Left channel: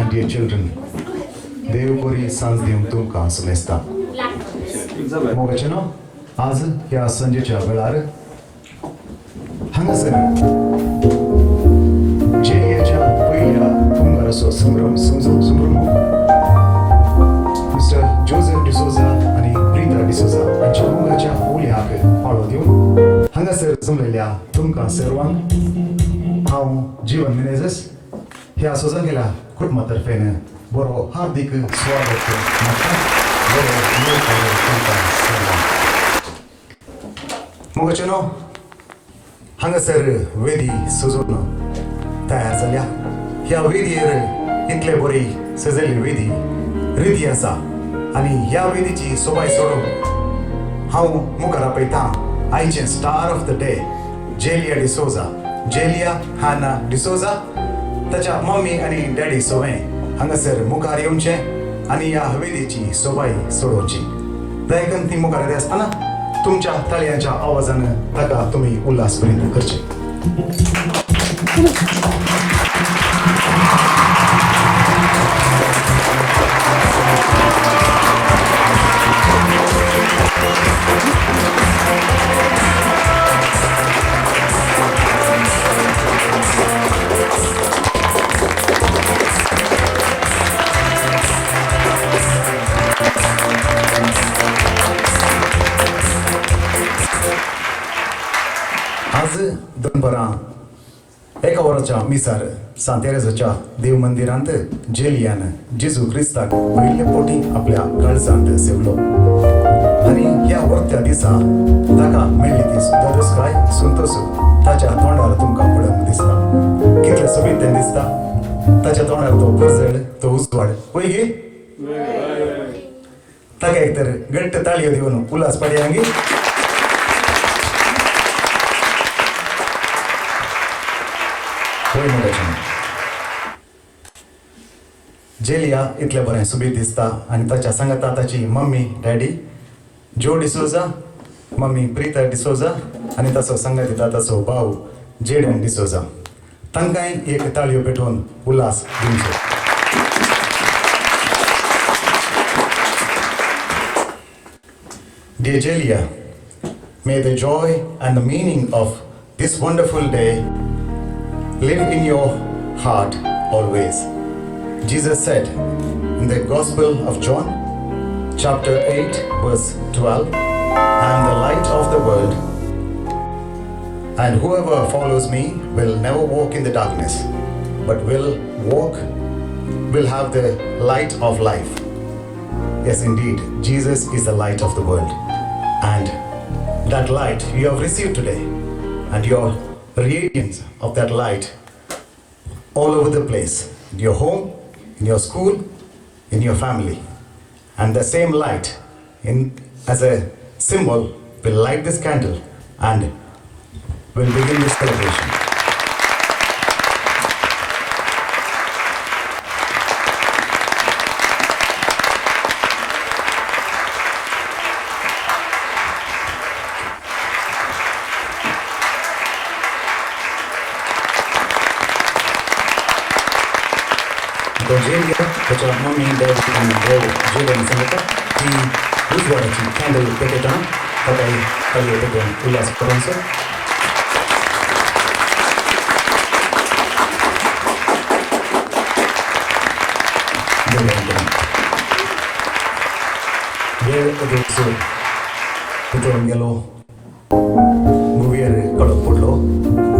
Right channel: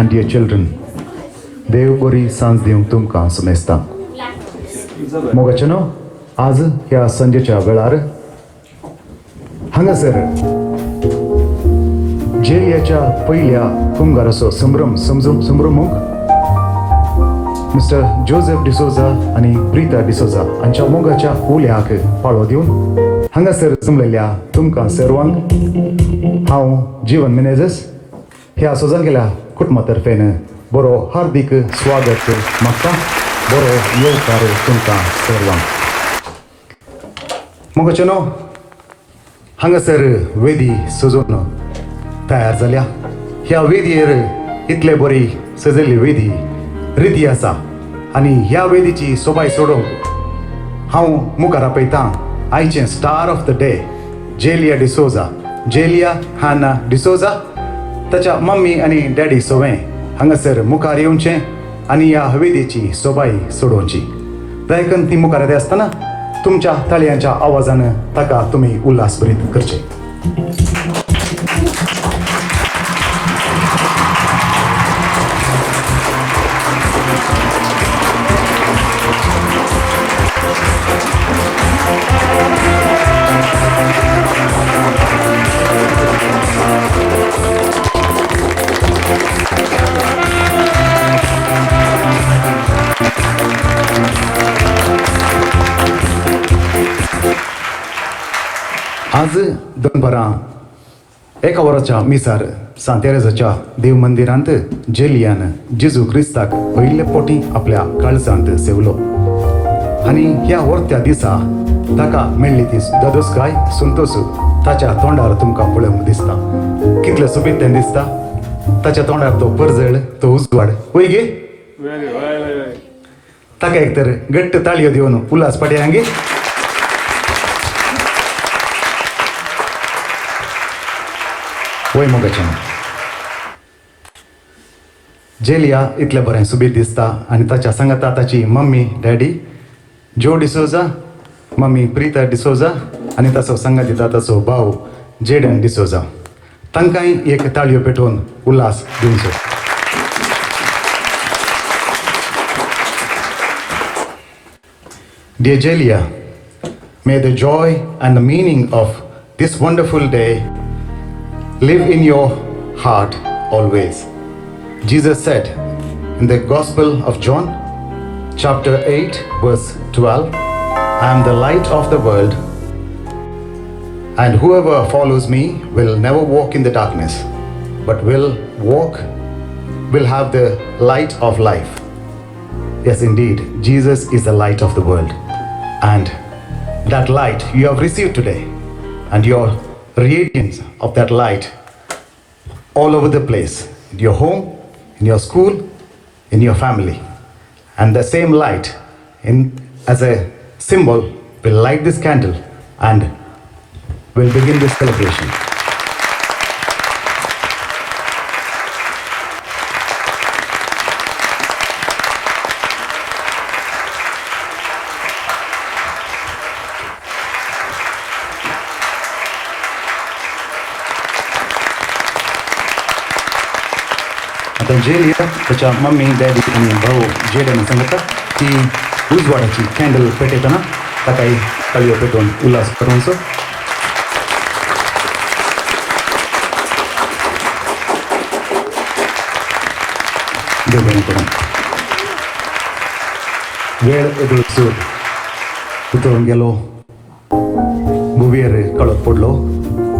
And dear children, देव बरी सांज दिवंक तुमकां सुनेस्ता. मोगाचेनो आज ह्या संजेच्या वेळार हांगासर जेलियाच्या पयल्या कुंगाराचो संभ्रमूंक मिस्टर जोसेफ डिसोजा आणि प्रीता डिसोजा हांच्या मोगाच्या उल्याक पाळो दिवन हांगासर जमलेल्या तुमकां सर्वांक हांव जीवन मेनेझेस ह्या सजन केल्या कुटुंबातर्फेन बरो हार्दिक स्वागत मागता. बरो येवकार तुमकां सर्वांक. मोगाचेनो हांगासर वेदी सजोवन तयार जाल्या. ह्या वेदीर इतले बरी सजयल्ली वेदी रिती आसा आनी ह्या वेदीची सोबाय सोडोवंक हांव मुखार आपयतां आयचें star of the day Jaylia D'Souza. Jaylia हाना डिसोजा ताच्या मम्मी आनी डॅडी सोवें हांगासर मुखार येवचें आनी ह्या वेदीची सोबाय सोडोवची. दयकन ती मुखार येता आसतना तुमच्या ताळयांच्या आवाजान ताका तुमी उल्हास भरीत करचे. आज दनपरां एका वराच्या मिसार सांतेरेजाच्या देव मंदिरांत जेलियान जेजू क्रिस्ताक पयले पोटी आपल्या काळजांत सेवलो आनी ह्या वर्त्या दिसा ताका मेळ्ळी ती दोदोसकाय संतोष ताच्या तोंडार तुमकां पळोवंक दिसता. कितलें सोबीत तें दिसता. ताच्या तोंडार तो परजळ, तो उजवाड. वय गे ताका एक तर घट्ट ताळयो दिवन उल्हास पाडया गे. वय मोगाचें जेलिया इतलें बरें सुबीत दिसता आनी ताच्या सांगाता ताची मम्मी डॅडी जो डिसोजा, मम्मी प्रीता डिसोजा आनी ताचो सांगात दिता ताचो भाव जेडन डिसोजा. तांकांय एक ताळयो पेटोवन उल्हास दिवचो. Dear Jaylia, may the joy and the meaning of this wonderful day live in your heart always. Jesus said in the Gospel of John, chapter 8, verse 12, I am the light of the world, and whoever follows me will never walk in the darkness, but will have the light of life. Yes, indeed, Jesus is the light of the world. And that light you have received today, and your radiance of that light all over the place, in your home, in your school, in your family. And the same light, as a symbol, will light this candle and will begin this celebration. Jaylia, त्याच्या mummy daddy आणि भाऊ जेलियाने सांगितलं की उजवाडाची candle पेटवताना सकाळी कळवे पेटवून उल्हास करायचो. वेळ दिवस पेटवून गेलो, गुवेर कळप पडलो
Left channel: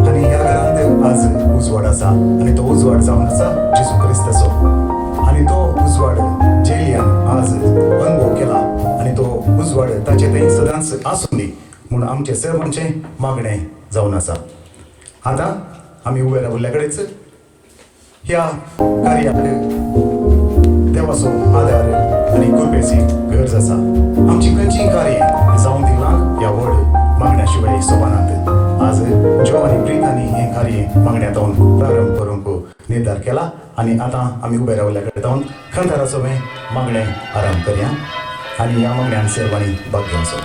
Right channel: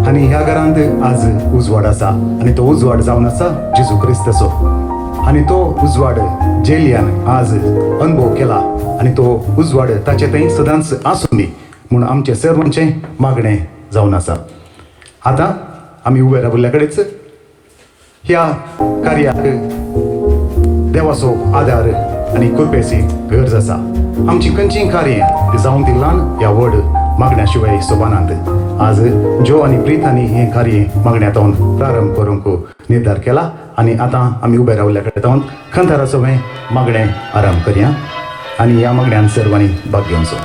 आणि ह्या घरांत आज उजवाड आसा आणि तो उजवाड जावन आसा जेजू क्रिस्तचो. आणि तो उजवाड जेलियान आज अनुभव केला आणि तो उजवाड ताचे थंय सदांच आसूं दी म्हूण आमचे सर्वांचे मागणें जावन आसा. आतां आमी उबे राबिल्ल्या कडेच ह्या कार्याक देवाचो आदार आनी कृपेची गरज आसा. आमची खंयचीय कार्य जावंक दिलान ह्या व्हड मागण्या शिवाय सोबानांत. आज जो आनी प्रीत हांणी हें कार्य मागण्यातून प्रारंभ करूंक निर्धार केला आणि आता आमी उबे रावल्या कडेन जावन खंताराचो मागणें आरंभ करया आनी ह्या मागण्यान सर्वांनी भाग घेवचो.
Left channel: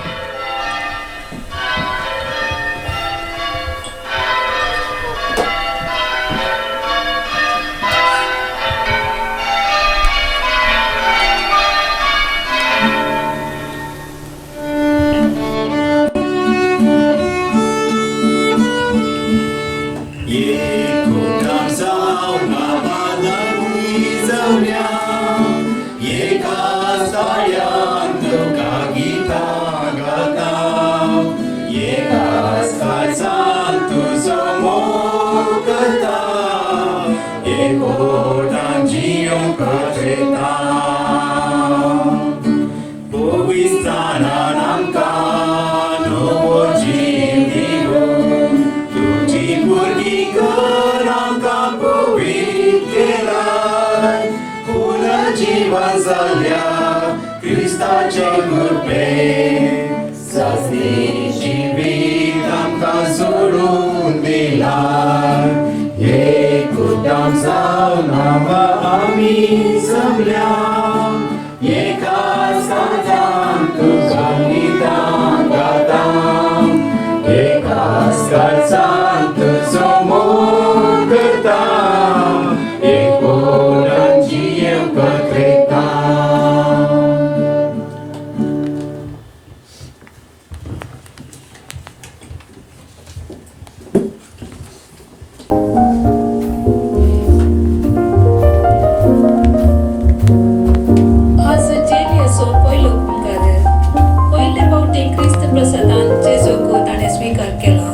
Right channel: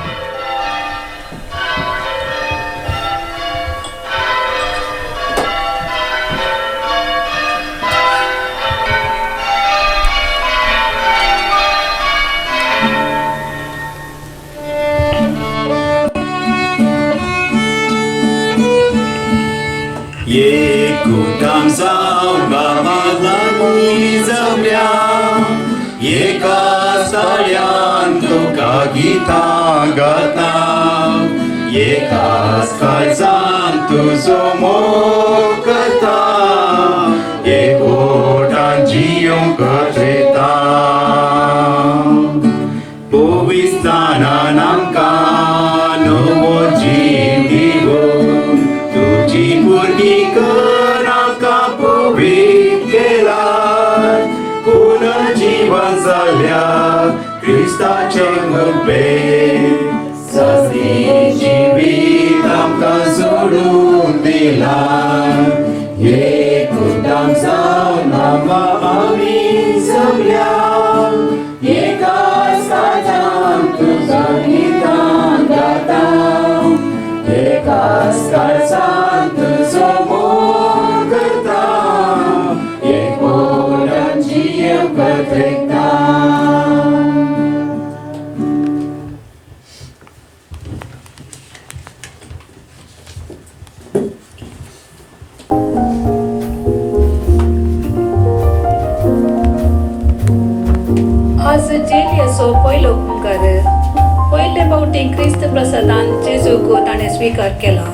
स्वीकार केला.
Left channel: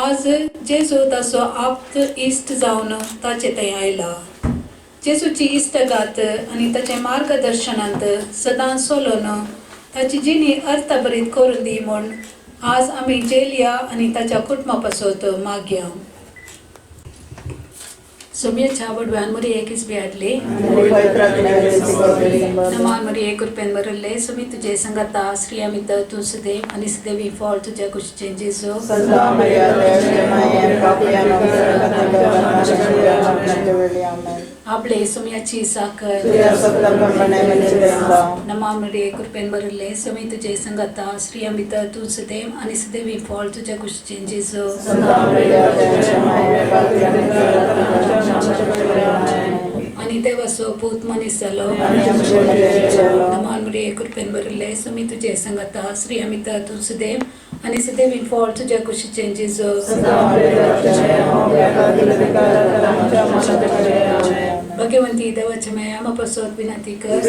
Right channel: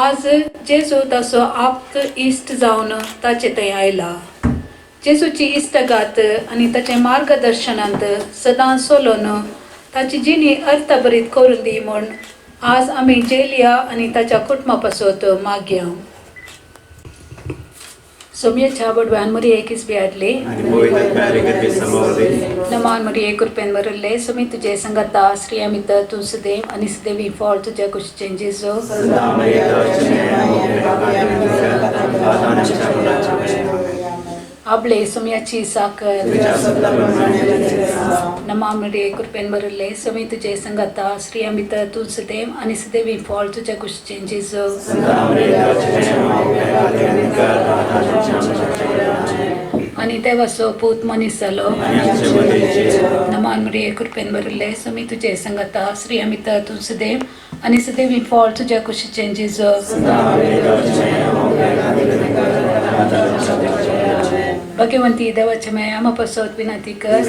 आज जेजू ताचो आप्त इश्ट जावन ताचे थंय आयला. जेजूची इश्टगात आनी ताचे मार्गदर्शनांत सदांच चलोवन ताची जिणी अर्थभरीत करून दी म्हूण आज आमी जेलिया आनी ताच्या कुटुंबा पासत मागया. Sobiecea bărbean Maria Kingsbury. Naman Maria Kurpen Marule, Sumit Jay Sangata, Sri Amita Tusade, Anisdevi fall to Jakush changes. Able Sumiachi Saka, Naman Maria Kurpen Marule, Sumit Jay Sangata, Sri Amita Tusade, Anisdevi fall to Jakush changes. Anitha Vaso Put Manisalo Naman Maria Kurpen Marule, Sumit Jay Sangata, Sri Amita Tusade, Anisdevi fall to Jakush changes. Bhagyavanti देवाचे my आम्हा पसोत विनंती कर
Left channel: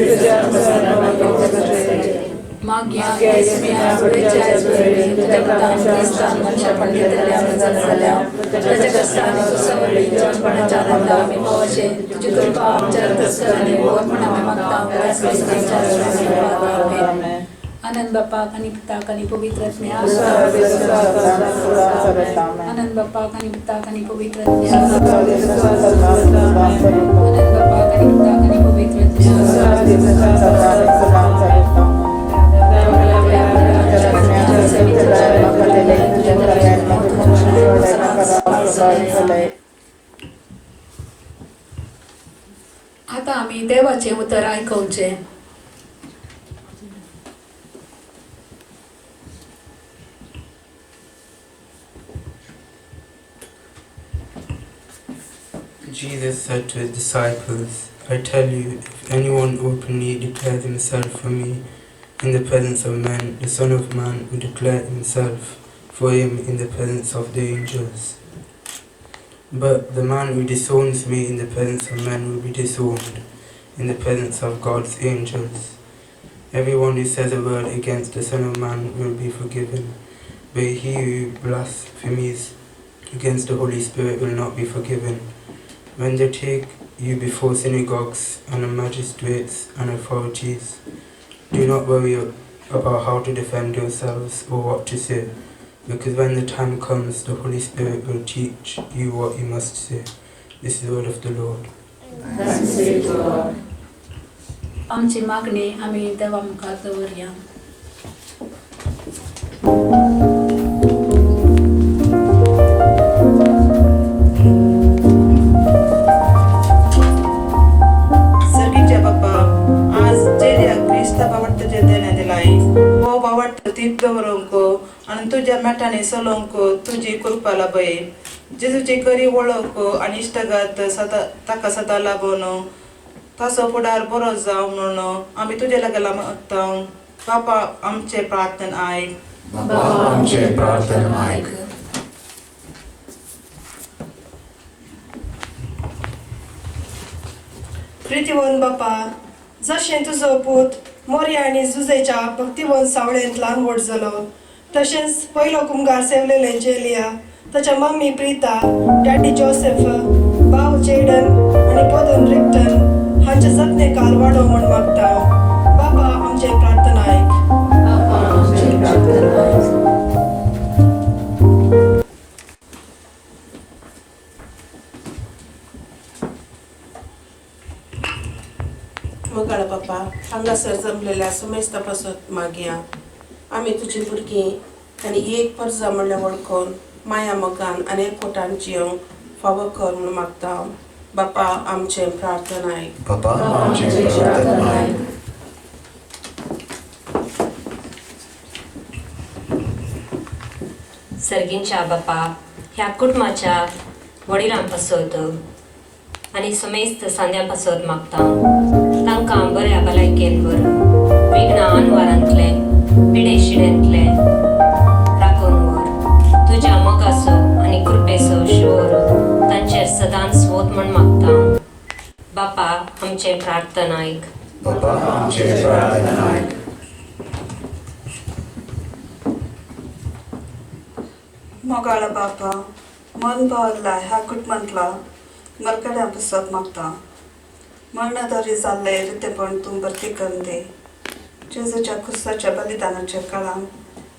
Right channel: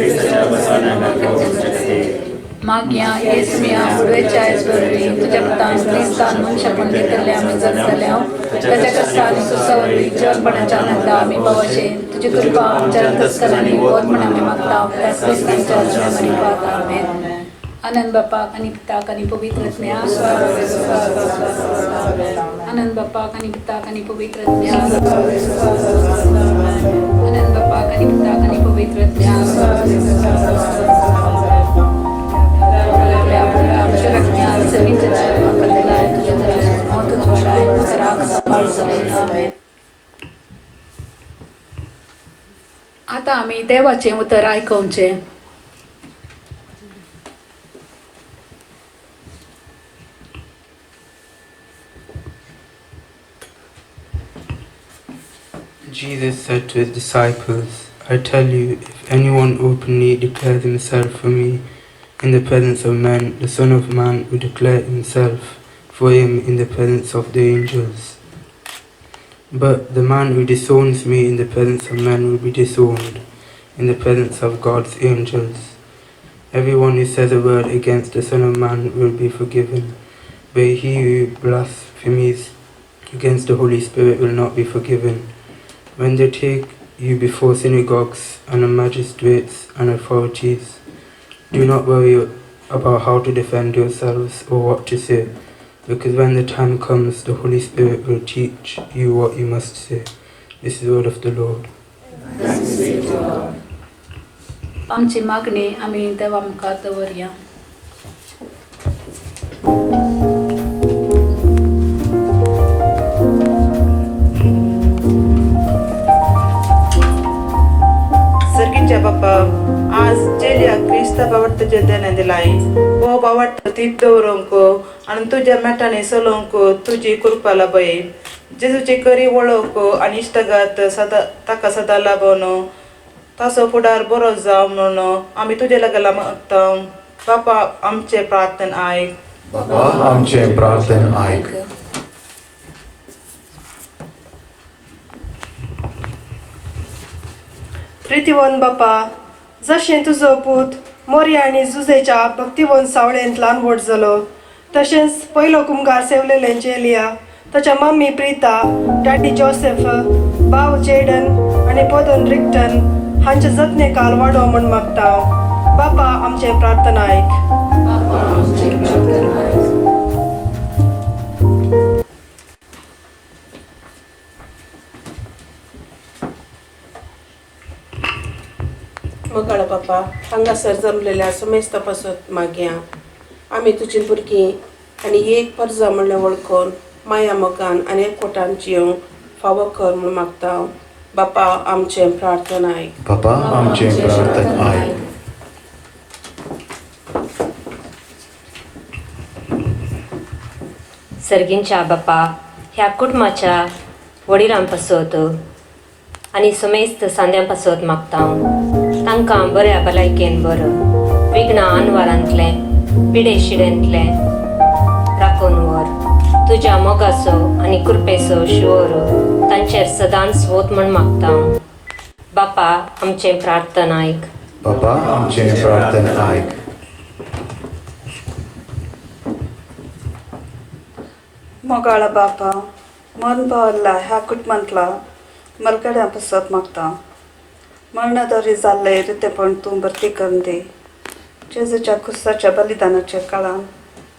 माग्या येसम्या वेच्या इसबरी तुझ्या प्रधान क्रिस्तान मनशा पंडितल्या आम्ही जगल्या त्याच्या कष्टाने सुसवली जळपणाच्या नंदा आम्ही बवशे तुझी कृपा आमच्या अंतस्करणी बोध म्हणून आम्ही मागता त्याच क्रिस्ताच्या आमेन. आनंद बाप्पा आणि पिता आणि पवित्र आनंद बाप्पा आणि पिता आणि पवित्र आनंद बाप्पा आणि पिता आणि पवित्र आता आम्ही देवाचे उतर ऐकवचे. Jesus said to his disciples, I tell you, if anyone openly declares himself for me in the presence of men, the Son of Man will declare himself for him in the presence of the angels. But the man who disowns me in the presence of men will be disowned in the presence of God's angels. Everyone who says a word against the Son of Man will be forgiven, but he who blasphemes against the Holy Spirit will not be forgiven. When they take you before synagogues and magistrates and authorities, do not worry about how to defend yourselves or what to say, because when the time comes, the Holy Spirit will teach you what you must say. This is the word of the Lord. आमची मागणी आम्ही देवा मुखार दवरया. सर्गींच्या बाप्पा आज जेलिया Crysta बावट तुझे देणे दिलाई वो बावट तीप दवरूंको आणि तुझ्या मेटाने सलोंको तुझी कृपा लाभये जेजूची करी वळोवको आणि इष्टगात सदा ताका सदा लाभवनो तासो फुडार बरो जाव म्हणून आम्ही तुझे लागला मागता. बापा आमचे प्रार्थन ऐक. बाबा आमचे प्रार्थन ऐक. प्रितीवन बापा जशें तुजो पूत मोरी आनी जुजेच्या भक्तिवन सावळेंत ल्हान व्हड जालो तशेंच पयलो कुमगार सेवलेले जेलिया ताच्या मम्मी प्रिता डॅडी जोसेफ भाव जेडन आनी पोदन रिक्टन हांचे जतने काल वाडो म्हण मागता. बापा आमचे प्रार्थन ऐक. मोगाळ बापा हांगासर जमलेल्या समेस्त पासत मागया आम्ही तुझी भुरगीं आनी एक परजा म्हणलें वळखून माया मोगान आनी एकवटान जियोंक फावो कर म्हूण मागता. बापा आमचे प्रार्थन ऐक. बाबा आमचे प्रार्थन ऐक. सर्गींच्या बापा ह्या कुटुंबाच्या वडिलां पासत आनी समेस्त सांद्यां पासत मागता तांकां बऱ्या भलायकेन बरं विघ्ना आनवारांतलें पिडे शिडेंतलें राखून व्हर. तुज्या मोगाचो आनी कृपेचो शिवोर तांचेर सदांच वोत म्हण मागता. बापा आमचें प्रार्थन ऐक. बाबा आमचे प्रार्थन ऐक. मोगाळ बापा मन भरला ह्या कुटुंबांतला मरगड्या पासत मागता. मरणदरी जाल्ले रितेपण तूं भरती करून दी. जेजूच्या खुसाच्या बलिदानाच्या काळान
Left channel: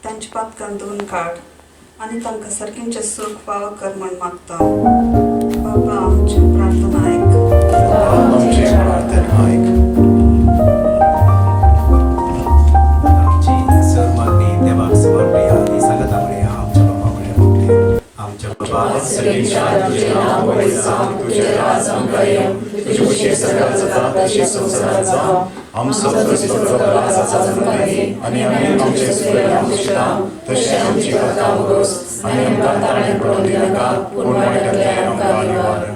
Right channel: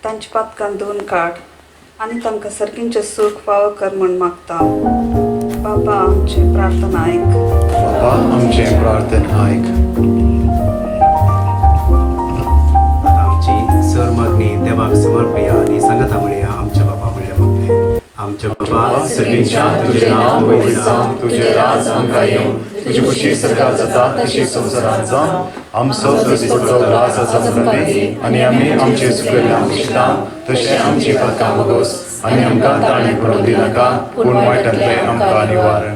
तांच्या पातकान धुवन काड आनी तांकां सर्गींचें सूख फावो कर म्हूण मागता. बाबा आमची प्रार्थना ऐक. बाबा आमचे प्रार्थन ऐक. आमची सर मागणी देवाक समर्पया आणि सांगता म्हणया आमच्या बाबा म्हणल्या मागणे. आमच्या बाबा सगळींच्या तुझे नाव वैध जावं, तुझे राज आमकां येवं, तुजी उशीर सकाळ जाता तशी संवसारांत जावं. आमचो दिसपडचो राजाचा जमले आनी आमी आमचे सुकलेल्या इश्टां तशें आमची पातां वगोस आनी आमकां ताणें पडोवन दिनाका पूण वायटांतले आमकां निवार.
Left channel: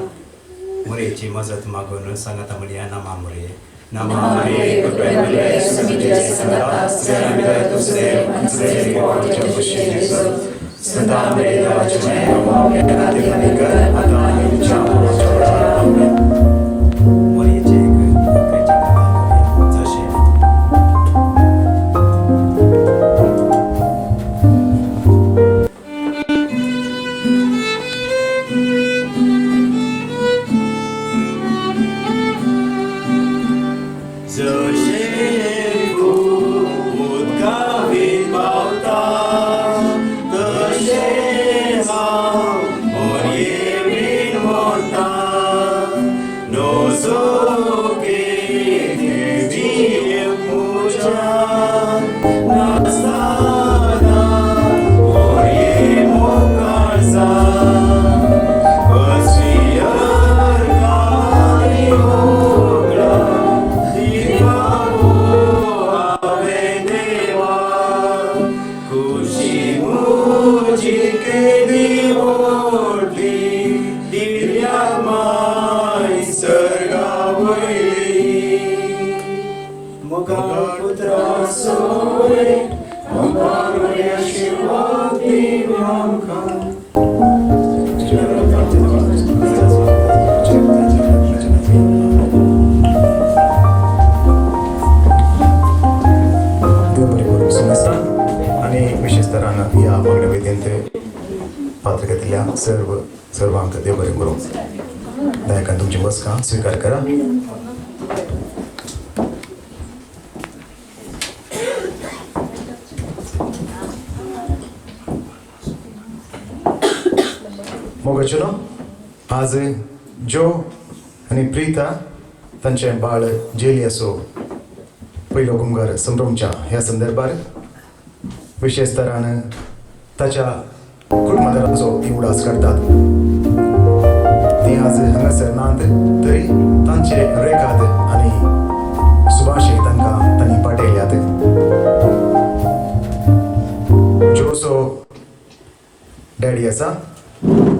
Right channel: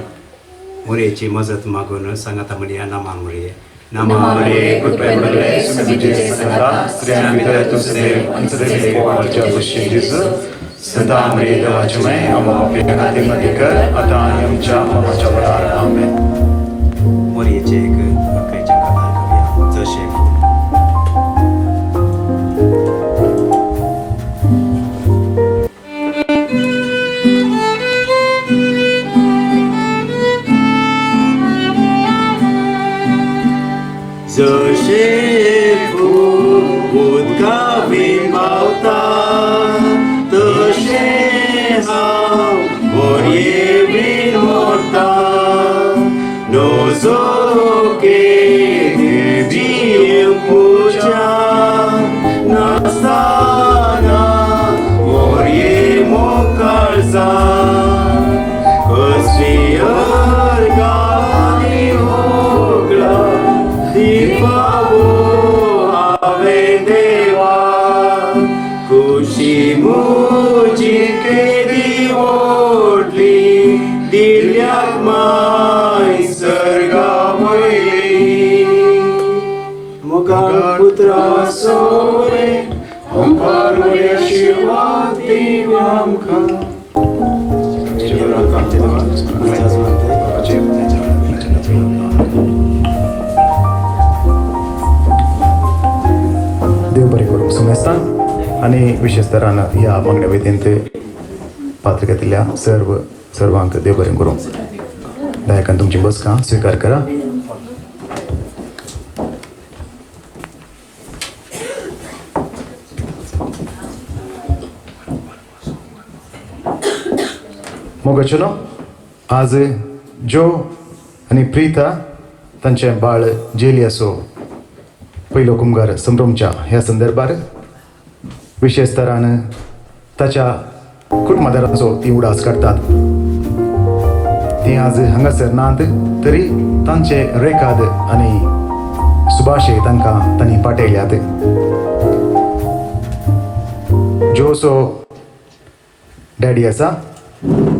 मुरेची मजत मागून सांगता म्हणया नामा मुरे. नामा मरिये कृपे भरले तुझे सदा स्त्रियां भितर तूं सदैव आनी सदैव देवाच्या कुशीक दिस. सदा मरिये राजमय आमकां खातीर मदत कर आतां आनी आमच्या मरणाच्या वेळार. आमेन. सोरे ओंकार उरे आशीर्वाद दी आमकां देव बरी करूंक सुमेस्ता आणि विशेष तरान ह्या मागण्या व्यतिरिक्त पात्रिकेतल्या सर्वांक देव बरें करूं दायकान तुमची बसका स्वीकार करा. मोगचलो आज जो आणि प्रीता तांचे बाळ जेलियाचो पयलो कुंभार संभ्रमच्या ह्या संदर्भात विशेष तरान ताच्या कुटुंबादाराचो ती उडास काडतात. ती आज हांगासर नात तरी तांचे रेखाद आनी सुभाषे तांकां तांणी पाठयल्यात. जोसो डॅडी आसा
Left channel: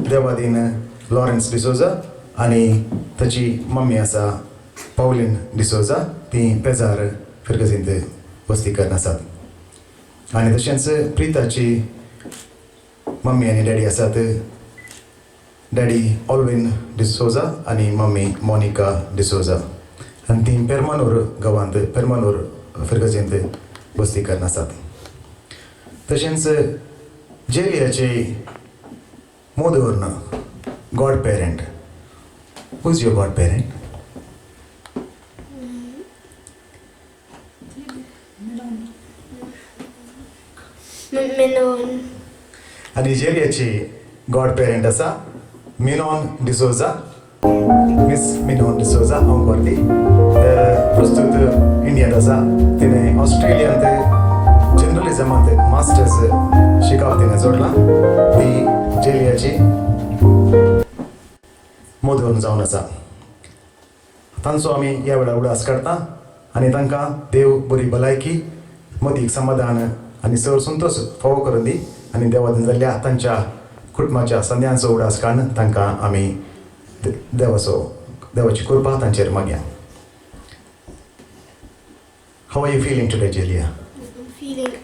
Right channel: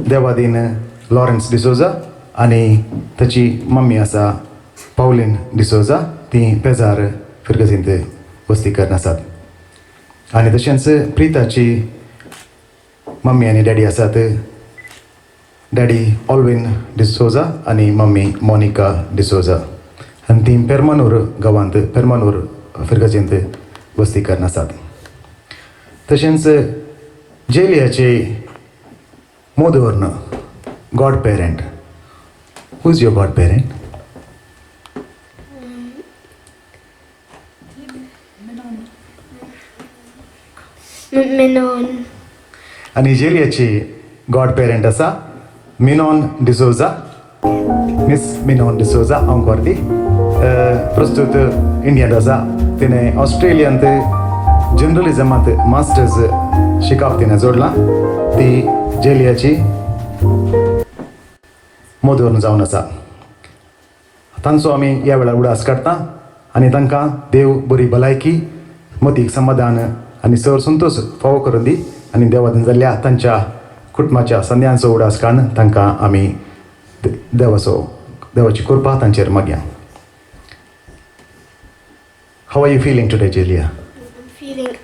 देवादीन लॉरेन्स डिसोजा आनी ताची मम्मी आसा पावलीन डिसोजा ती पेजार फिरगजींत वस्तीकर आसात. आनी तशेंच प्रिताची मम्मी आनी डॅडी आसात डॅडी ऑल्विन डिसोजा आनी मम्मी मोनिका डिसोजा आनी ती पेरमानूर गांवांत पेरमानूर फिरगजींत वस्तीकर आसात. तशेंच जेलियाची मोदवर्ण godparent. Who is your godparent? Menon. आनी जेलियाची गॉड पेरेंट आसा मिनॉन डिसोजा. मिस मिनॉन डिसोजा हांव करती प्रस्तुत इंडियन आसा. तिणें ऑस्ट्रेलियांत जर्नलिजमांत मास्टर्स शिकावप तिणें जोडलां. ती जेलियाची मोदवर्ण जावन आसा. तांचो आमी ह्या वेळार उडास काडटा आनी तांकां देव बरी भलायकी मतीक समाधान आनी सर संतोश फावो करून दी आनी देवान जाल्ल्या तांच्या कुटुंबाच्या संध्यांचो उडास काडून तांकां आमी देवाची कृपा तांचेर मागया. How are you feeling today Jaylia?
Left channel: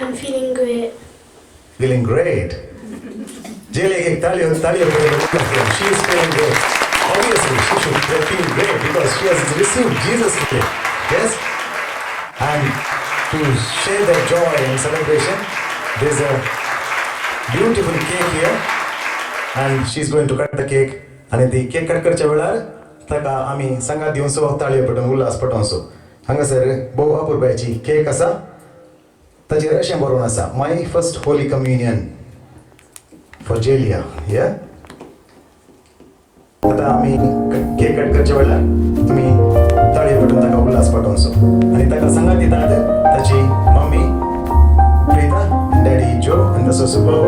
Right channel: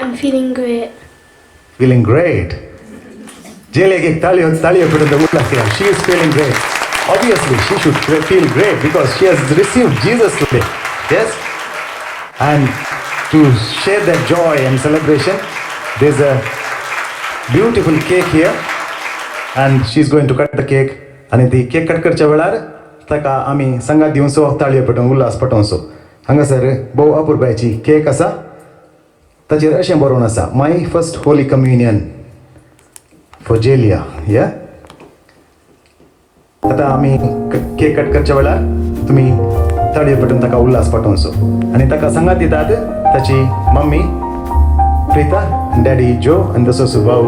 I'm feeling great. Feeling great. Jaylia, तालियो करून उठला केला. She is feeling great. Obviously, she should feel great because she has received Jesus today. Yes? And to share that joy and celebration, there's a beautiful cake here and she's going to cut the cake. आणि ती cake cut करच्या वेळार ताका आमी सांगात दिवचो ताळयो पेटोवन उल्हास पटोवचो. हांगासर भोव अपुरबायची केक आसा. ताचेर अशें बरोवन आसा my first holy communion for Jaylia. या आतां आमी केक कट करच्या वेळार तुमी ताळयो पेटोवन ताका उल्हास पाठोवचो आनी ताका सांगात दितात ताची मम्मी प्रीता डॅडी जो आनी तसोच भाऊ.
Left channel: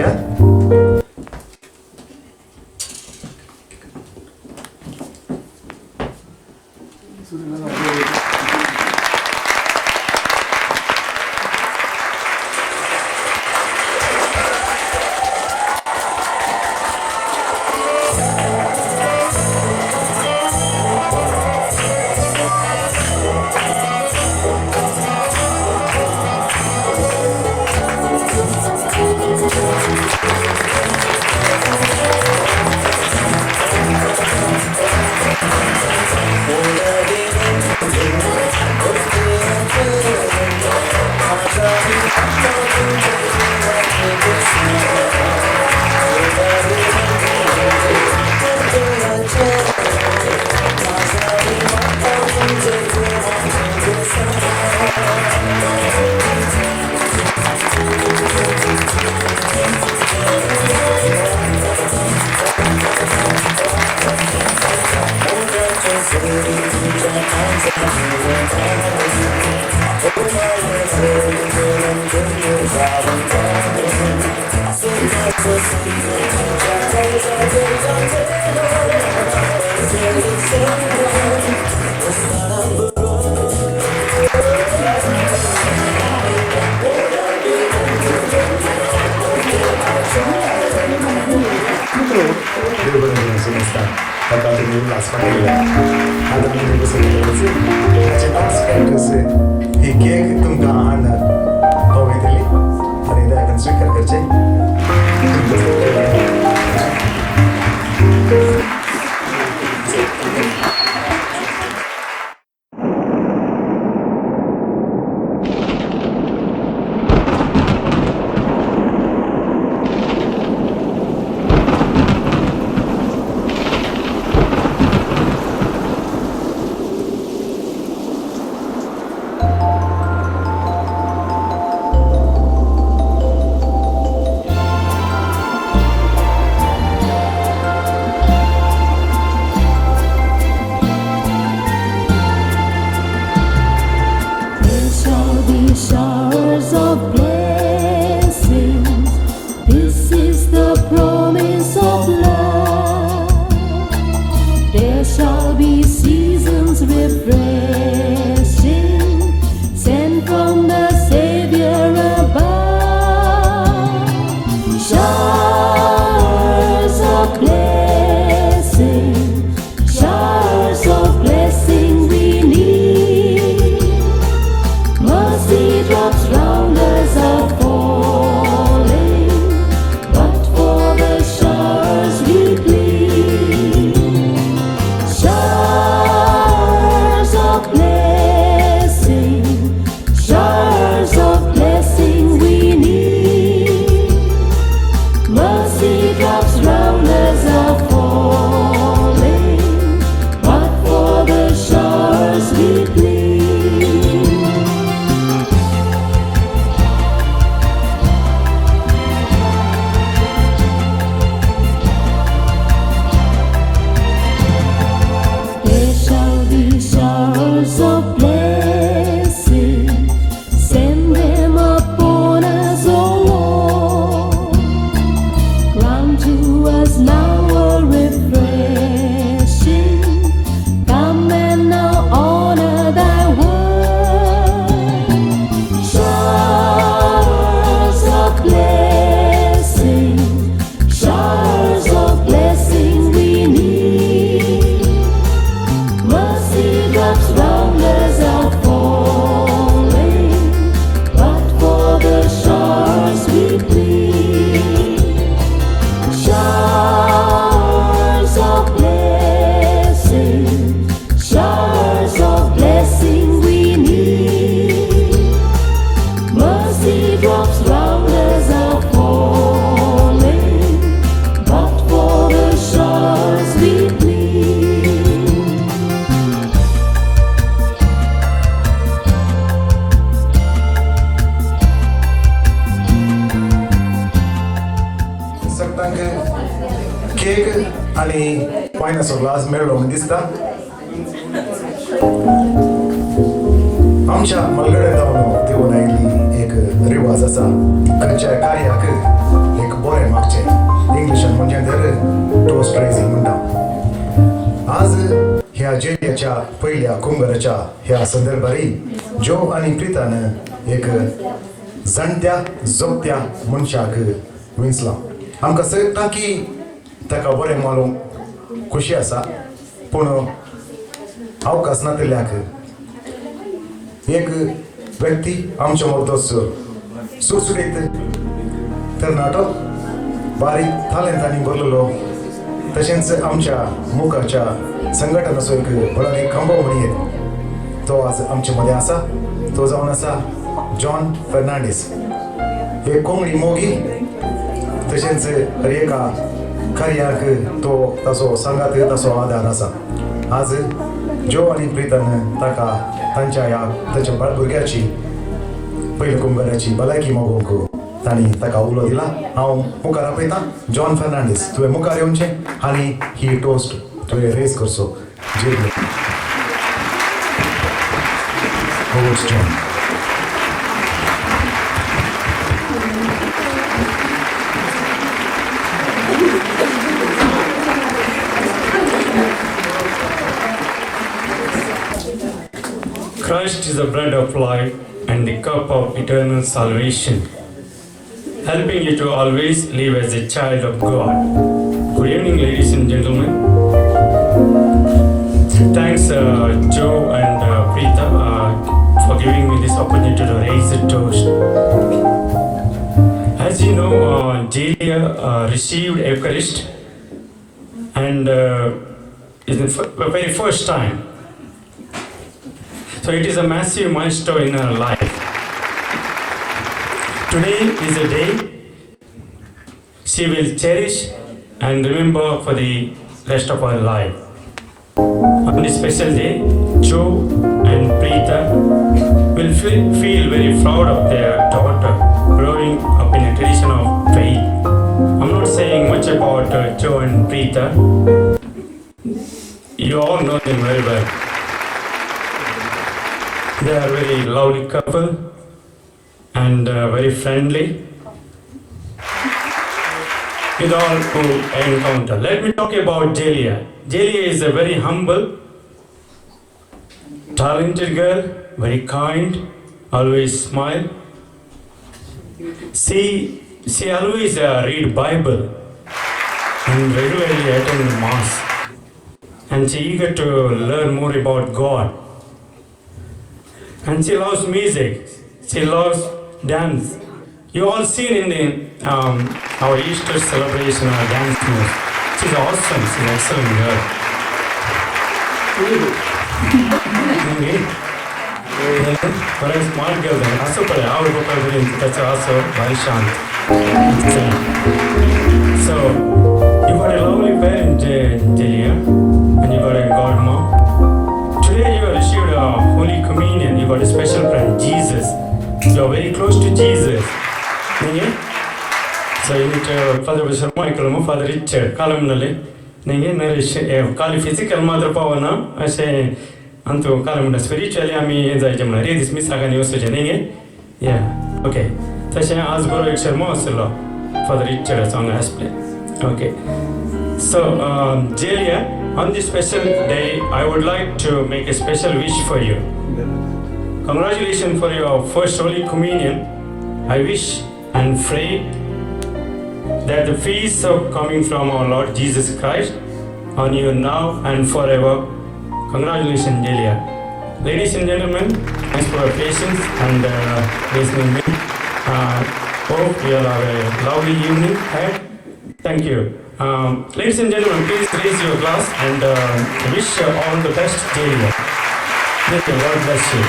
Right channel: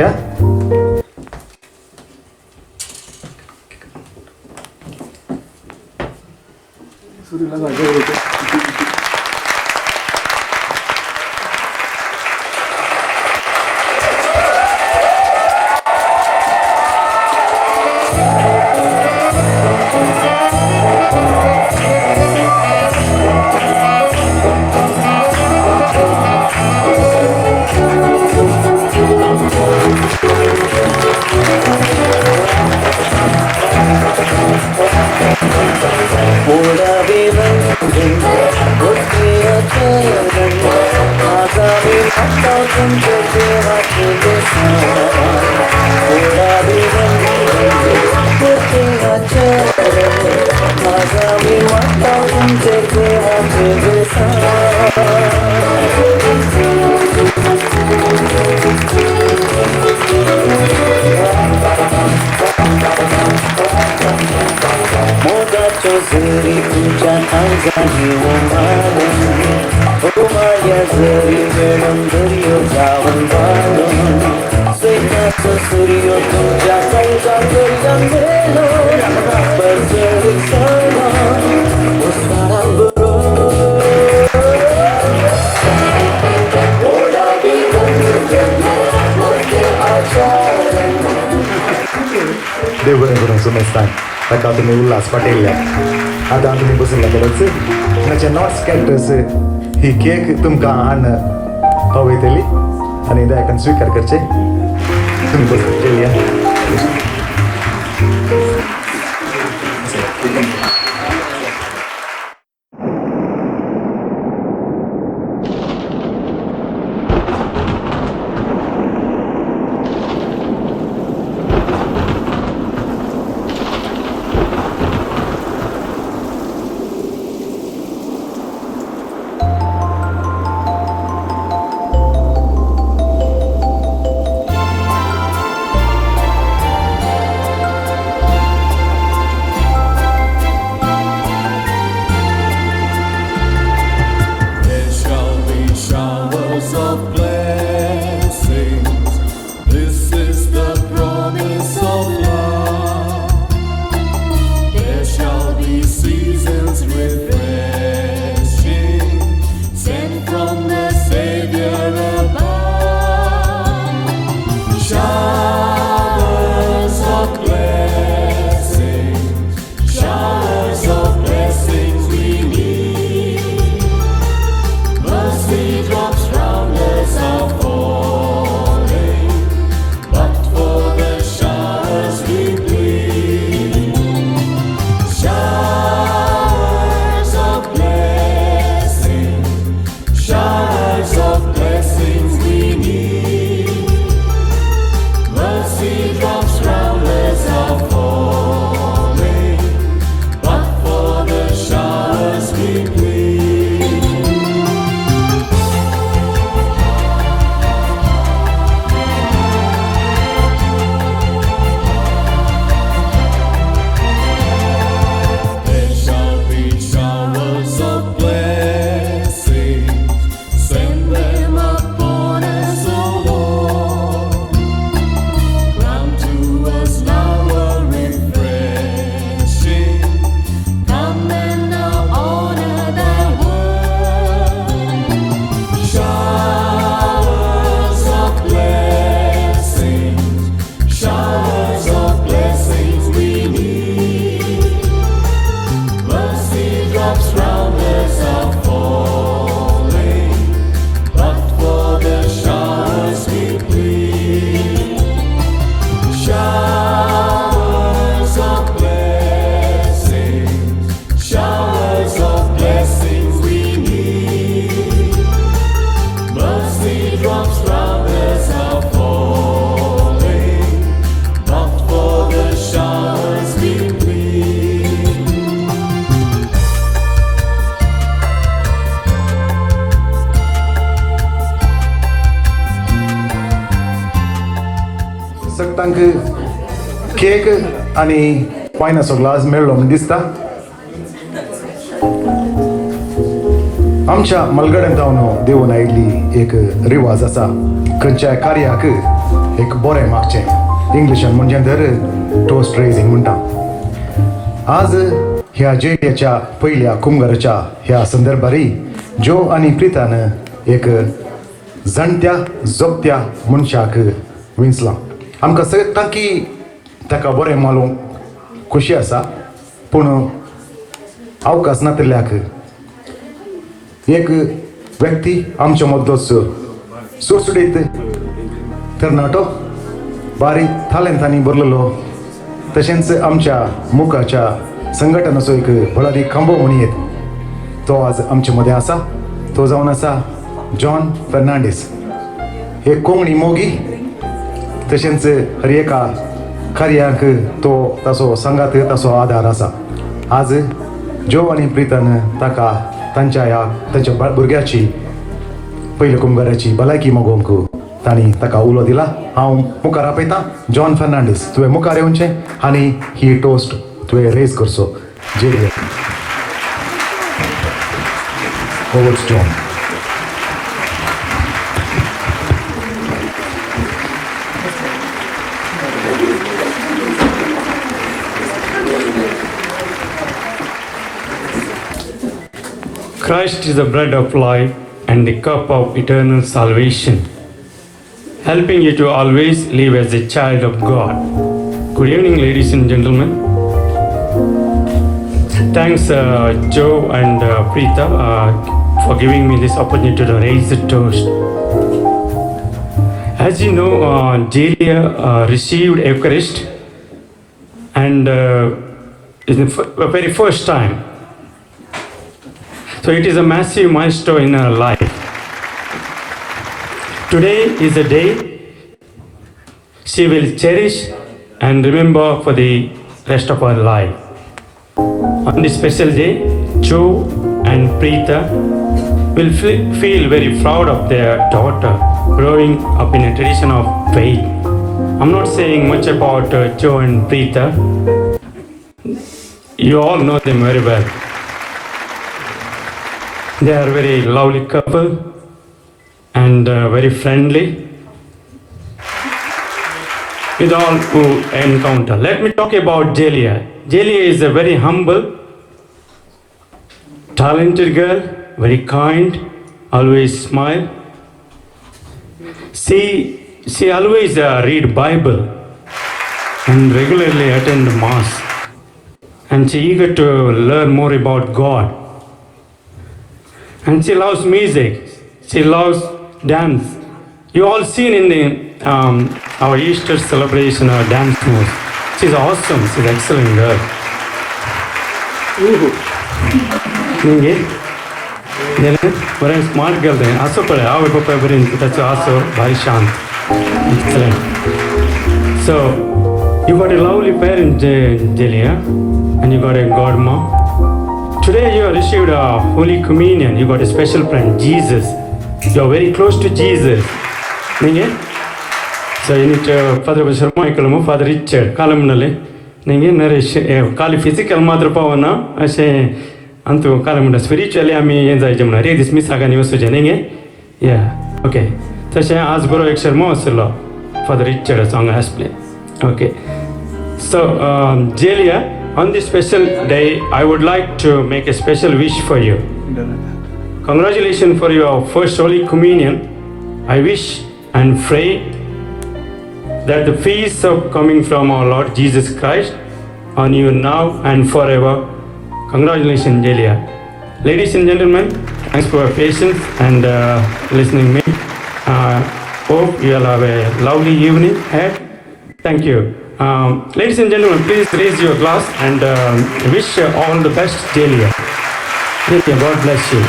या आता तुम्ही उल्हास पाटील आता तुम्ही बसून करायचं त्याच्या नॉट्स कॅरेक्टर्स ही केक तुमकां हाडून खाऊ येतली आनी दयाकन स्वीकार करचे तुम्ही बसून केली Showers of blessings, this is the promise of love. There shall be seasons refreshing, sent from the Savior above. Showers of blessings, showers of blessings we need. Mercy drops round us are falling, but for the showers we plead. Showers of blessing, showers of blessing we need. Mercy drops round us are falling, but for the showers we plead. Showers of blessings, send them upon us, O Lord. Grant to us now a refreshing. Come and now honor thy word. Showers of blessings, showers of blessings we need. Mercy drops round us are falling, but for the showers we plead. Showers of blessings, showers of blessing we need. Mercy drops round us are falling, but for the showers we plead. Cake आणि पायनाचो glass मेळ्ळो म्हण दिसता आमच्या मलगड्यान जावन देवून आयिल्ली एक रिवाज आसा खंयच्याय कार्याक एक बरें मागचें इंग्लिशान म्हणजे तर टोस्ट रेझिंग म्हणटा आज ह्या जेलियाच्या पयल्या कुंभाराच्या ह्या संदर्भारी जो आनी प्रितान एक जाणट्या जोगत्या मनशाक विंचला आमकां सगळ्यांक की ताका बरें मालूम खुशी आसा पूण अवकाश नातिल्ल्याक एक व्यक्ती आमच्या मदलोच सुटसुटीत तरणाटो बारीक थालेंतांनी भरलेलो तशेंच आमच्या मुखाच्या संघटनाचो एक फळादी खांबो म्हणून येत तो आज आमचे मदें आसा तो जावन आसा जॉन फर्नांडीस एक कोंकणी मोगी तशेंच हर एका कार्याक तो ताचो सांगात ताचो आधार आसा आज जो आनी प्रितन ताका तांच्या भुरग्याची पयल्या कुंभाराची भलायकी मोगोवंक तांणी ताका उलो दिला हांव मुखार आपयतां जॉन फर्नांडीस तुवें मुखार येवचें आनी ही टोस्ट तुवें रेज करचो जेलिया John Christ is the bread of life and the cup of eternal salvation, helping you to always live as a child of God. Good evening, ladies and gentlemen. thanks Joe and Preeta for giving me this opportunity to raise the toast. As you know, Jaylia received Eucharist, and it's the very first time. So it is a massive milestone in her life. Today is a day she will cherish and remember for the rest of her life. On this special day, Joe and Preeta will feel very proud of their daughter growing up in a tradition of faith. I'm not saying much about Joe and Preeta. You all know them very well. They are a very lovely couple and very friendly with all who encounter. Let me talk about Jaylia. Jaylia is a very humble, talented girl, very kind, always smile. She always read Bible and regularly attend mass, and she eager to learn more about God. And she loves music. She loves dance. You all seen in the our Easter celebration, our dance moves. She's awesome. She's an excellent girl. Okay. Then what a smart girl. Then also for our vocabulary, that's also very sharp. So you got a lovely parent, Jaylia, and you got a godmom. Today you received a Holy Communion. You got a special friend, Jesus. You are very close to Jesus. So you need to Father Sharma, Father Richard, Kalamnale. Kali physical mother Pavana, I say, Antu Kalam spiritually, I mean, and I read this Miss Aganius. Yeah, okay. So she asked Guru Exermo, Father Richard on Aspley. Okay. So, Jaylia, on this special day, I would like to make a special wish for you. Congratulations for your first Holy Communion. I wish and pray that the peace of coming from our Lord Jesus Christ on you now and forever. Congratulations, Jaylia. Ladies and gentlemen, thanks for your patience and listening to me. Hope you will have a lovely evening ahead. Thank you. Ladies and gentlemen, please raise your glass and wish you all the best, Jaylia. Thank you. God bless you.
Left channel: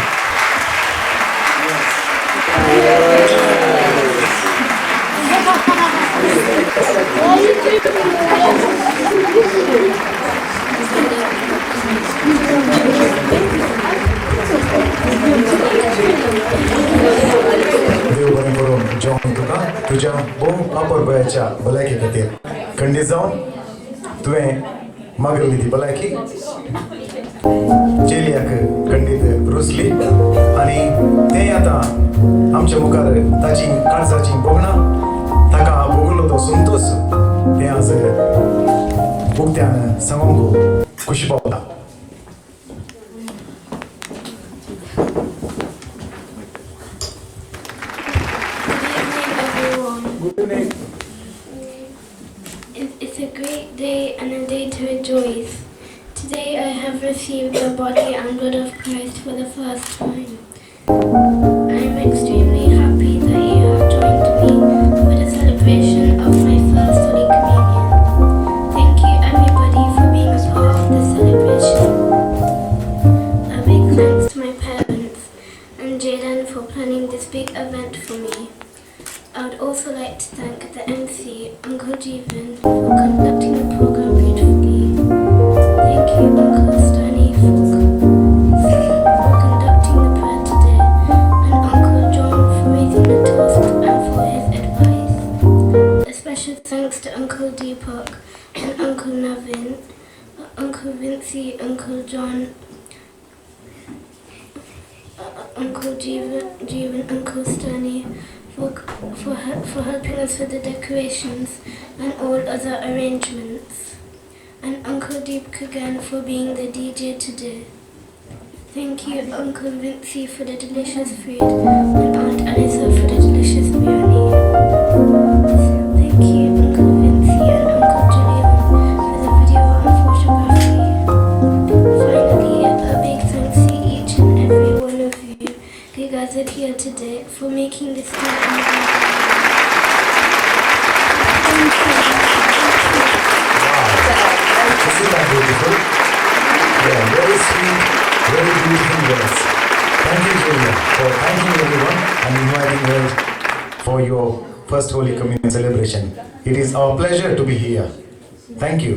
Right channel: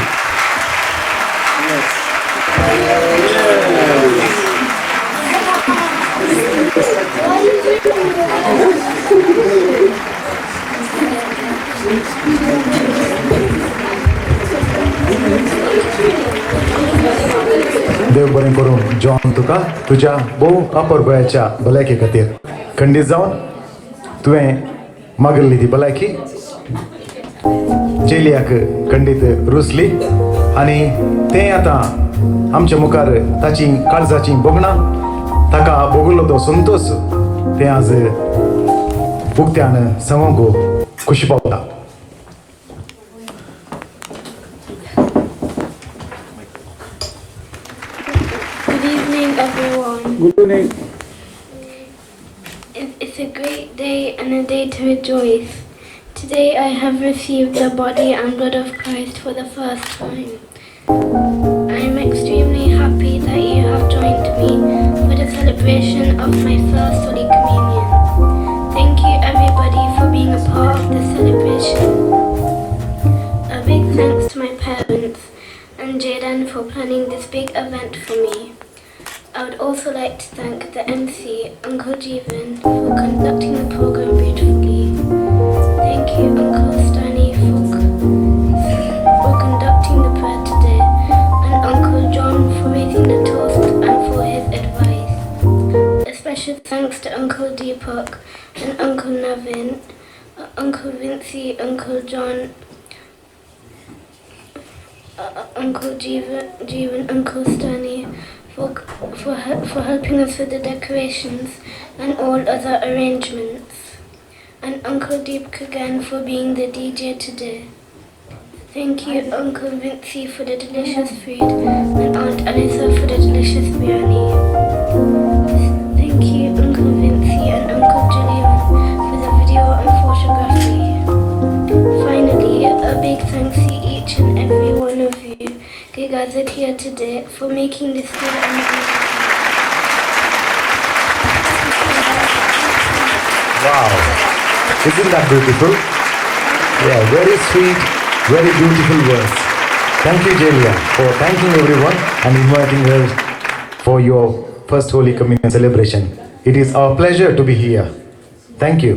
देव बरें करून John तुका तुझ्या भोव अपर गोंयच्या भलायके खातीर खंडीत जावन तुवें मागल्ली ती भलायकी जेलियाक खंडीत रुचली आनी तें आतां आमच्या मुखार ताची काळजाची बोगणां ताका भोगलो तो संतोष तें आज उक्त्यान सांगूंक खुशी पावता. It's a great day and a day to rejoice. Today I have received the body and blood of Christ for the first time. I am extremely happy that you have joined me for the celebration of my first Holy Communion. Thank you everybody for being a part of the celebration. A big thanks to my parents and Jaden for planning this big event for me. I would also like to thank the MC, Uncle Jeevan, for conducting the program beautifully. Thank you, Uncle Stany, for conducting the prayer today, and Uncle John for raising the toast and for his advice. A special thanks to Uncle Deepak and Uncle Naveen, Uncle Vincy, Uncle John, Uncle Jeevan, Uncle Stany, for helping us with the decorations and all other arrangements. And Uncle Deepak again for being the DJ today. Thank you Uncle Vincy for the delicious food and Aunt Anitha for the delicious biryani. Thank you Uncle Vincy and Uncle Julian for the video and photography. Finally, for making this day. Wow. Isn't that beautiful? Yeah, very sweet, very beautiful words. Thank you, Jaylia, for thanking everyone and inviting us for your first Holy Communion celebration. It is our pleasure to be here. Thank you.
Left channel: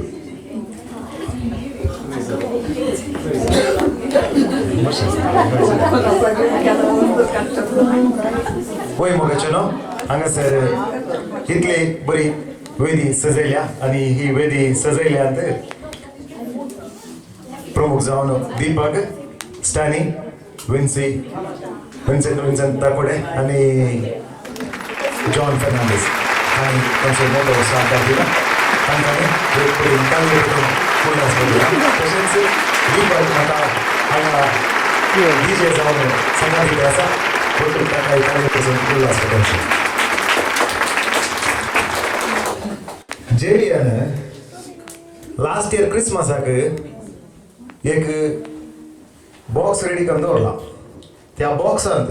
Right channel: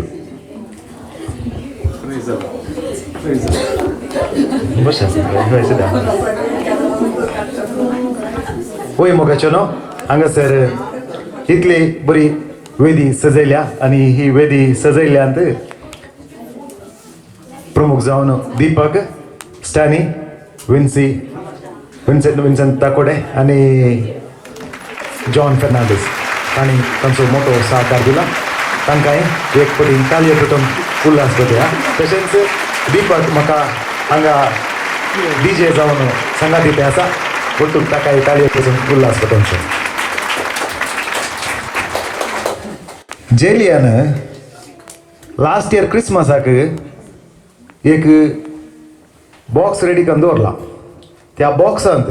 होय मोगाचनो हांगासर इतली बरी वेदी सजयल्या आणि ही वेदी सजयल्यांत प्रमुख जावन दीपक स्टॅनी विन्संताकोड आणि John Fernandes तांणी तांचो मोठो सहकार दिला तांकां एक परी तालयो करून उल्हास घेतला तशेंच दीपक म्हाका हांगा डीजे जावन संगात दिते आसा वतून ताका तालयो करून उल्हास घेतला जेलियान लास्ट इयर क्रिसमसाक एक बॉक्स रेडी करून दवरला त्या बॉक्सांत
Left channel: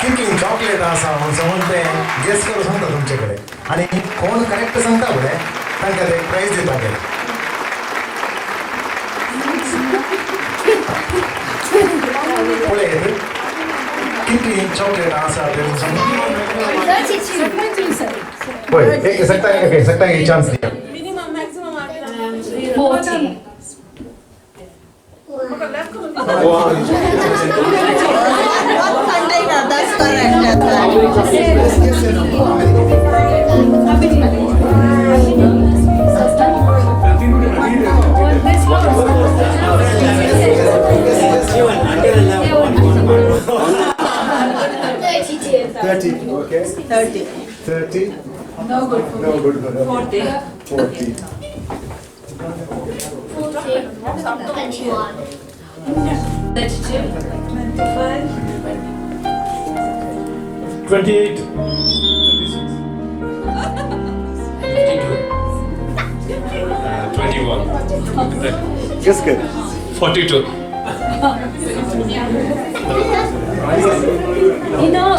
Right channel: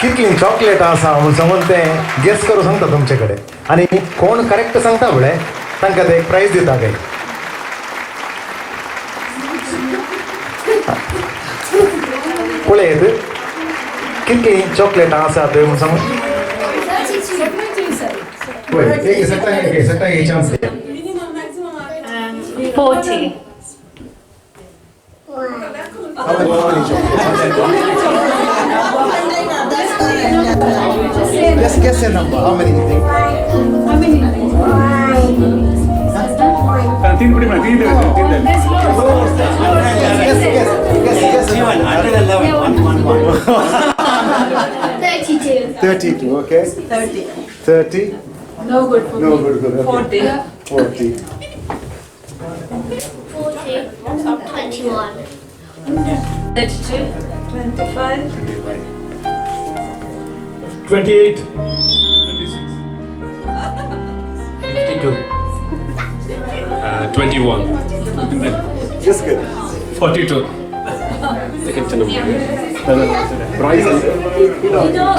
कितली चॉकलेट आसा म्हूण समज तें गॅस करूं सांगता तुमचे कडेन आनी कोण करेक्ट सांगता फुडें तांकां ते प्रायज दिताले पळयत कितली चॉकलेट आसा ते म्हूण सांग पळय एक सकता एक चान्स दिया 40. Just guess a number. How many do you think? How many? Yes. 32, okay. 30. No good. No good. 40. 40. 21. 32. 25. 28. 21. Just good. 42.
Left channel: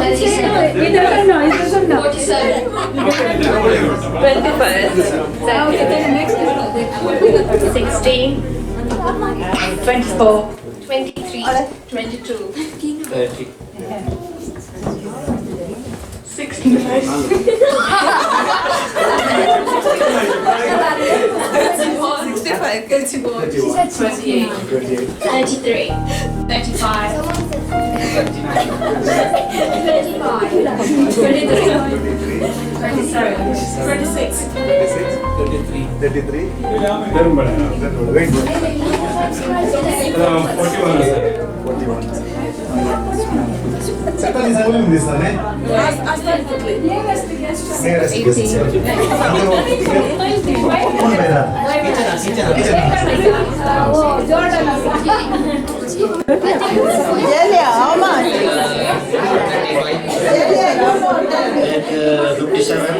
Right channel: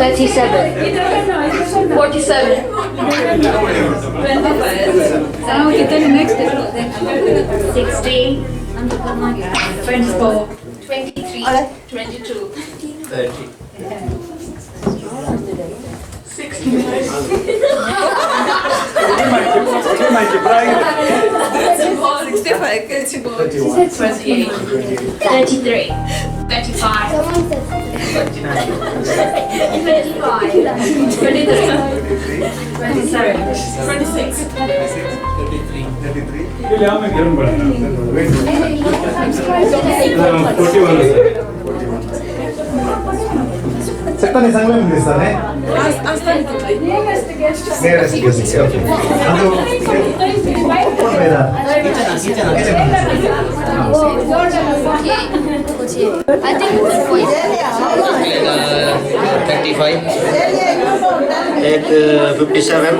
37. He doesn't know. 47. 25. Now you tell next. 16. 24. 23. 22. 30. 65. 28. 33. 35. 41 सांगून दिसताले कोण पाहिला I think 35. 57.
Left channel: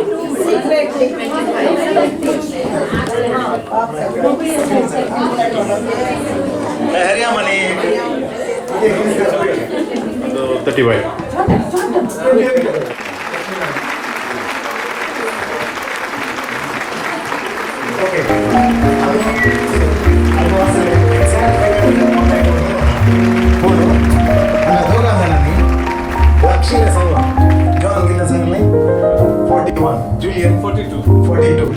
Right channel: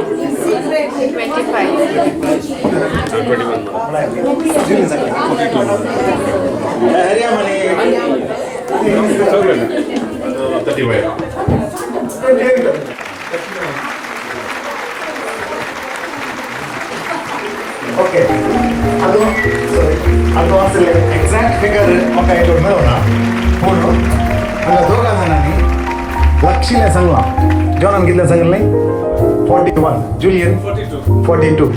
हरिया मने 35. Okay. ಅದು ಅಸಲು ಎಕ್ಸಾಕ್ಟ್ ಫಿಗರ್ ಪಕ್ಕ ಇಟ್ಕೊಂಡು ಬರೋಣ ಫೋನು ಹಂಗೆ ದೋಗ ನನಗೆ ಲಕ್ಷಿಲೆ ಸಂಘ ಜೋನ್ ಗಿಲ್ಲ ಸಂಘಲ್ನಿ 41 ಜೂಲಿಯನ್ 42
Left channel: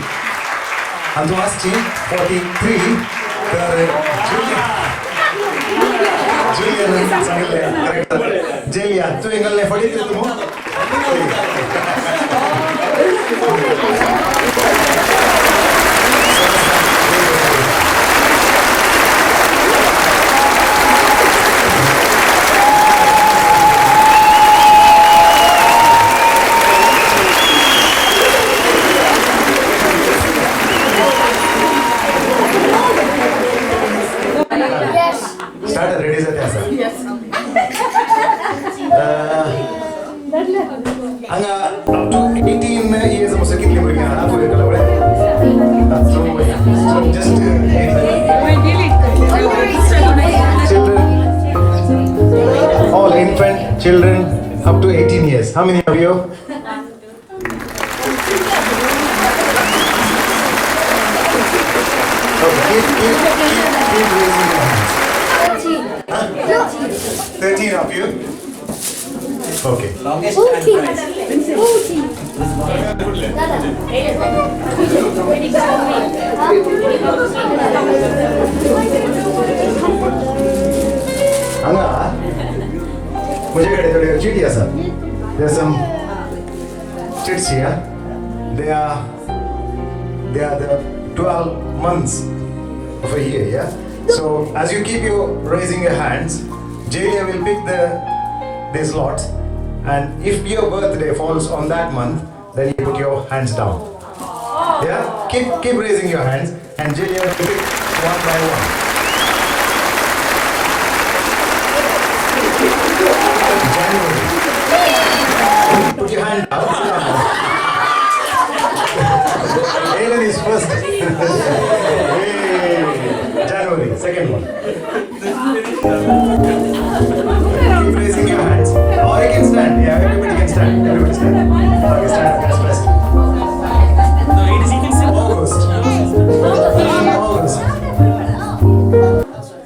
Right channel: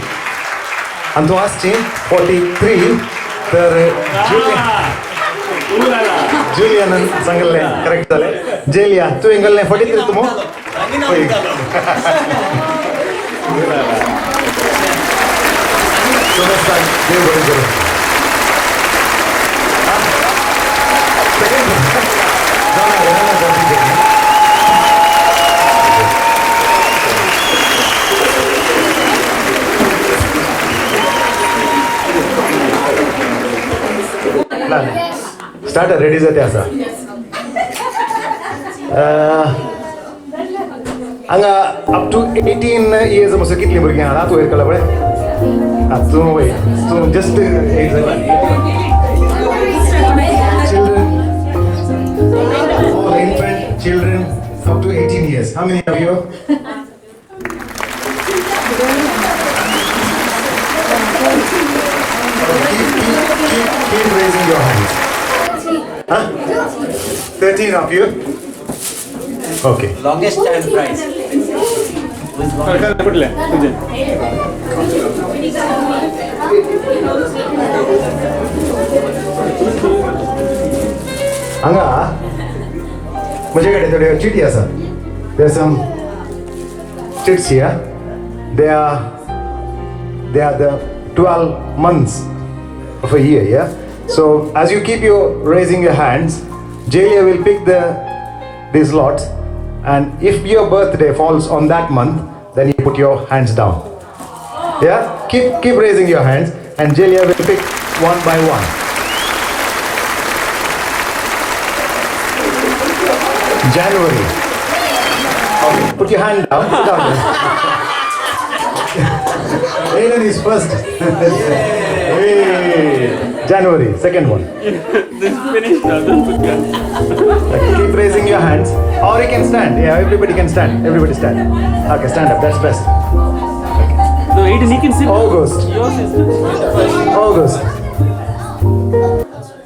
ಅಂತ ಆಸ್ತಿ 43 तर ಜೂಲಿಯನ್ ಸಂಘಲ್ನೆ ಕರೆಕ್ಟ್ ಅಲ್ಲ ಜೇಲಿಯಾ ತು ಎಂಗಲ್ನೆ 43 ತುಮೋ Start ready जाते आसा हांगा अप टू 18 इयर्स मसो कितली भुरगीं आहा पयर कला बळे तूं just children up to 18 years. How many of you? Okay, keep raising your hands. Huh? 13 of you? Okay. Longest stand prize. Anga, माझ्याकडे चिठी असा. There's some chits here. They are the 12 months of a year, yeah? So as you keep raising your hands, Jaylia will pick these lots, and if your birthday falls on that month, then you put your hands down. Yeah? Keep raising your hands, and Jaylia will pick one by one. January. Put your hand down. Sit down. Alan is first. Hey. January, second one. Keep raising your hands. Or you can stand. Yeah, everybody can stand. Everybody stand. Okay, stand up. Best, best. August. August.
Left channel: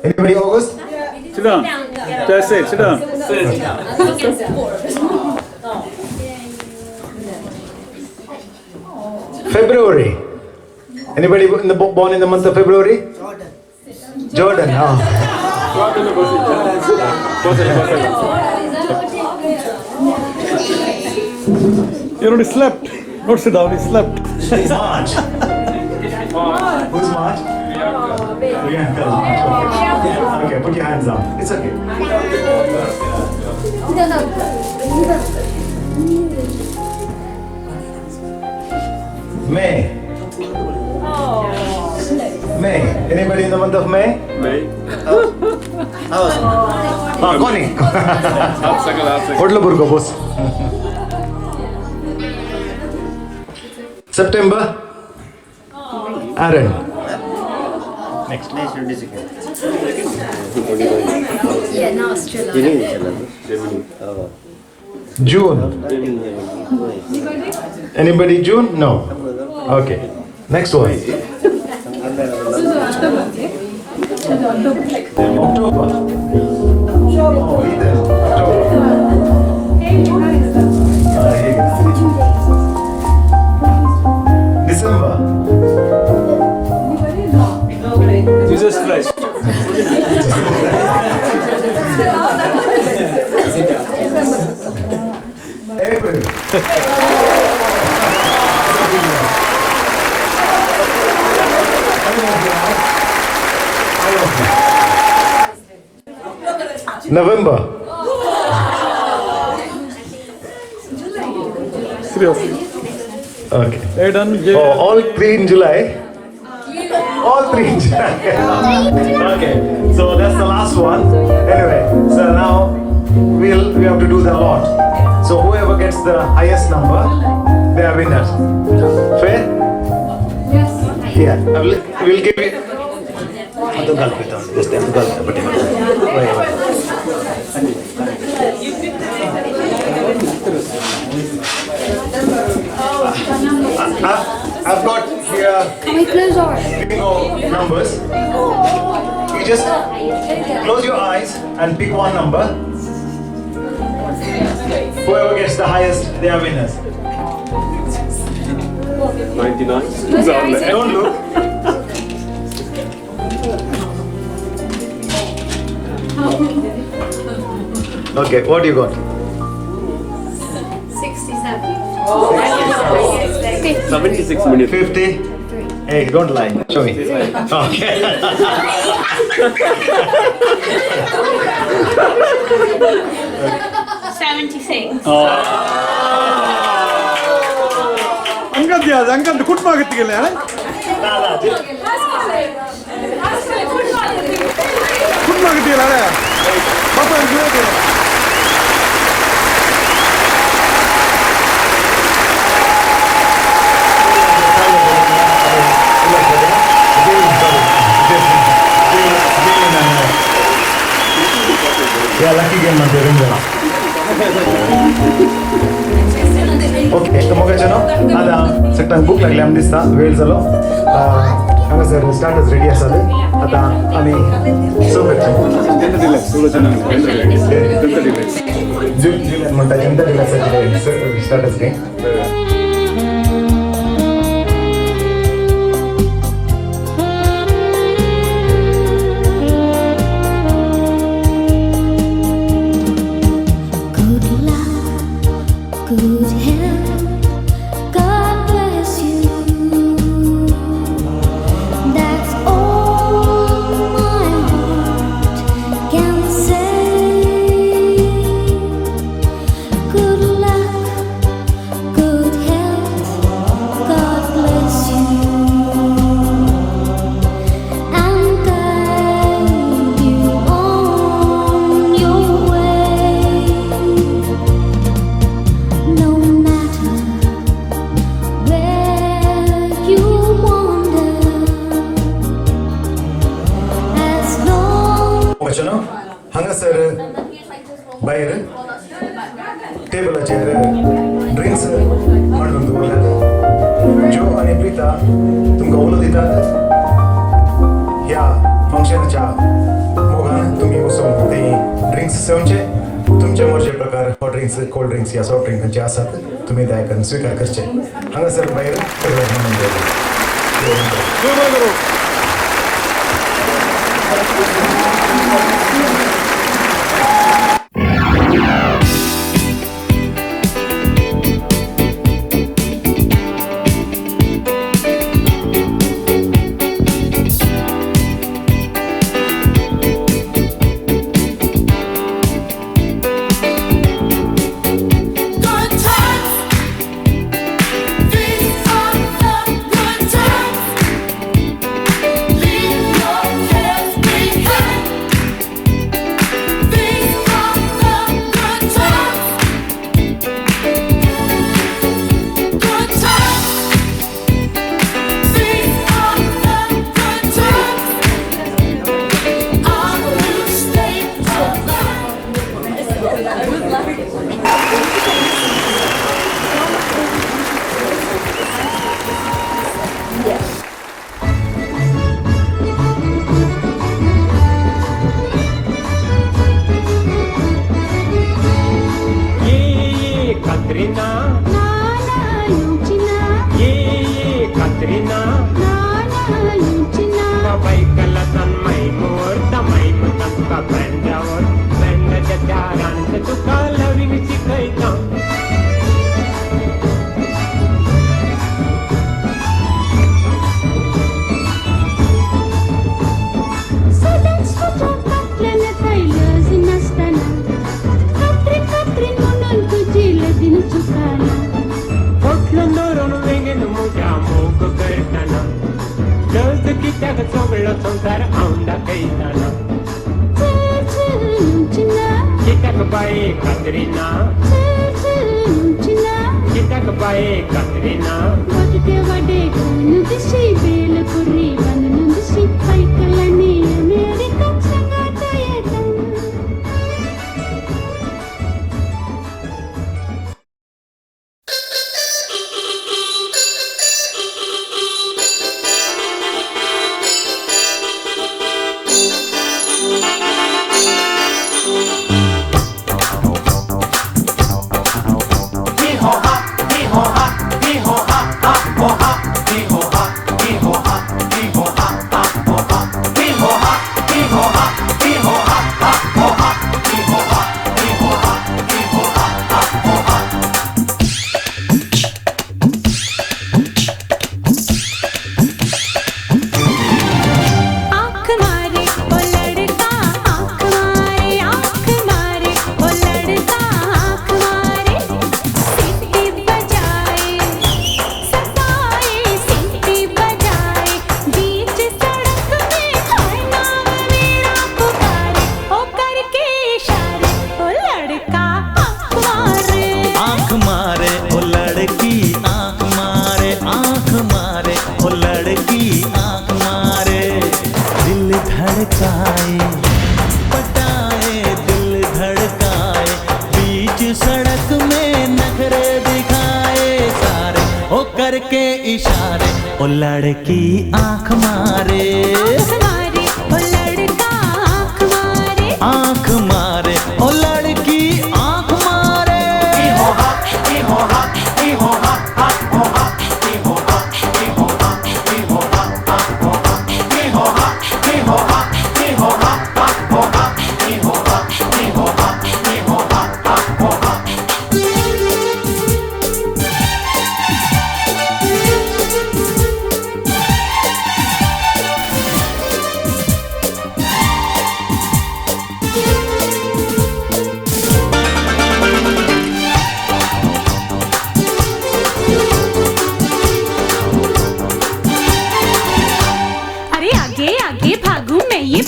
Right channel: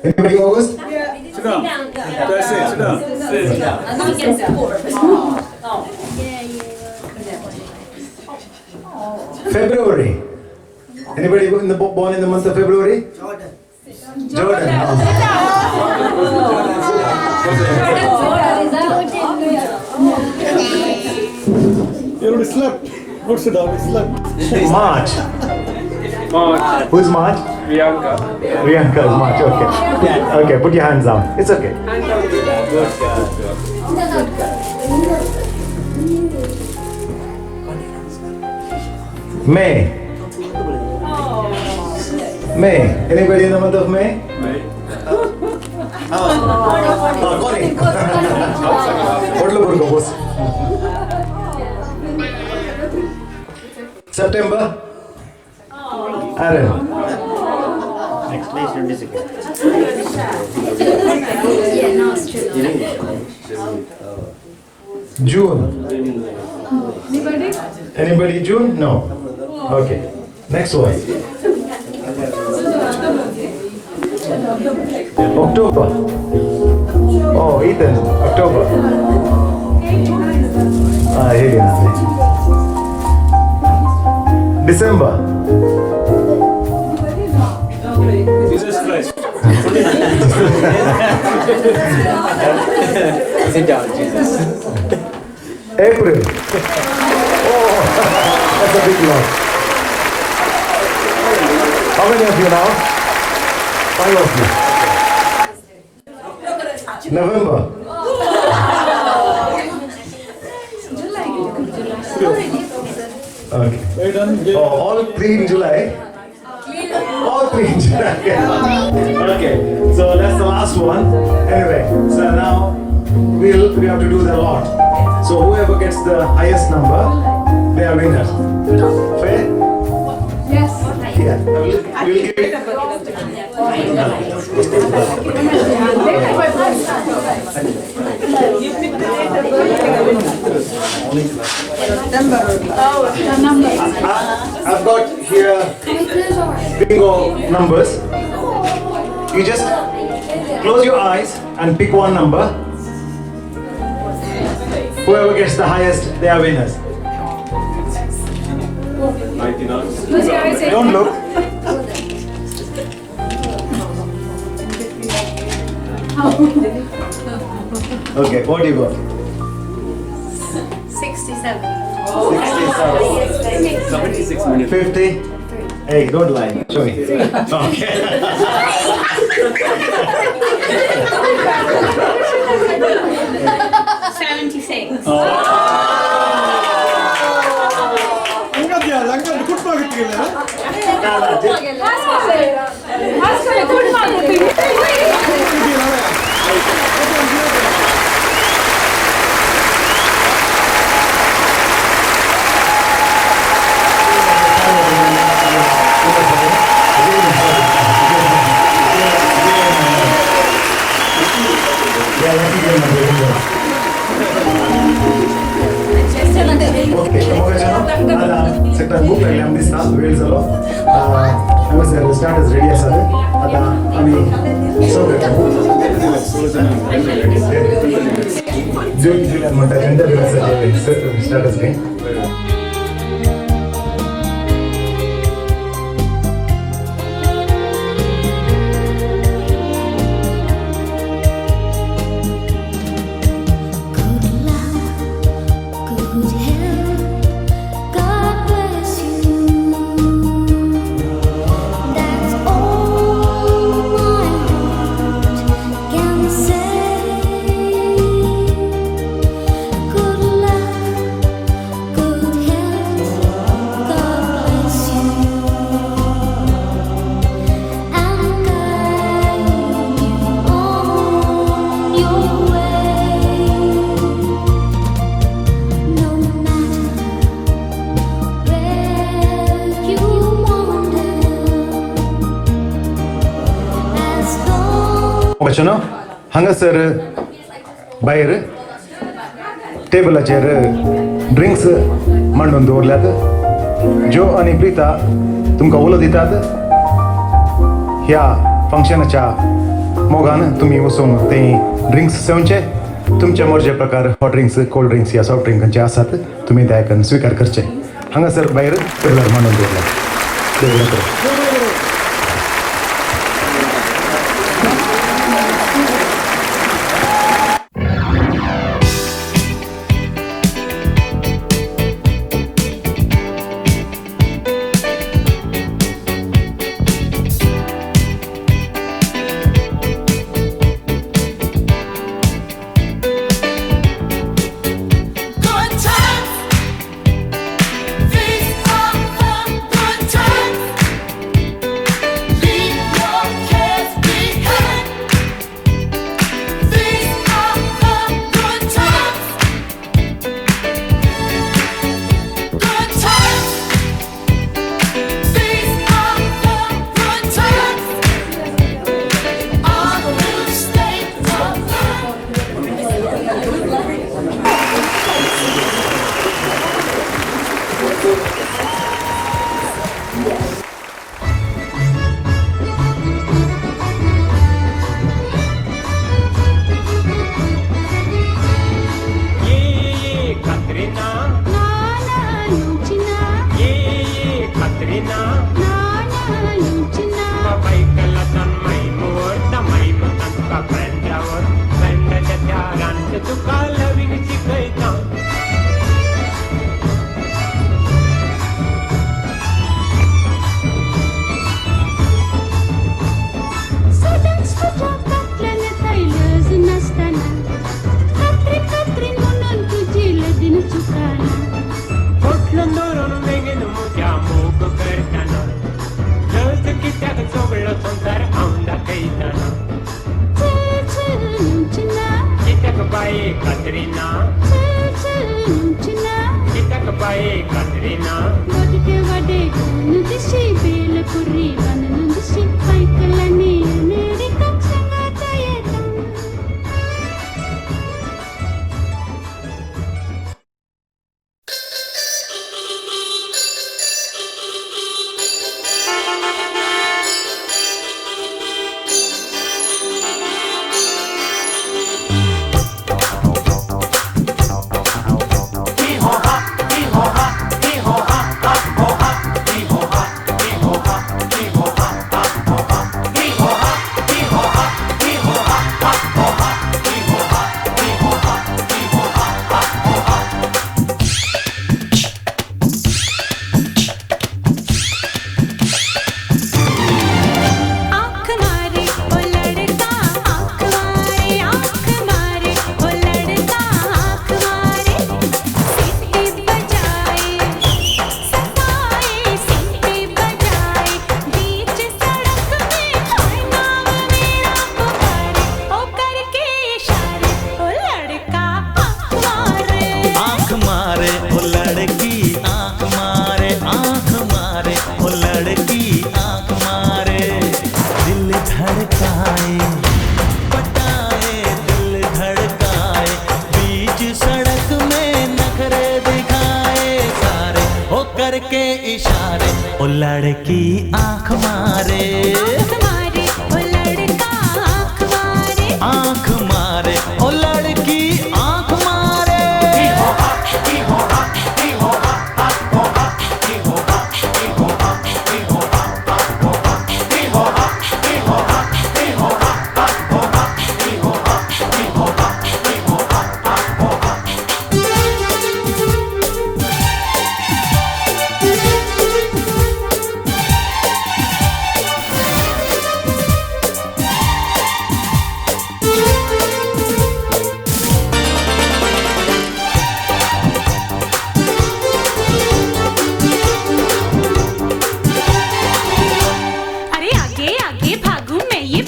Anybody August? Sit down. That's it. Sit down. February. Anybody born in the month of February? Jordan. Oh. You already slept. Not sit down, he slept. March. Who's March? Priyanka is March. Okay. Okay, put your hands down. It's okay. May. May. Anybody in the month of May? Connie. Kodlapur ko boss. September. Aaron. Next May should be second. Yeah, now Australia. June. Anybody June? No. Okay. Next one. October. Oh, Ethan. October. Here you go. December. Jesus Christ. April. That's a big one. How many of you now? 5 of you. November. Okay. Oh, all 3 in July. All 3 in July. Okay. So that's the last one. Anyway, so now we have to do the lot. So whoever gets the highest number, they are winners. Fair? Yes. Yeah. We'll give it. I've got here bingo numbers. You just close your eyes and pick one number. Whoever gets the highest, they are winners. 99. Don't look. Okay, what do you got? 67. 76 minutes. 50? Hey, don't lie. Show me. Okay. Angkat good market ke liye. Good market ke liye. Papa enjoy karo. Yeah, lucky game. ಎಷ್ಟು मोगाचें आता sector book लागले आमी दिसता वेळ जालो हांगासर starters ready आसात आता आमी सर्व करता जुलियन म्हणटा स्टार्टर्स घे Good health, God bless you. That's all my heart can say. Good luck, good health, God bless you. And guide you on your way. No matter where you wander, as long मोगाचें हांगासर भायर टेबलाचेर drinks मांडून दवरल्यात जो आनी प्रिता तुमकां उलो दितात ह्या फंक्शनाच्या मोगान तुमी वचून ते ड्रिंक्स सेवचे तुमच्या मर्जे प्रकार हॉट ड्रिंक्स कोल्ड ड्रिंक्स या सॉफ्ट ड्रिंकांचे आसात तुमी दयाकन स्वीकार करचे हांगासर भायर टेबलार मांडून दवरला good times, these are the good times. Leave your cares behind. These are the good times. Good times. These are the good times. Our new state of mind. Katrina, Katrina, babai kalatan mai murta mai mutan ka bendraवर bendraच्या त्यारांत तुका loving शिकयता Students तुझ्या कातल्याने थैलज नसताना कात्रीन कात्रीन म्हणून तुझी लदीन चुकाना फोटलं नोरून वेगेन मुद्या मोग करताना लज कित्याक चोगलो संसार औंदा कैताना कित्याक बाये कात्रिना कित्याक बाये कात्रिना गोटटे वाडे गुण दिशी बेल कुर्री बांधून दिशी पायकलाने अमेरिका संगाता येता धड़काए पटाए दिल धड़काए बीच सड़क में नखरे दिखाए ओ करके इशारे ओ लड़की आंख मारे ओ लड़का आंख मारे आंख मारे ओ लड़की आंख मारे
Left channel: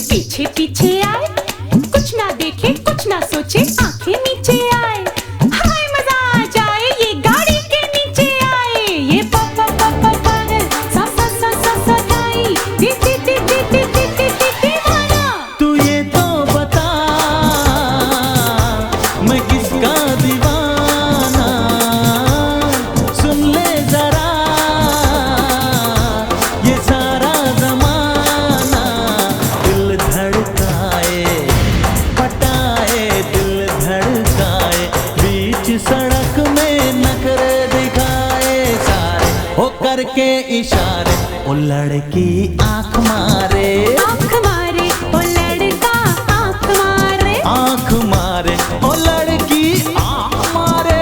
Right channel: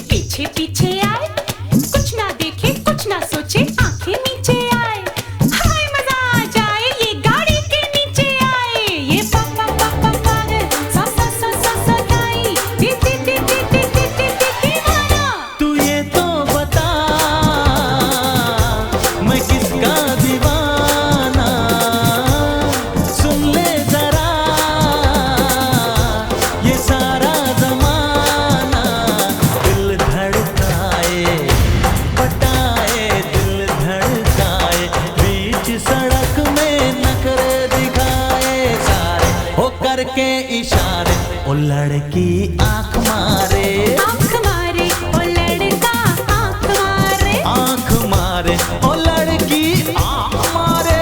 पीछे पीछे आए, कुछ ना देखे कुछ ना सोचे, आंखें नीचे आए, हाय मजा आ जाए, ये गाड़ी के नीचे आए, ये पापा पापा पागल सा सा सा सा सा दाई दी दी दी दी दी दी दी दी दीवाना। तू ये तो बता मैं किसका दीवाना, सुन ले जरा ये सारा जमाना, दिल धड़काए पटाए दिल धड़काए, बीच सड़क में नखरे दिखाए सारे, हो करके इशारे ओ लड़की आंख मारे ओ लड़का आंख मारे आंख मारे ओ लड़की आंख मारे।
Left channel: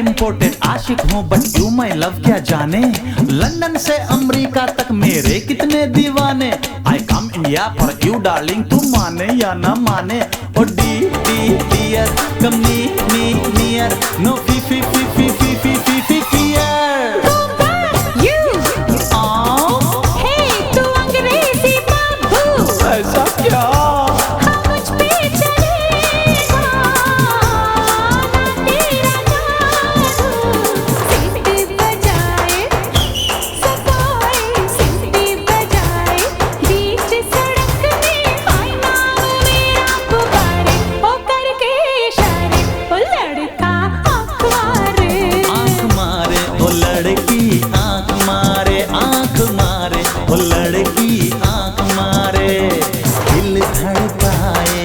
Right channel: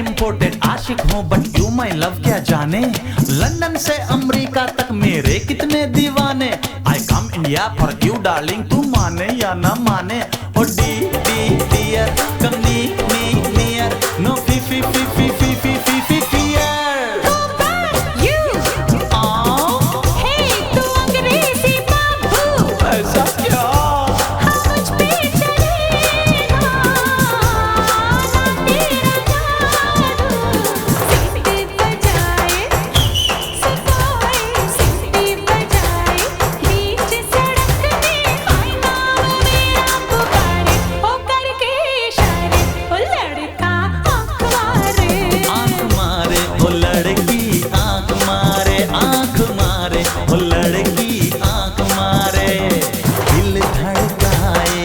इम्पोर्टेड आशिक हूँ बट यू माई लव क्या जाने, लंदन से अमेरिका तक मेरे कितने दीवाने, I come India for you darling, तू माने या ना माने, oh d d dear come n n near, no f f f f f f f f fear. तू अंग्रेजी बाबू ऐसा क्या ओ लड़की आंख मारे, दिल धड़काए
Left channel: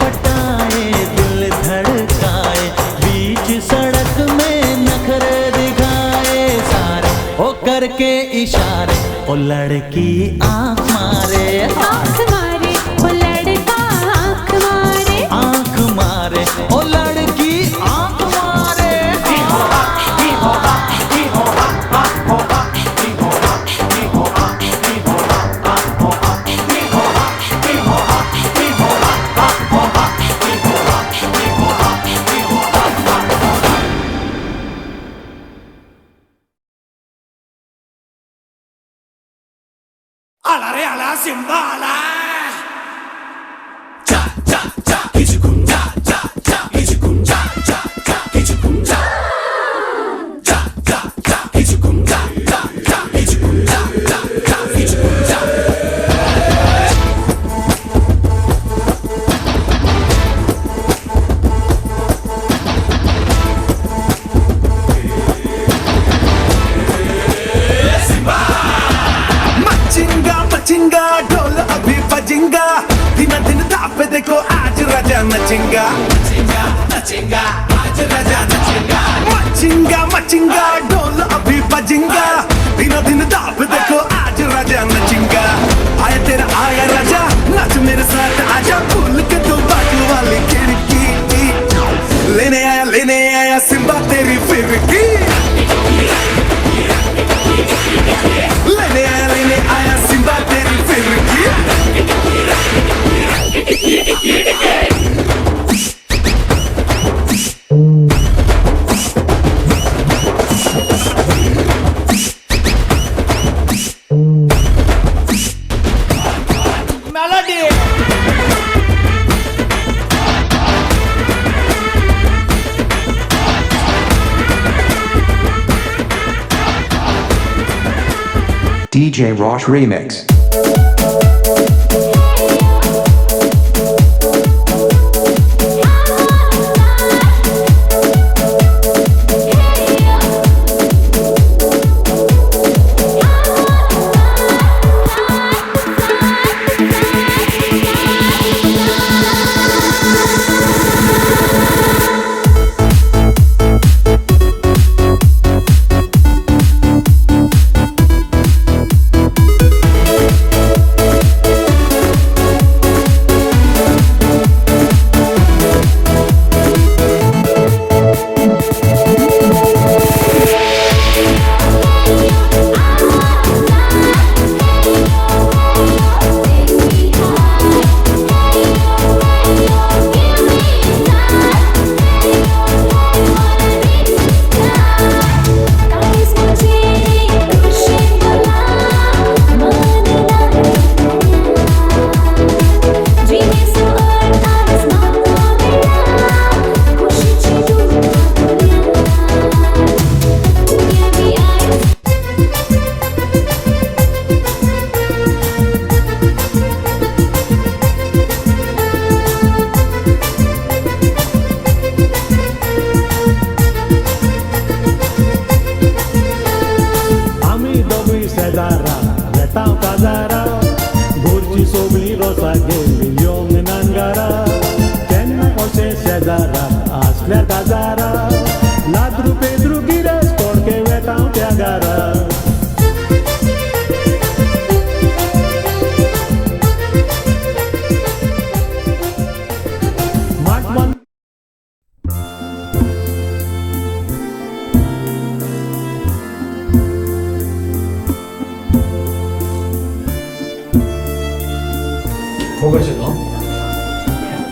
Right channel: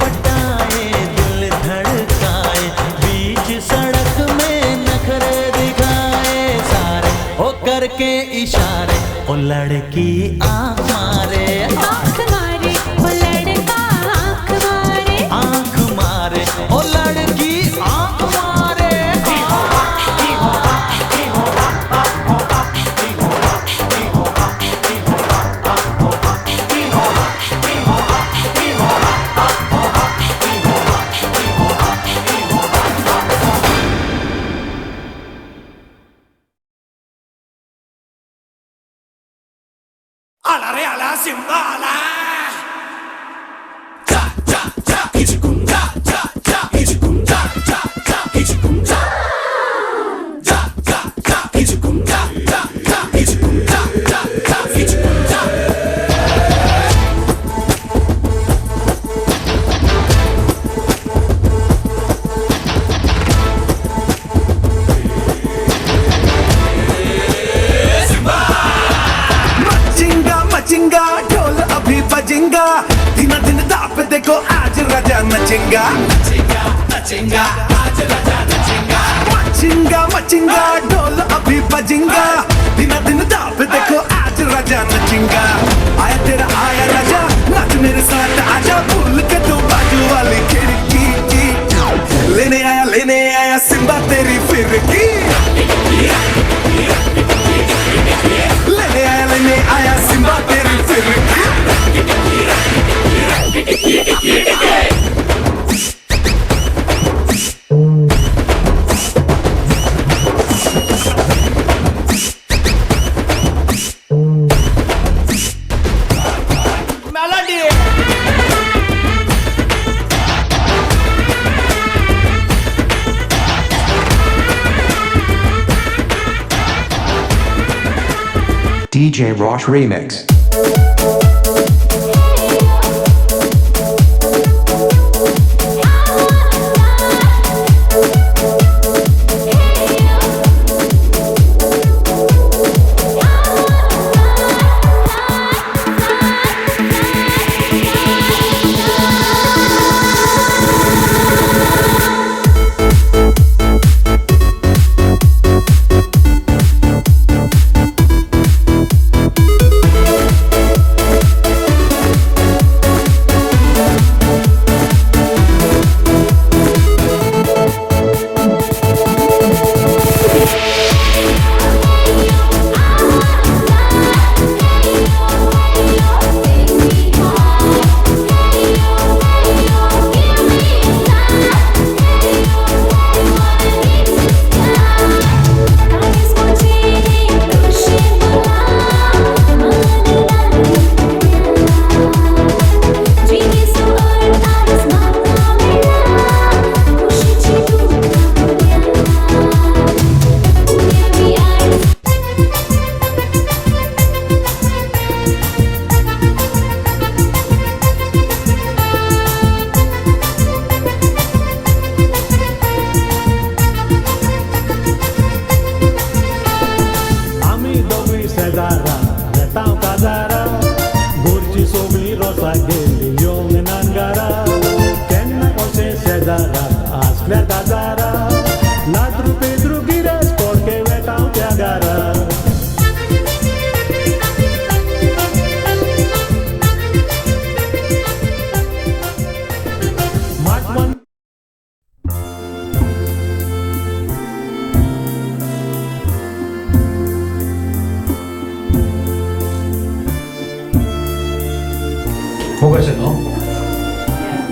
पटाए दिल धड़काए, बीच सड़क में नखरे दिखाए सारे, ओ करके इशारे ओ लड़की आंख मारे ओ लड़का आंख मारे आंख मारे ओ लड़की आंख मारे। Alla reala simbala. Cha cha cha ichukum cha cha cha ichukum cha cha cha ichukum cha. Cha cha cha ichukum cha cha cha ichukum cha cha cha ichukum cha. Machinga machinga ढोल अभी Melody. DJ Rosh Remix.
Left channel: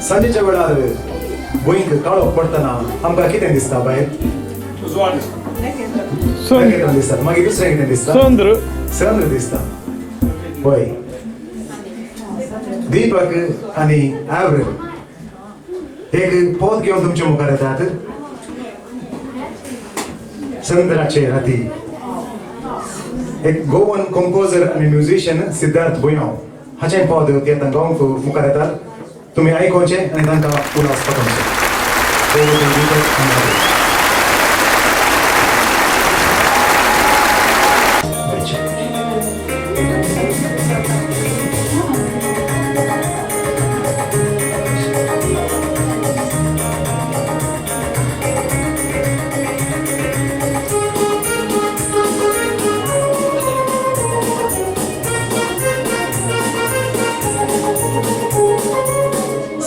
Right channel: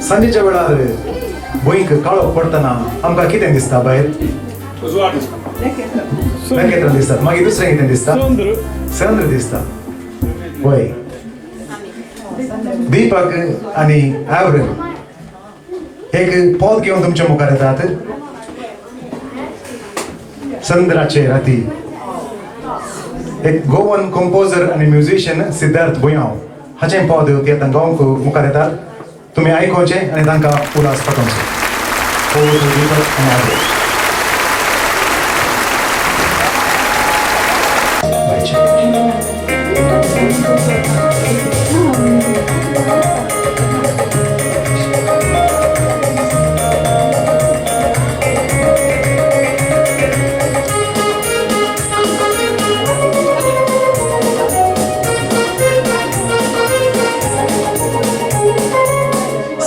संजेच्या वेळार भुंयक काळो पडटना आमकां कितें दिसता भायर नखेत्रां दिसतात मागीर दुसरें कितें दिसता चंद्र दिसता होय दीपक आनी एवरेल एक पद घेवन तुमच्या मुखार येतात चंद्राचे राती एक गोवन कंपोजर आनी म्युझिशियन सिद्धार्थ भुयाव हाचें पद येता गांवक मुखार येतात तुम्ही आयकोवचे आनी तांकां उलास पातोवचे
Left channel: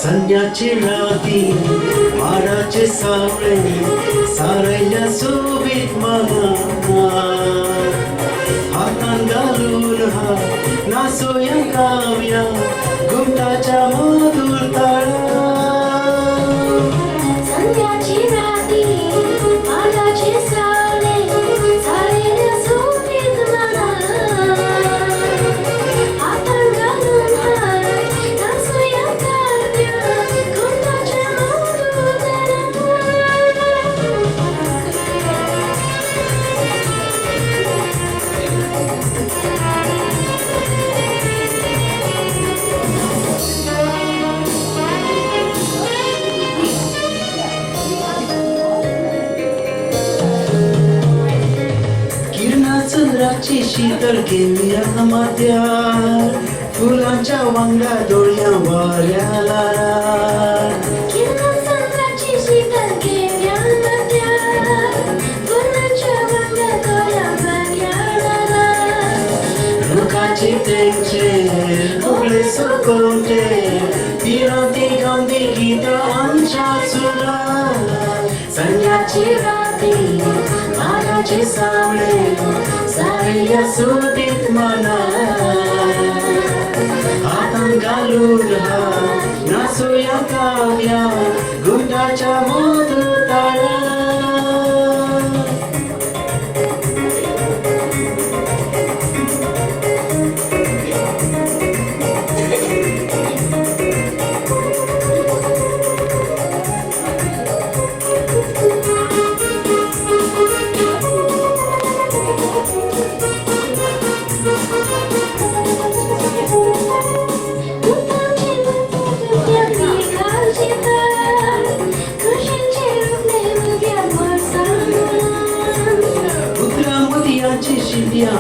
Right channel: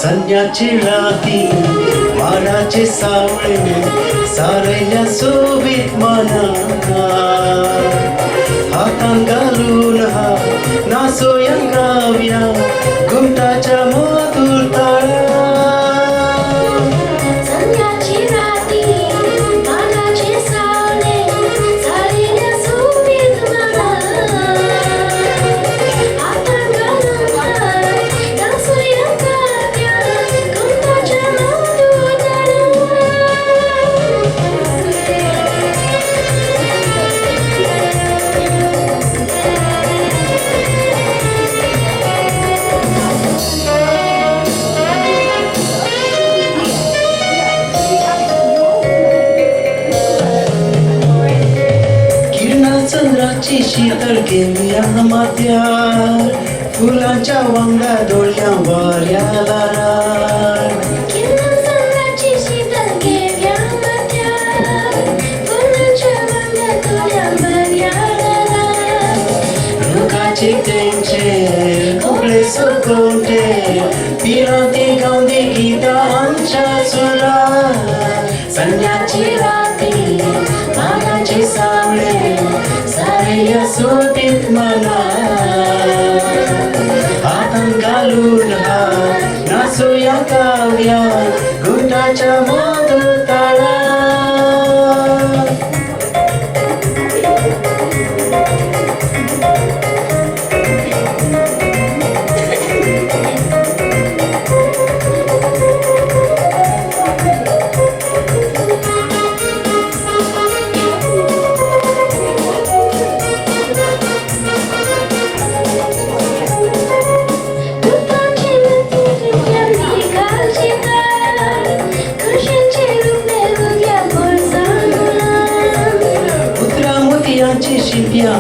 संध्याची राती वाडाचे सावळे सारयल्या सोबीत मना हातान घालून हा नाचोया गावया घुमटाच्या मधुर ताळा संध्याची राती वाडाचे सावळे सारयल्या सोबीत मना हातान घालून हा नाचोया चंद्राची शीतळ घेऊया माथ्यार फुलांच्या वांगडा दोळ्या वाऱ्या लारार चंद्राची शीतळ घेऊया माथ्यार फुलांच्या वांगडा दोळ्या वाऱ्या लारार रुखाची तेंचे उगले सोकोटे पिरांती गावंदी गीता आमच्या चुरा संध्याची राती वाडाचे सावळे सारयल्या सोबीत मना हातान घालून हा नाच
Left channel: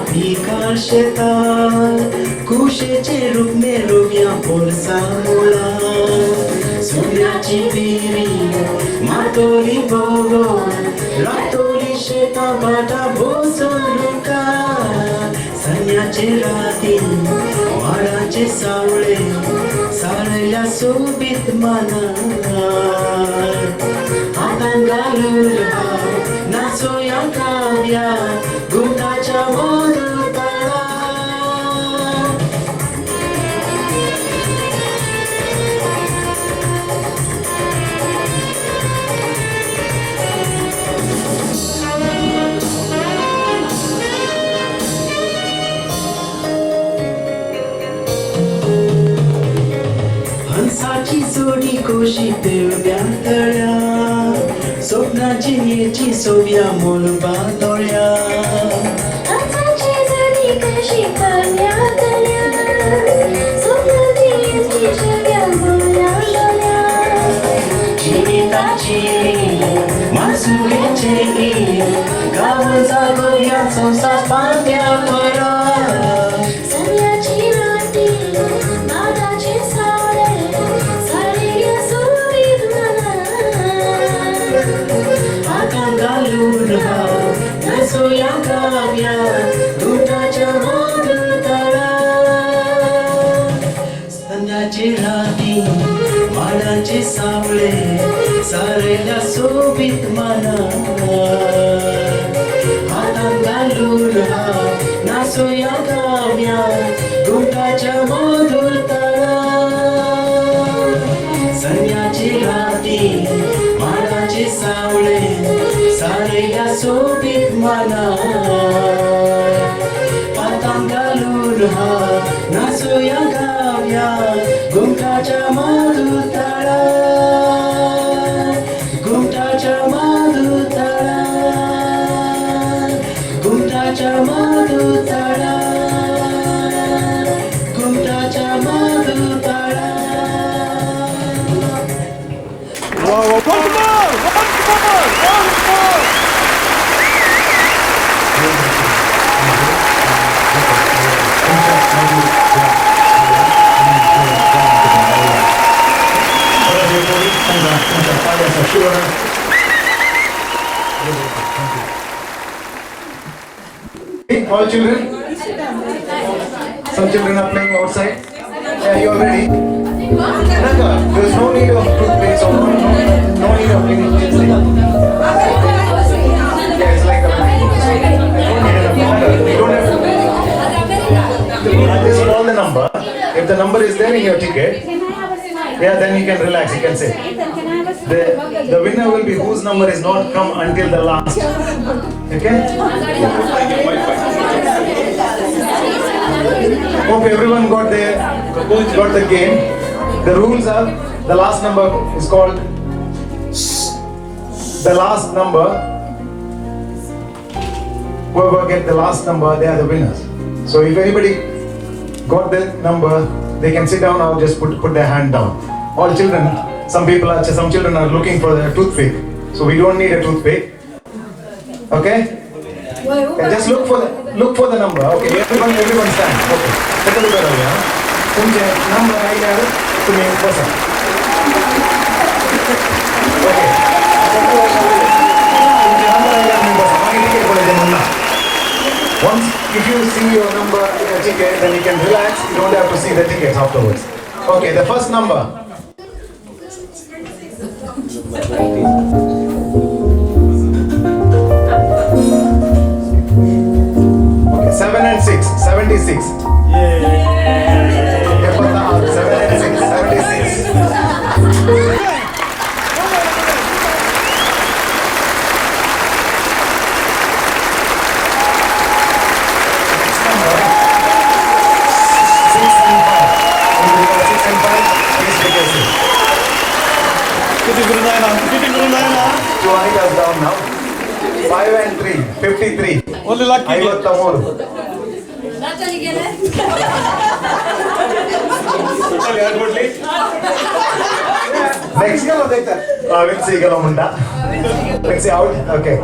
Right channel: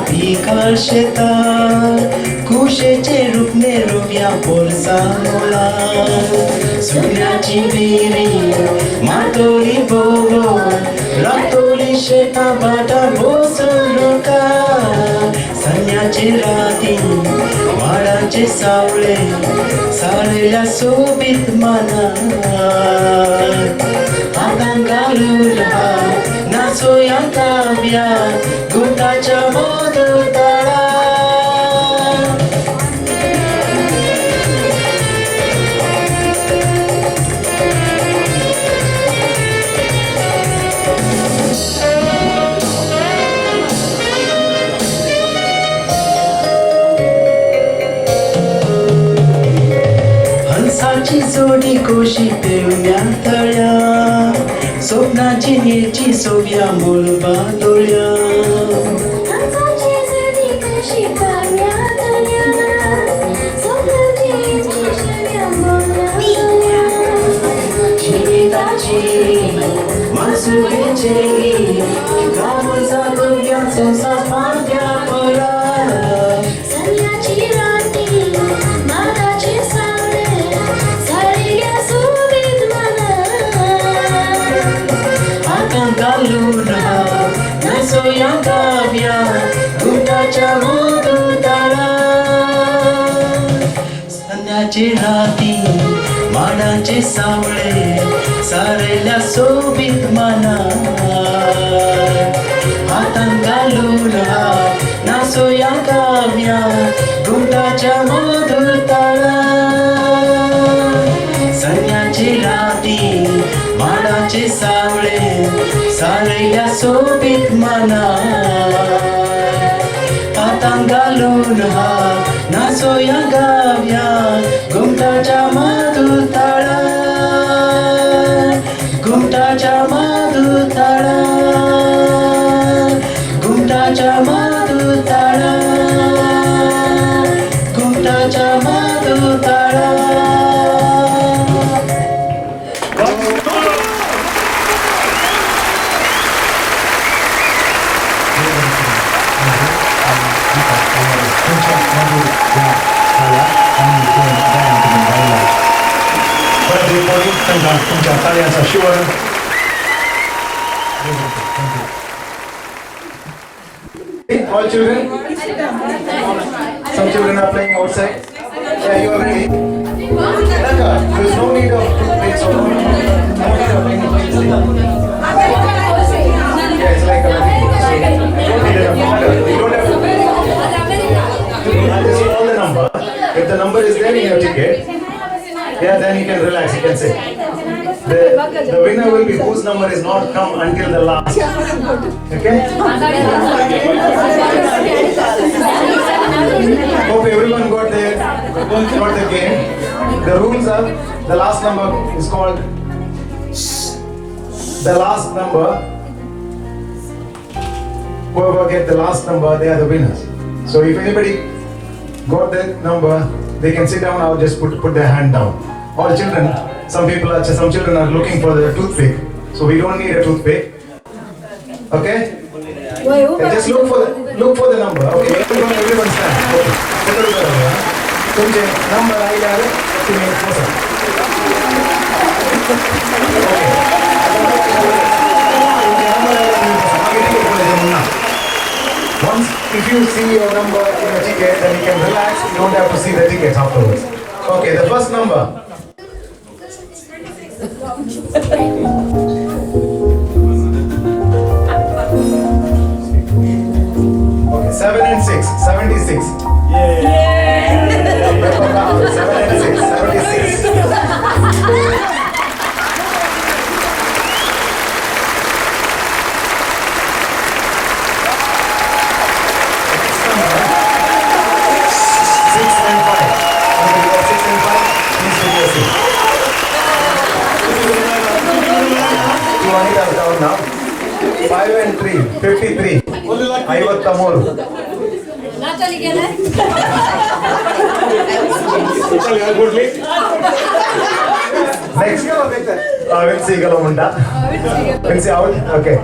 पिकाळ शेतात कुशेचे रूपने रोव्या पोरसा मोला सोन्याची बेरी मातोली बोलो रातोली शेता बाटा बोसोलुका संन्याची राती माडाचे सावळे साळेल्या सोबीत मना हातान घालून नाचोया काव्या गुंताच्या मोदताळा हंसाची जोडी कोशी पेवण्या तळ्या स्वप्नाची न्यायची सोव्या मोलबा दोळ्या जिविताची मासुगेचे गावून जागोव्या सोसा पात्या परा राती माडाचे सावळे सारेल्या सोबीत मना हातान घालून नाचोया काव्या गुंटाच्या मधुर ताळा संन्याची राती माडाचे सावळे सारेल्या सोबीत मना हातान घालून नाचोया गाव्या गुंटाच्या मधुर ताळा गुंटाच्या मधुर ताळा गुंटाच्या मधुर ताळा गुंटाच्या मधुर ताळा तुमच्या कार्याचा शिवर all children, some children are playing outside. Yeah, you are ready. Anaka, there is no need of toothpicks or no need of any yeah, it's like you don't have to just call the number. If the number is there in your ticket, yeah, then you can relax, you can say. The winner will be whose number is not come until the last. Okay? Hope everyone got the game. The rules are, the last number is called the last number. Whoever get the last number, they are the winners. So if anybody got the number, they can sit down or just put their hand down. All children, some children are looking for the toothpick, so we don't need a toothpick. Okay? And just look for the number. Okay, everyone stand. Okay. Settle that over. तुमचे number आहे यार तुम्ही बसा. Okay. तुमचे number आहे तुम्ही बसा. मागे ticket बोलायचे म्हणून. Once if you see your number in the ticket, then you can relax. You don't have to see the tickets afterwards. Okay, the first number. Okay, 7 and 6, 76. Yeah. 7 and 6, 76. Next number, 6 and 5. Anybody got 6 and 5? Please take your seat. You want it us down now? 5 and 3, 53. Only lucky. I got tomorrow. Next Vincy out. Okay.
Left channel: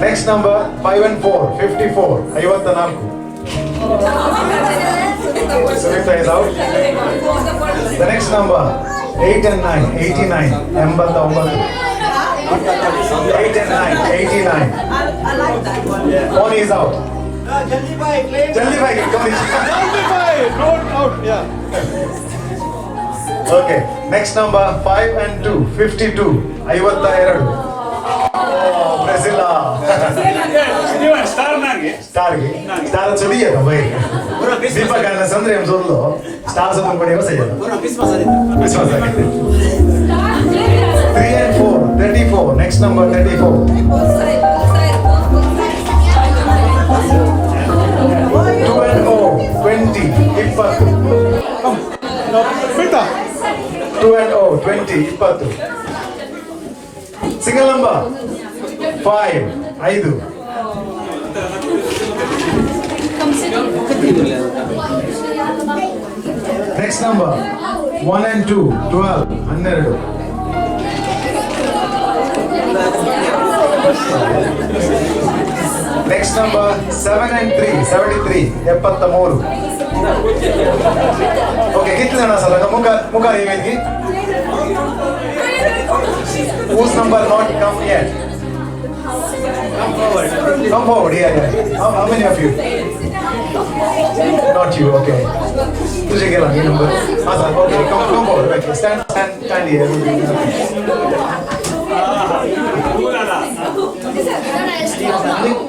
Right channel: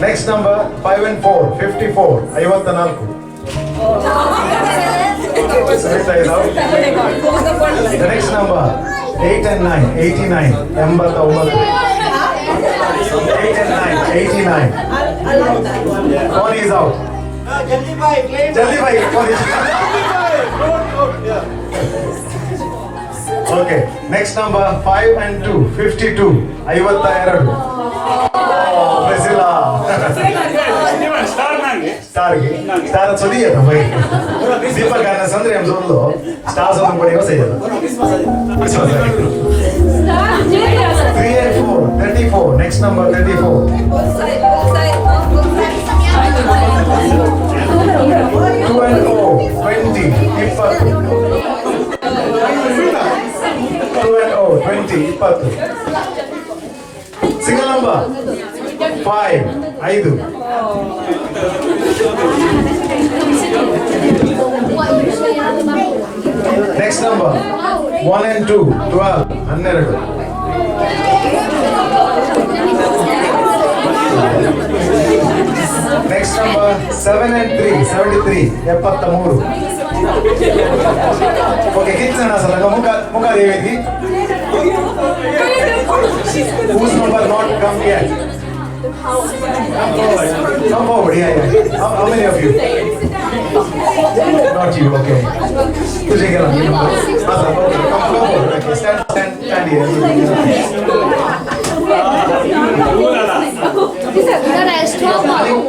Next number 5 and 4, 54. 54. Sarita is out. The next number, 8 and 9, 89. 89. 8 and 9, 89. I like that one. One is out. Jaldi bhai, claim. Jaldi bhai, one is Out, yeah. Okay, next number 5 and 2, 52. 52. Priscilla. Star चलिए था भाई दीपक गाना संद्रे हम सुन लो star सब पड़ेगा सही है 3 and 4 34 next number 34 2 and 0 20 Deepak 2 and 0 20 Deepak single number 5 5 Next number 1 and 2 12 12 Next number 7 and 3 73 73 Okay, कितने ना सर मुका देगी Whose number not come yet? Come forward, yeah. How many of you? Not you, okay. तुझे क्या लगा? अच्छा, okay, come forward. Okay, stand here.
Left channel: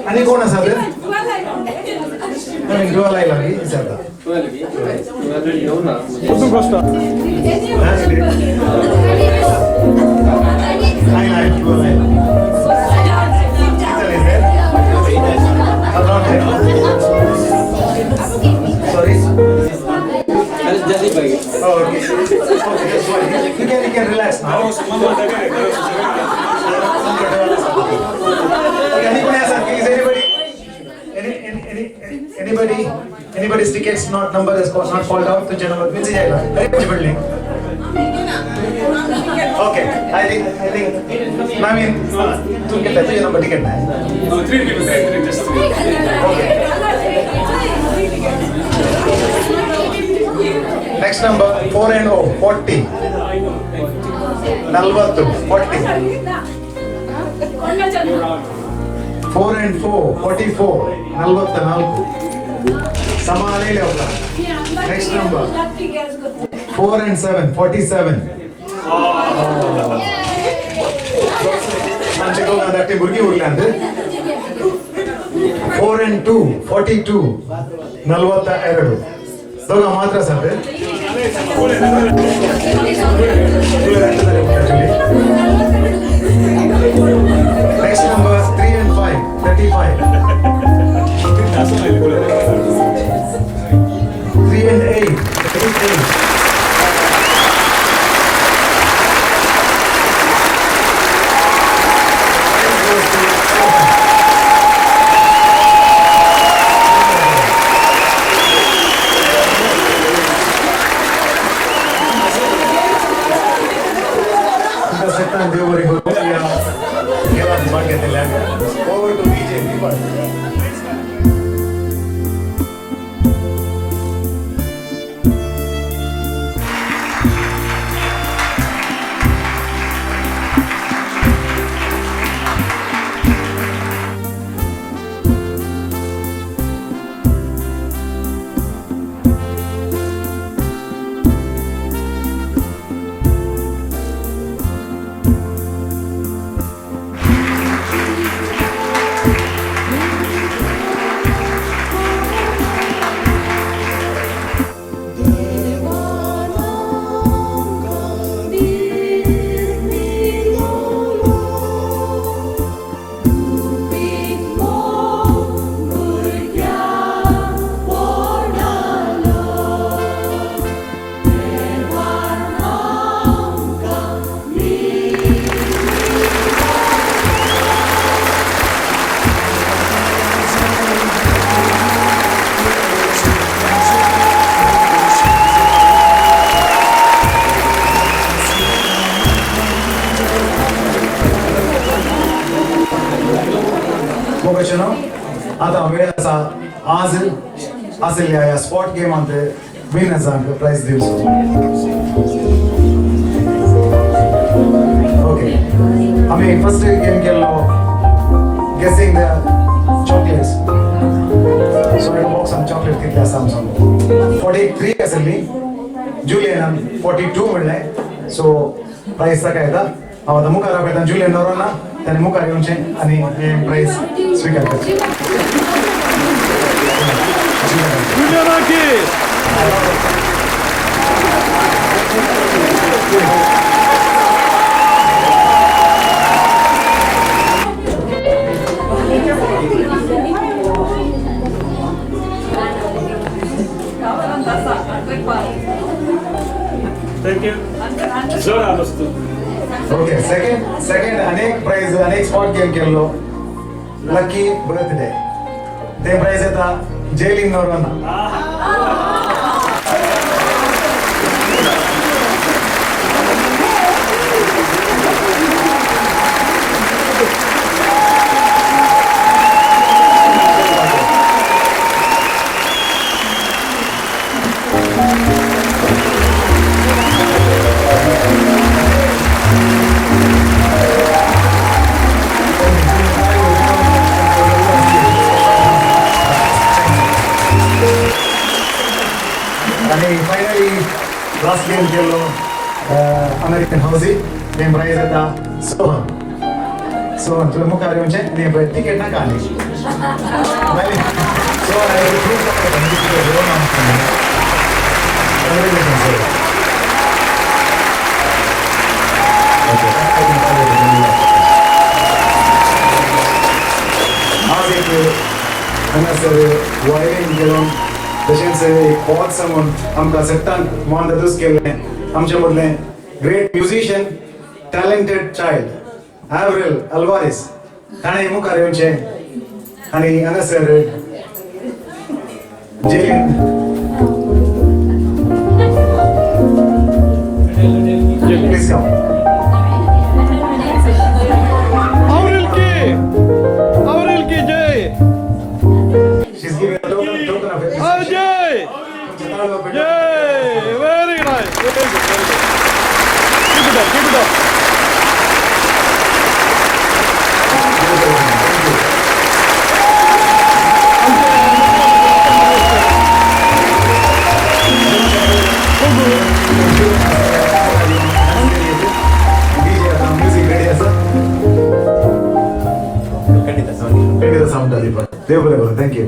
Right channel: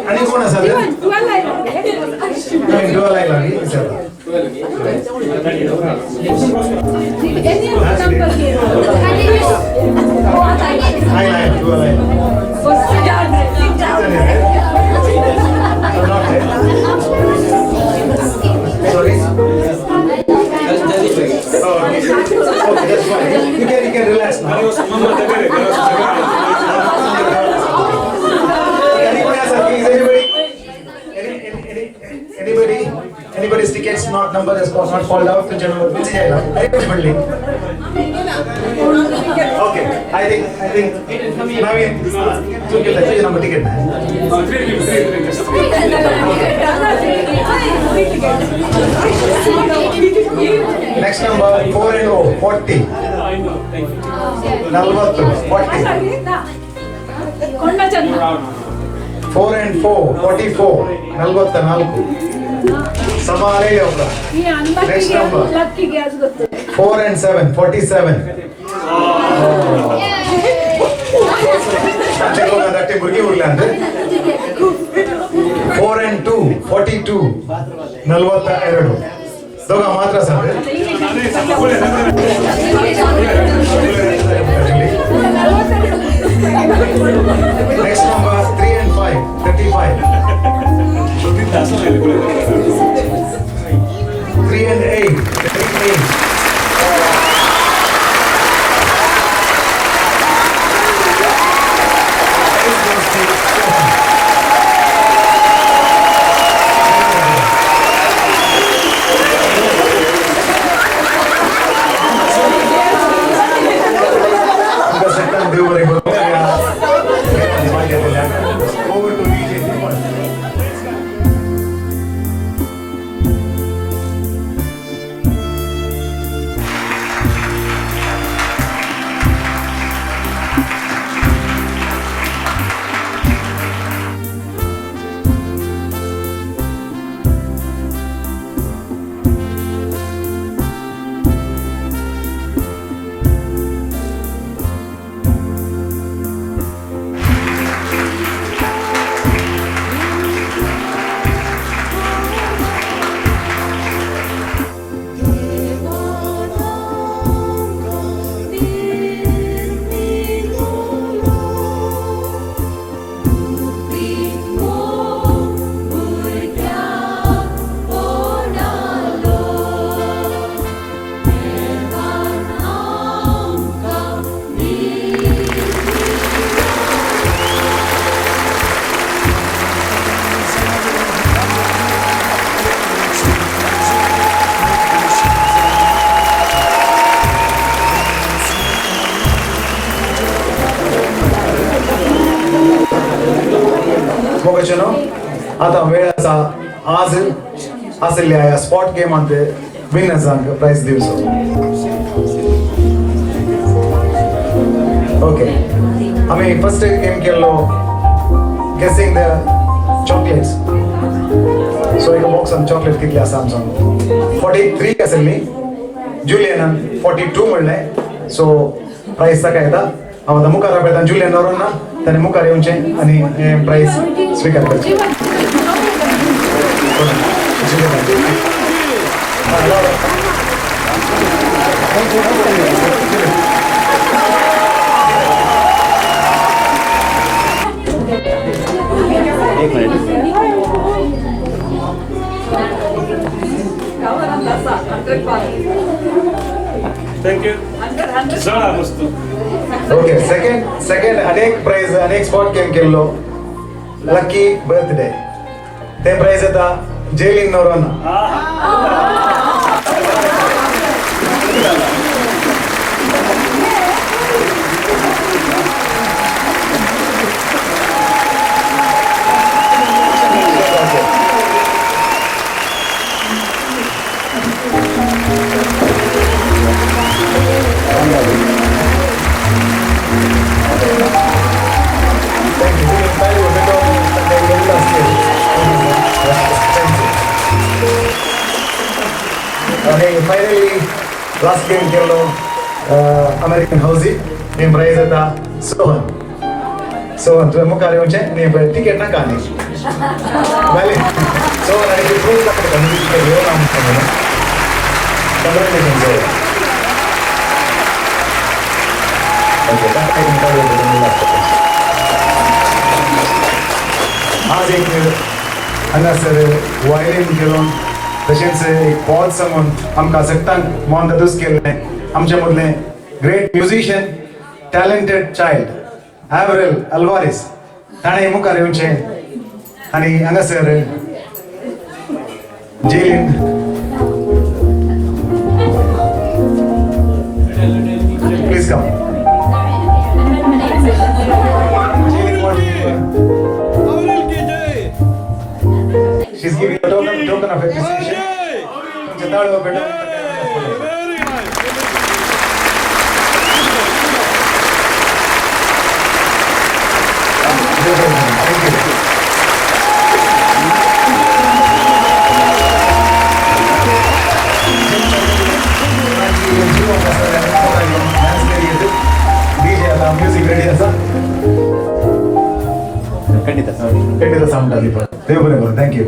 Ani कौन है sir? Kami dua lagi lagi, sir. Dua lagi. Hai, dua lagi. Sorry. Oh, okay. Okay, that's fine. You can relax now. Anybody's tickets not number has not fall out to Janam VincyRodrigues. Very much building. Okay, I think Naveen, tu get that number ticket. 3 people. Next number 4 and 0 40. 40. 4 and 4 44. 44. Samane le hoga. Next number 4 and 7 47. Anche hoga datte burgi urla ande 4 and 2 42 42 doga matra sare Next number 3 and 5 35 3 and 8 38 असल्या या spot गेमांत विनर्सांक prize दिवचो. Okay, आम्ही first game केल्लो गेसिंग the chocolates. सो एक बॉक्सान chocolate कितली आसा आमचो 43 आसली. जुलियनान 42 म्हणलें. सो प्राइज ताका येता. हांव आतां मुखार आपयता जुलियन नोरोना. ताणें मुखार येवचें आनी हें प्राइज स्विकार करचें. Thank you. ओके, सेकंड अनेक प्राइज अनेक स्पॉट गेम केल्लो लकी बर्थडे. ते प्राइज येता जेलिन नोरोना. आणि फायनली लास्ट गेम केल्लो अमेरिकन हाऊसिंग. हे प्राइज येता सोहन तुवें मुखार येवचें न्ही टिकेट नाका आनी. सोहन हांवें प्रूव दाखयता न्ही टिकेट घेवन आमकां. कंग्रेच्युलेशन सोहन. ओके, आज एक हांगासर वायलीन घेवन तशेंच एक पॉल समून आमकां सट्टांक मोहनदादूस केल्लें आमचे मदलें great musician talented child Averel Alvares ताणें मुखार येवचें आनी हांगासर Jeleen please come. She's giving a token of appreciation. Very nice. Keep it up. Music ready आसा. खंडिता सावंड दीपक. देव बरें करूं. थँक्यू.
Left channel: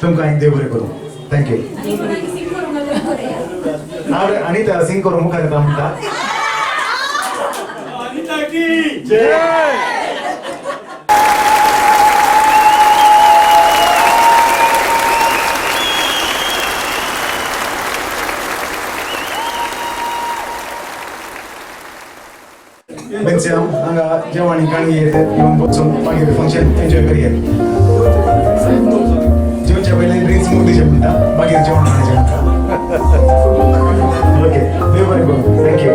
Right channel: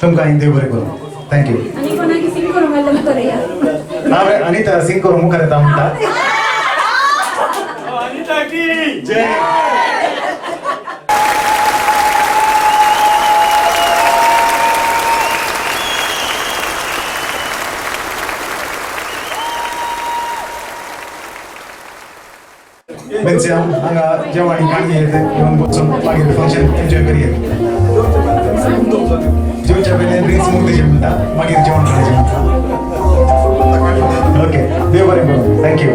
तुमकां देव बरें करूं. थँक्यू. हांव अनिता सिंग करूं मुखार येता म्हणटा. विन्स्याम हांगा जेवण खाणगी येवन बसून मागीर फंक्शन एन्जॉय करया. जेवच्या पयलीं ड्रिंक्स मुक्तीचे म्हणटा मागीर जेवण खाणाचें म्हणटा. ओके, देव बरें करूं. थँक्यू.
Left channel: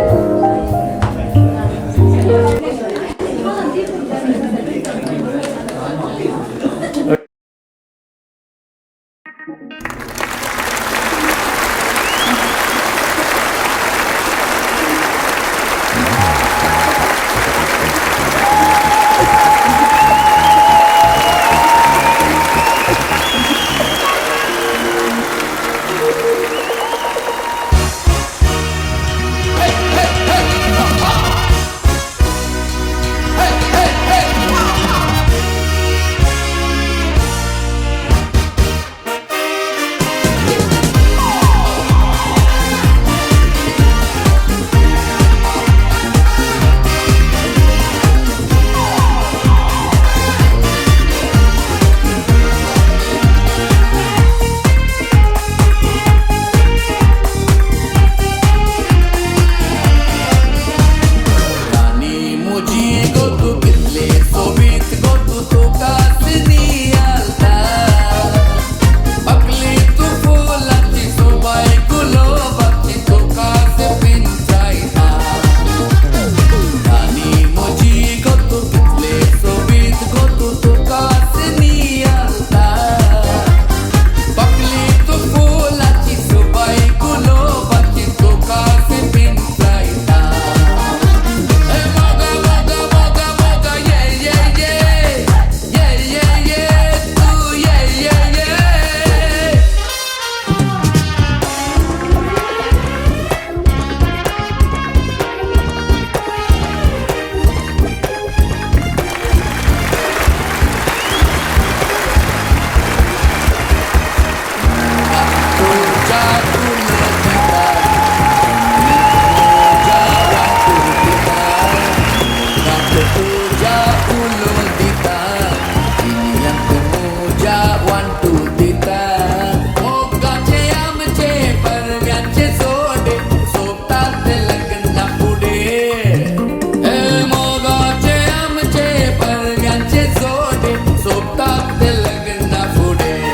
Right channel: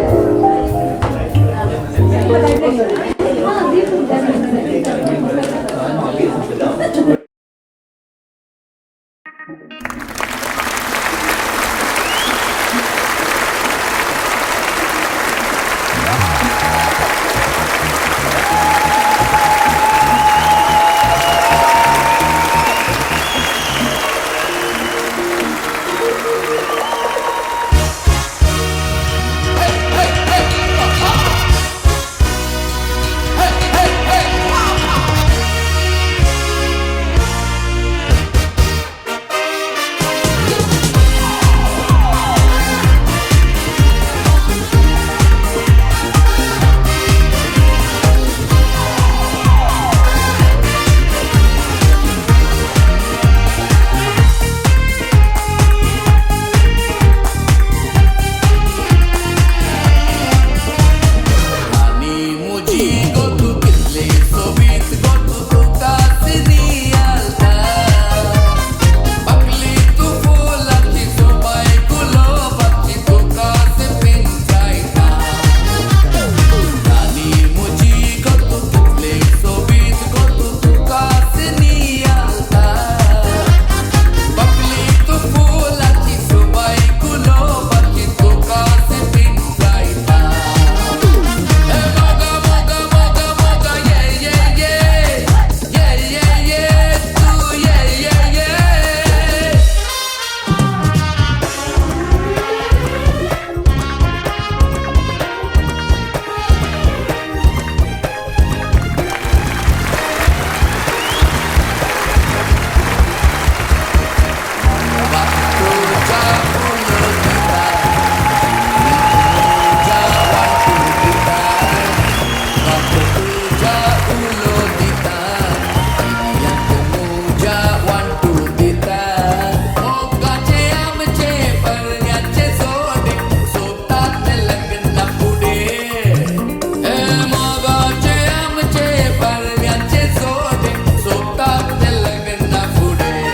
फुलांचे जोडे सोबतात ते लग्ना पुढे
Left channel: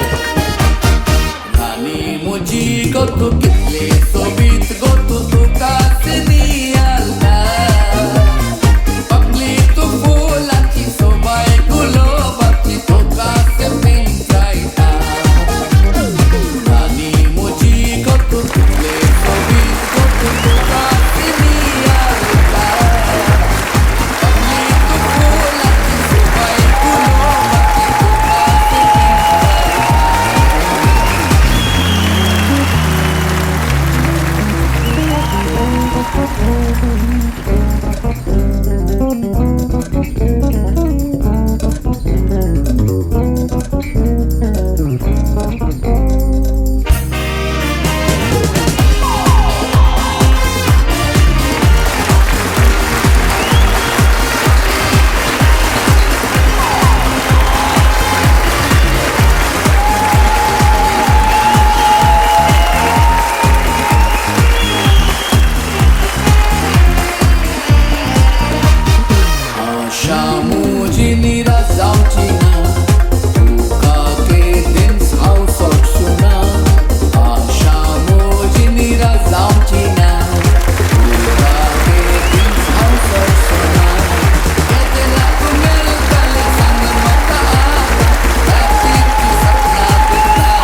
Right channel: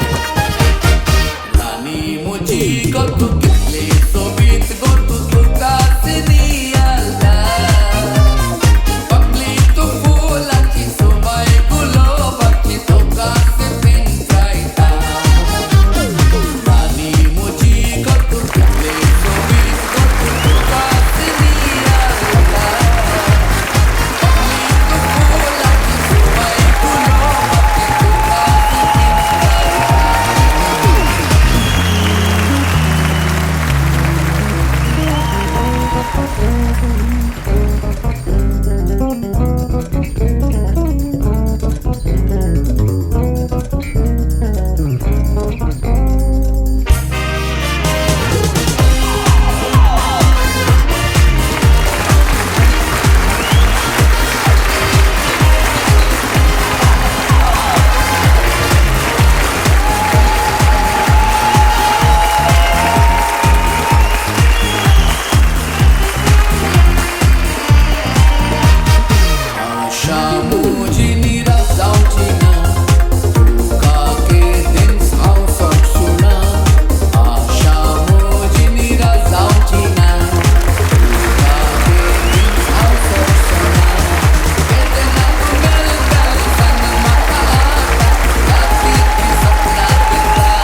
राणी मुजी गो तू कितले सोबीत गो तू कासनी आलता पकली तू फुलाची सोबाय गुलाबाची तो कासे पिंजरायता राणी मुजी गो तू कितले सोबीत गो तू कासनी आलता पकली तू फुलाची सोबाय गुलाबाची तो कासे पिंजरायता Shamuji razauci na tuka ke din sau sok suna Shamuji razauci na tuka ke din sau sok suna Ketna tu mel kale sang mata aata rati ki sapna dita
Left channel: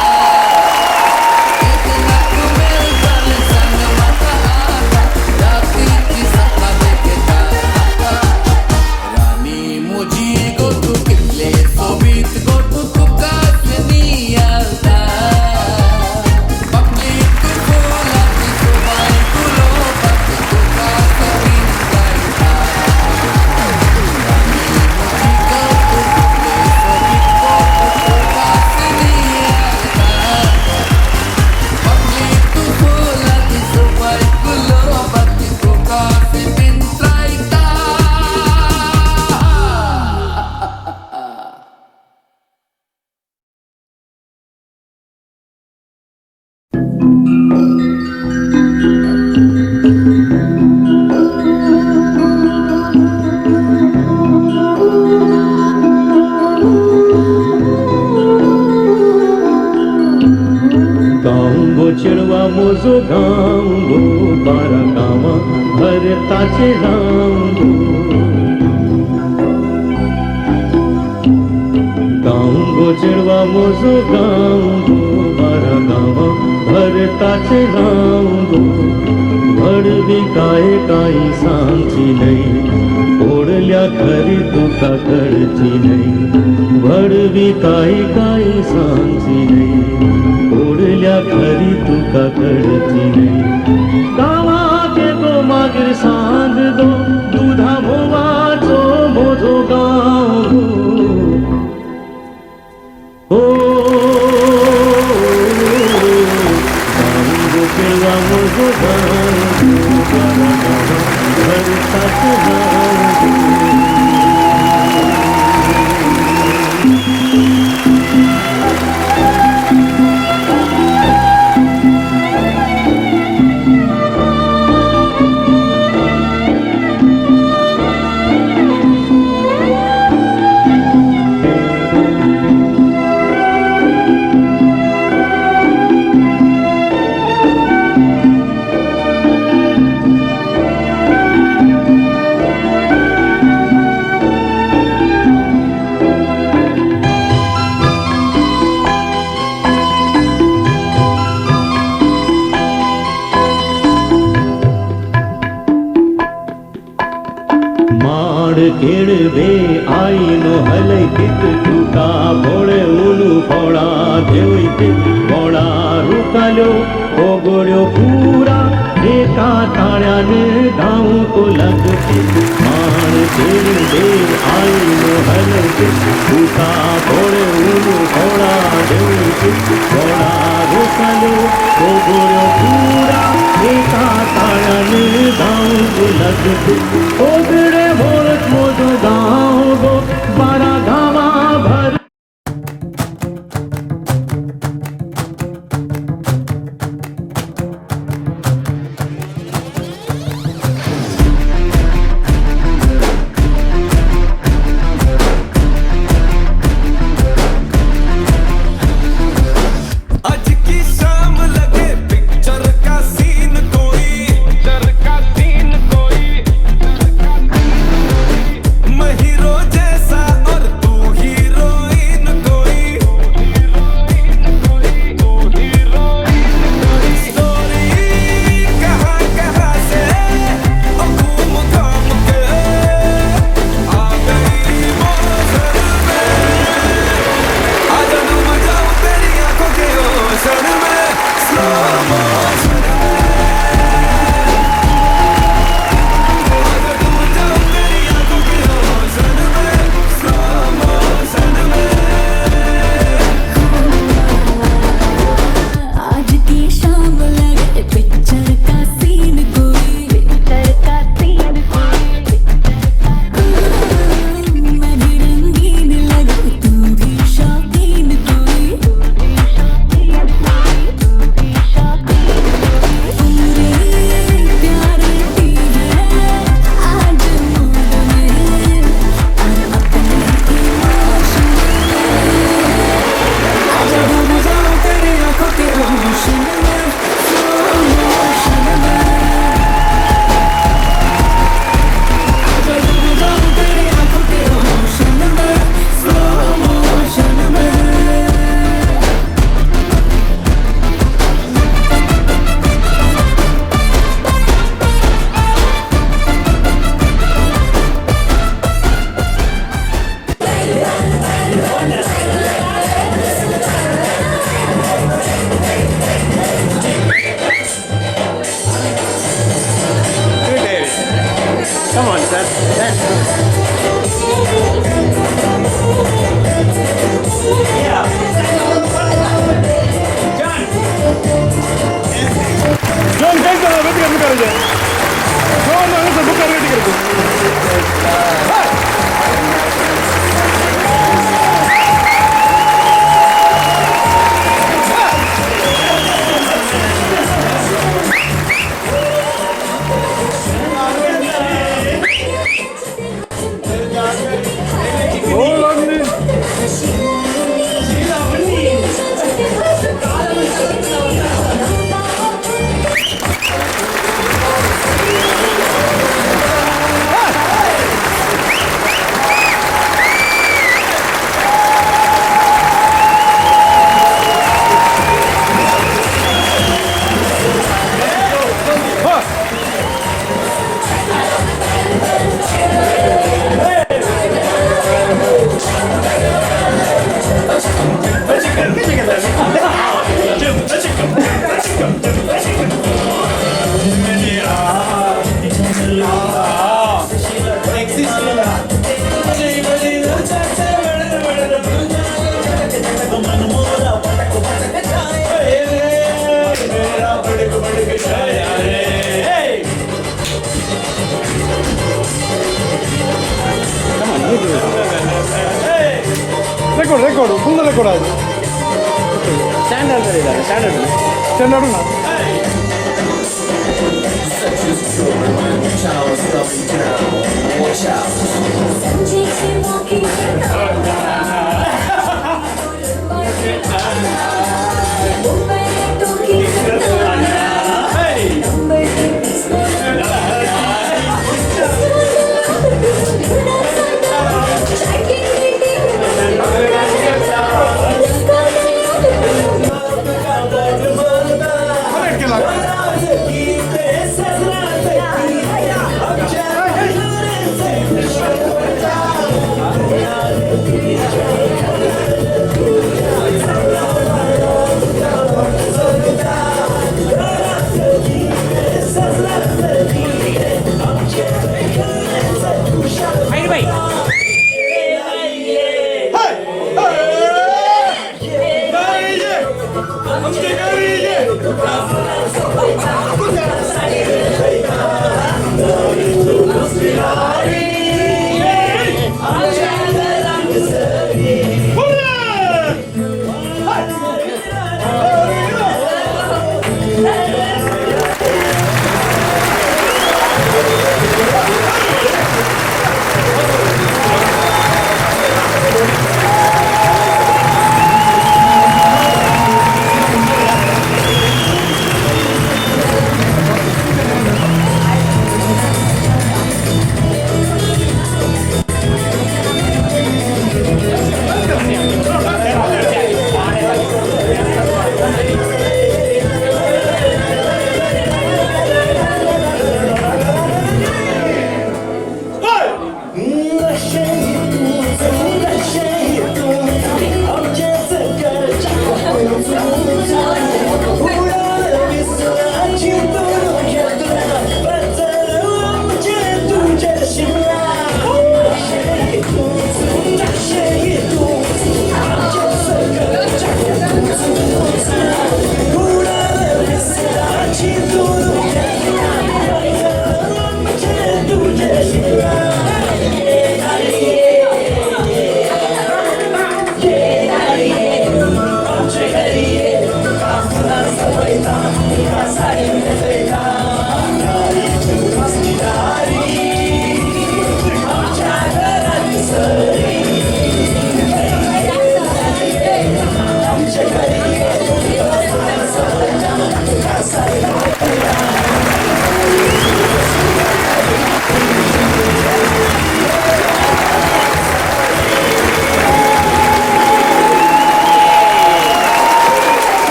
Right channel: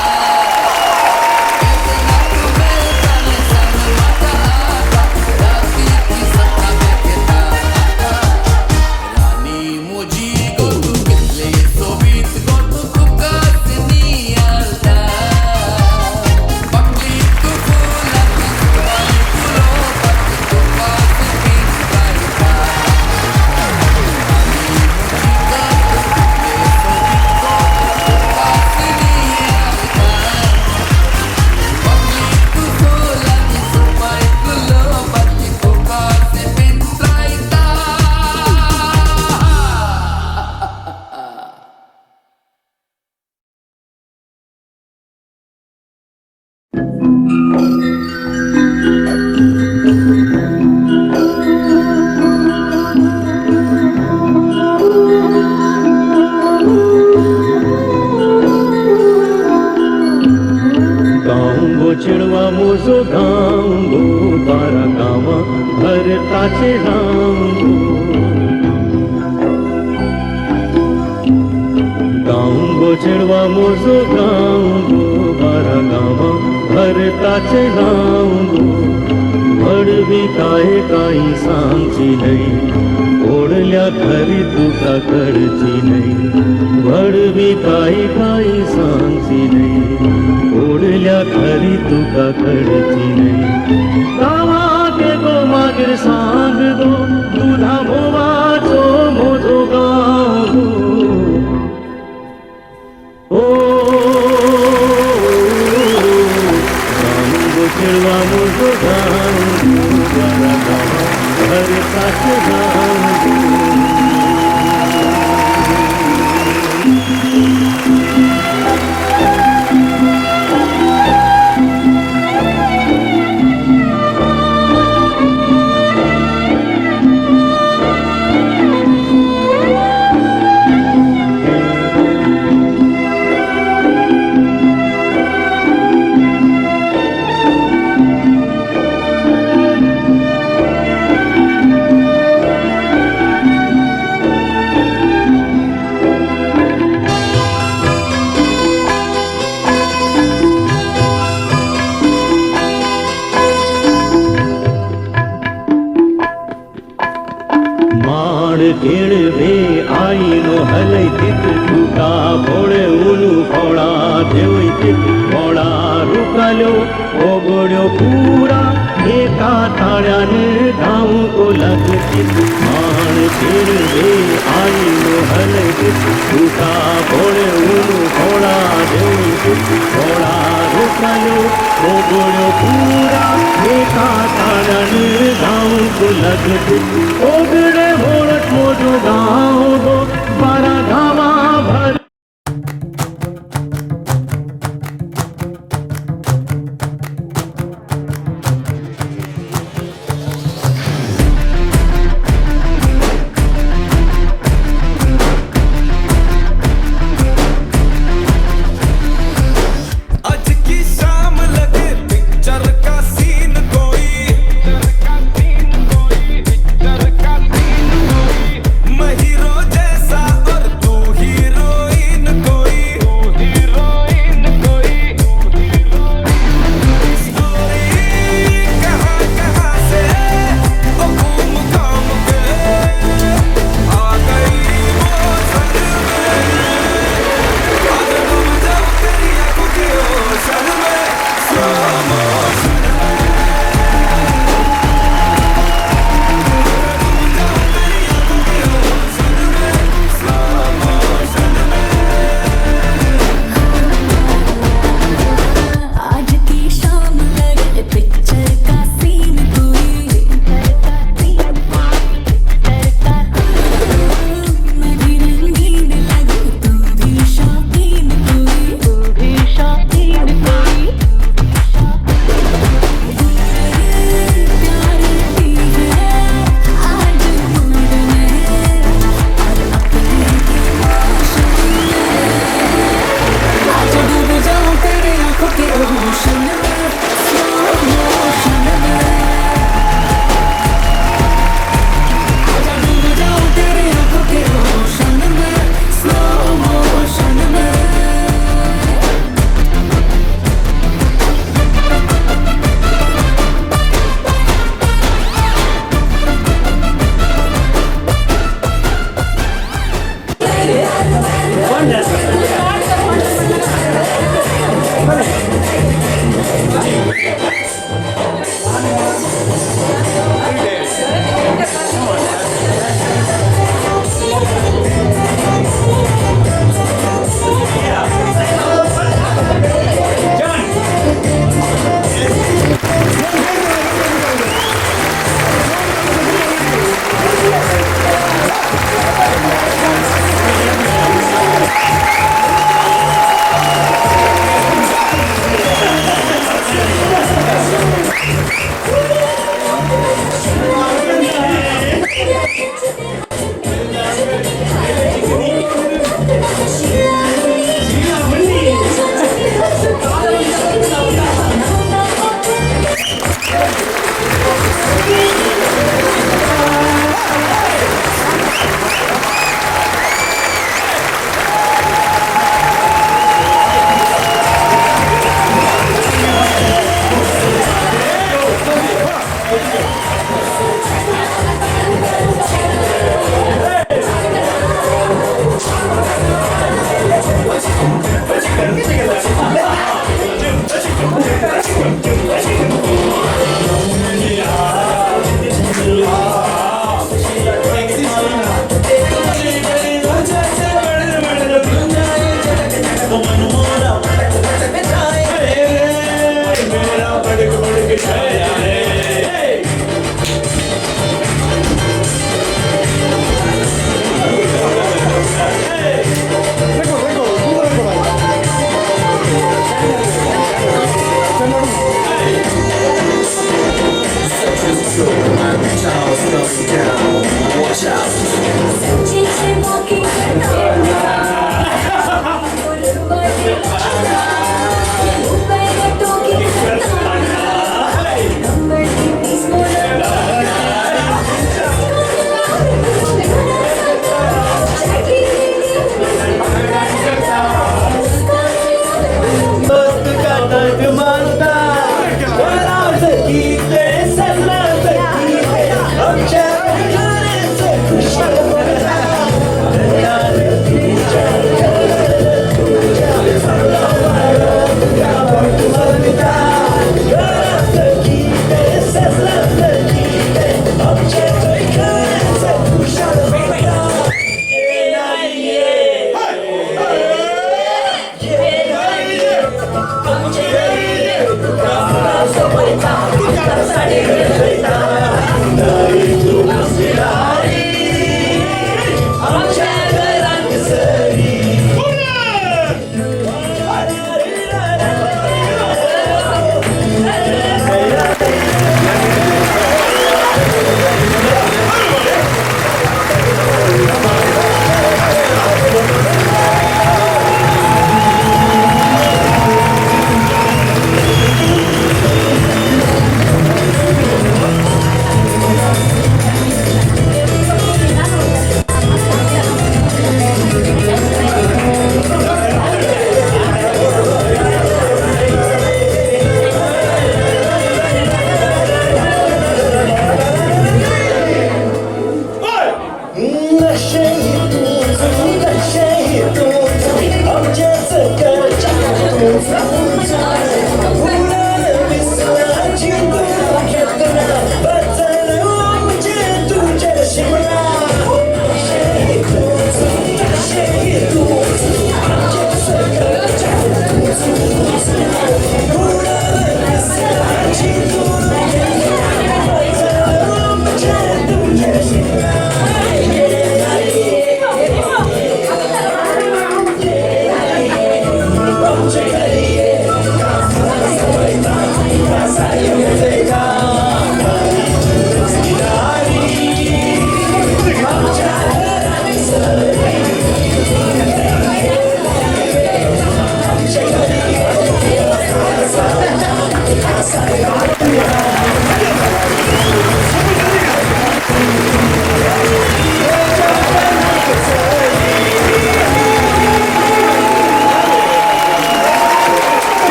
Ketna tu mel kale sang mata aata rati ki sapna dekhta मुझी गो तू कितले सोबीत गो तू कासनी आलता पकली तू फुलाची सोबाय गुलाबाची तो कासे पिंजरायता राणी मुझी गो तू कितले सोबीत गो तू कासनी आलता पकली तू फुलाची सोबाय गुलाबाची तो कासे पिंजरायता गांगो चिड़वा मोजो गांगो तारा गावा भरताचे गांगो गांगो चिड़वा मोजो गांगो तारा गावा भरताचे गांगो भडवी काही सांगची नाही ओढल्या घरी तुका करची नाही भडवी काही सांगची नाही ओढल्या घरी तुका करची नाही गावातले तो मागेर सांग गो तुझा होवाचो मोजो गाव हो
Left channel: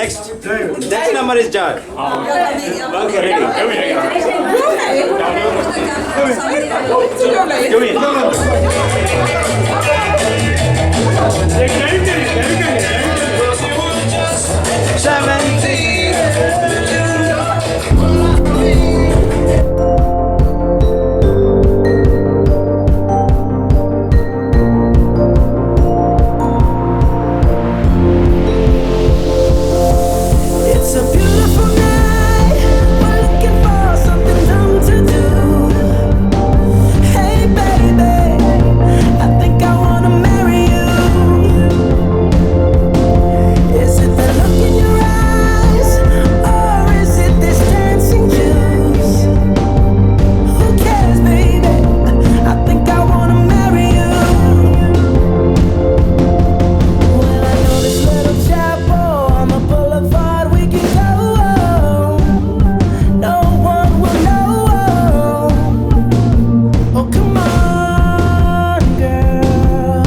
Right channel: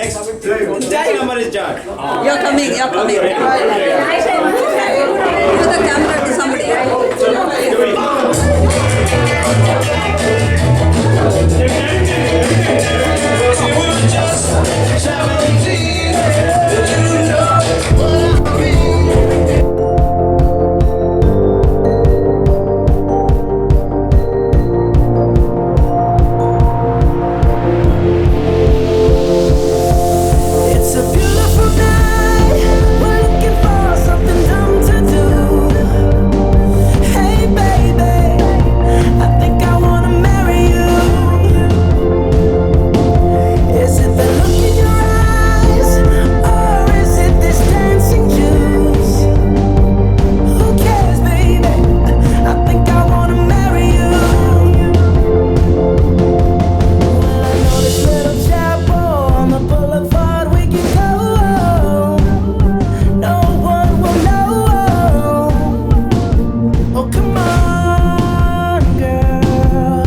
Next number is John. You're coming. Okay, ready. Put the camera to somebody else. Do it. It's a beautiful night. We're looking for something dumb to do. Hey baby, I think I wanna marry you. Is it the look in your eyes, or is it this dancing juice? Who cares, baby? I think I wanna marry you. Well, I know this little chapel on the boulevard we can go. No one will know. Oh, come on, girl.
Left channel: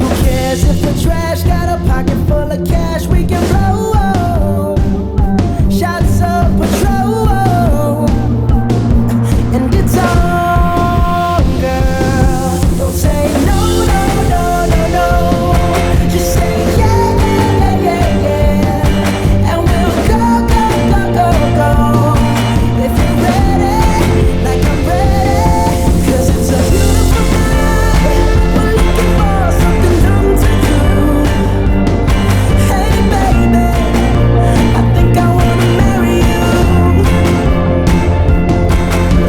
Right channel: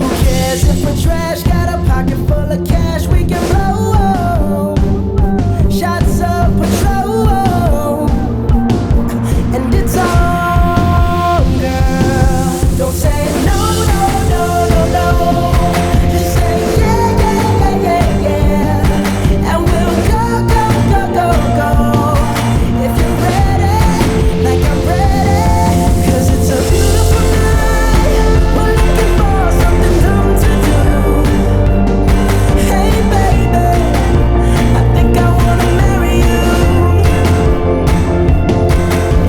Who cares if we're trash? Got a pocket full of cash we can blow. Shots of Patrol. And it's on, girl. Don't say no, no, no, no, no. Just say yeah, yeah, yeah, yeah, yeah. And we'll go, go, go, go, go. If you're ready, like I'm ready. 'Cause it's a beautiful night. We're looking for something dumb to do. Hey baby, I think I wanna marry you.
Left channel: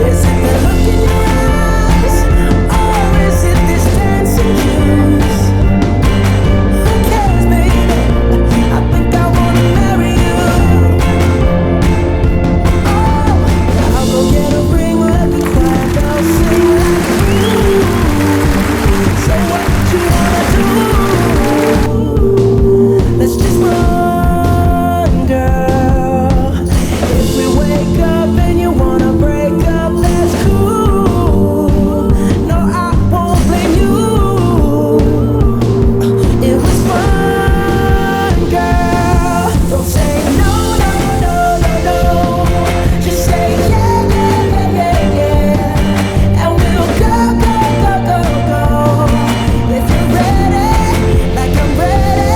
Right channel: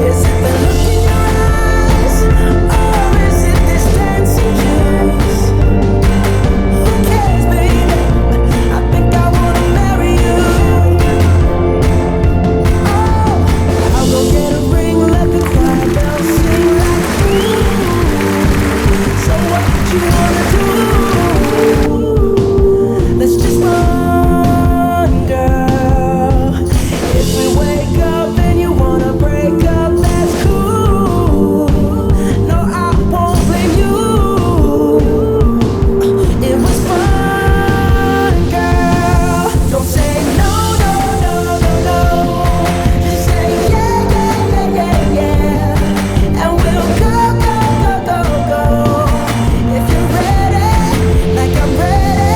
Is it the look in your eyes, or is it this dancing juice? Who cares, baby? I think I wanna marry you. Oh, I'll go get a ring, let the choir bells sing like ooh. So what you wanna do? Let's just run, girl. If we wake up and you wanna break up, that's cool. No, I won't blame you. It was fun, girl. Don't say no, no, no, no, no. Just say yeah, yeah, yeah, yeah, yeah. And we'll go, go, go, go, go. If you're ready, like I'm ready.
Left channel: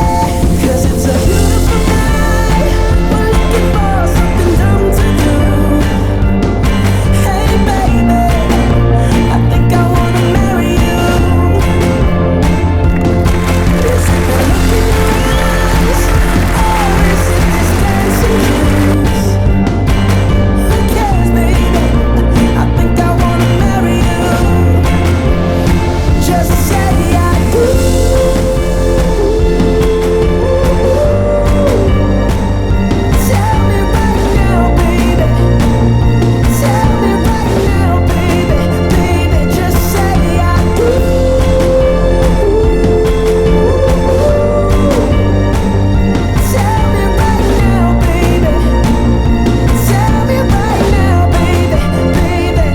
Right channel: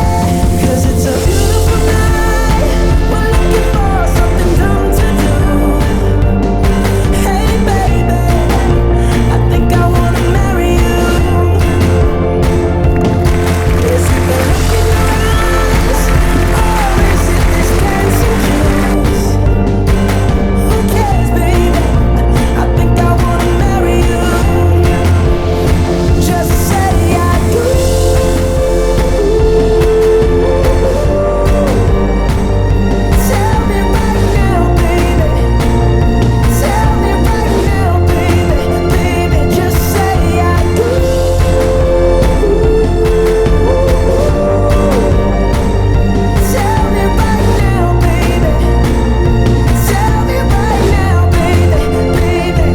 'Cause it's a beautiful night. We're looking for something dumb to do. Hey baby, I think I wanna marry you. Is it the look in your eyes, or is it this dancing juice? Who cares, baby? I think I wanna marry you. Just say I do. Tell me right now, baby. Tell me right now, baby. Baby, just say I do. Tell me right now, baby. Tell me right now, baby. Baby,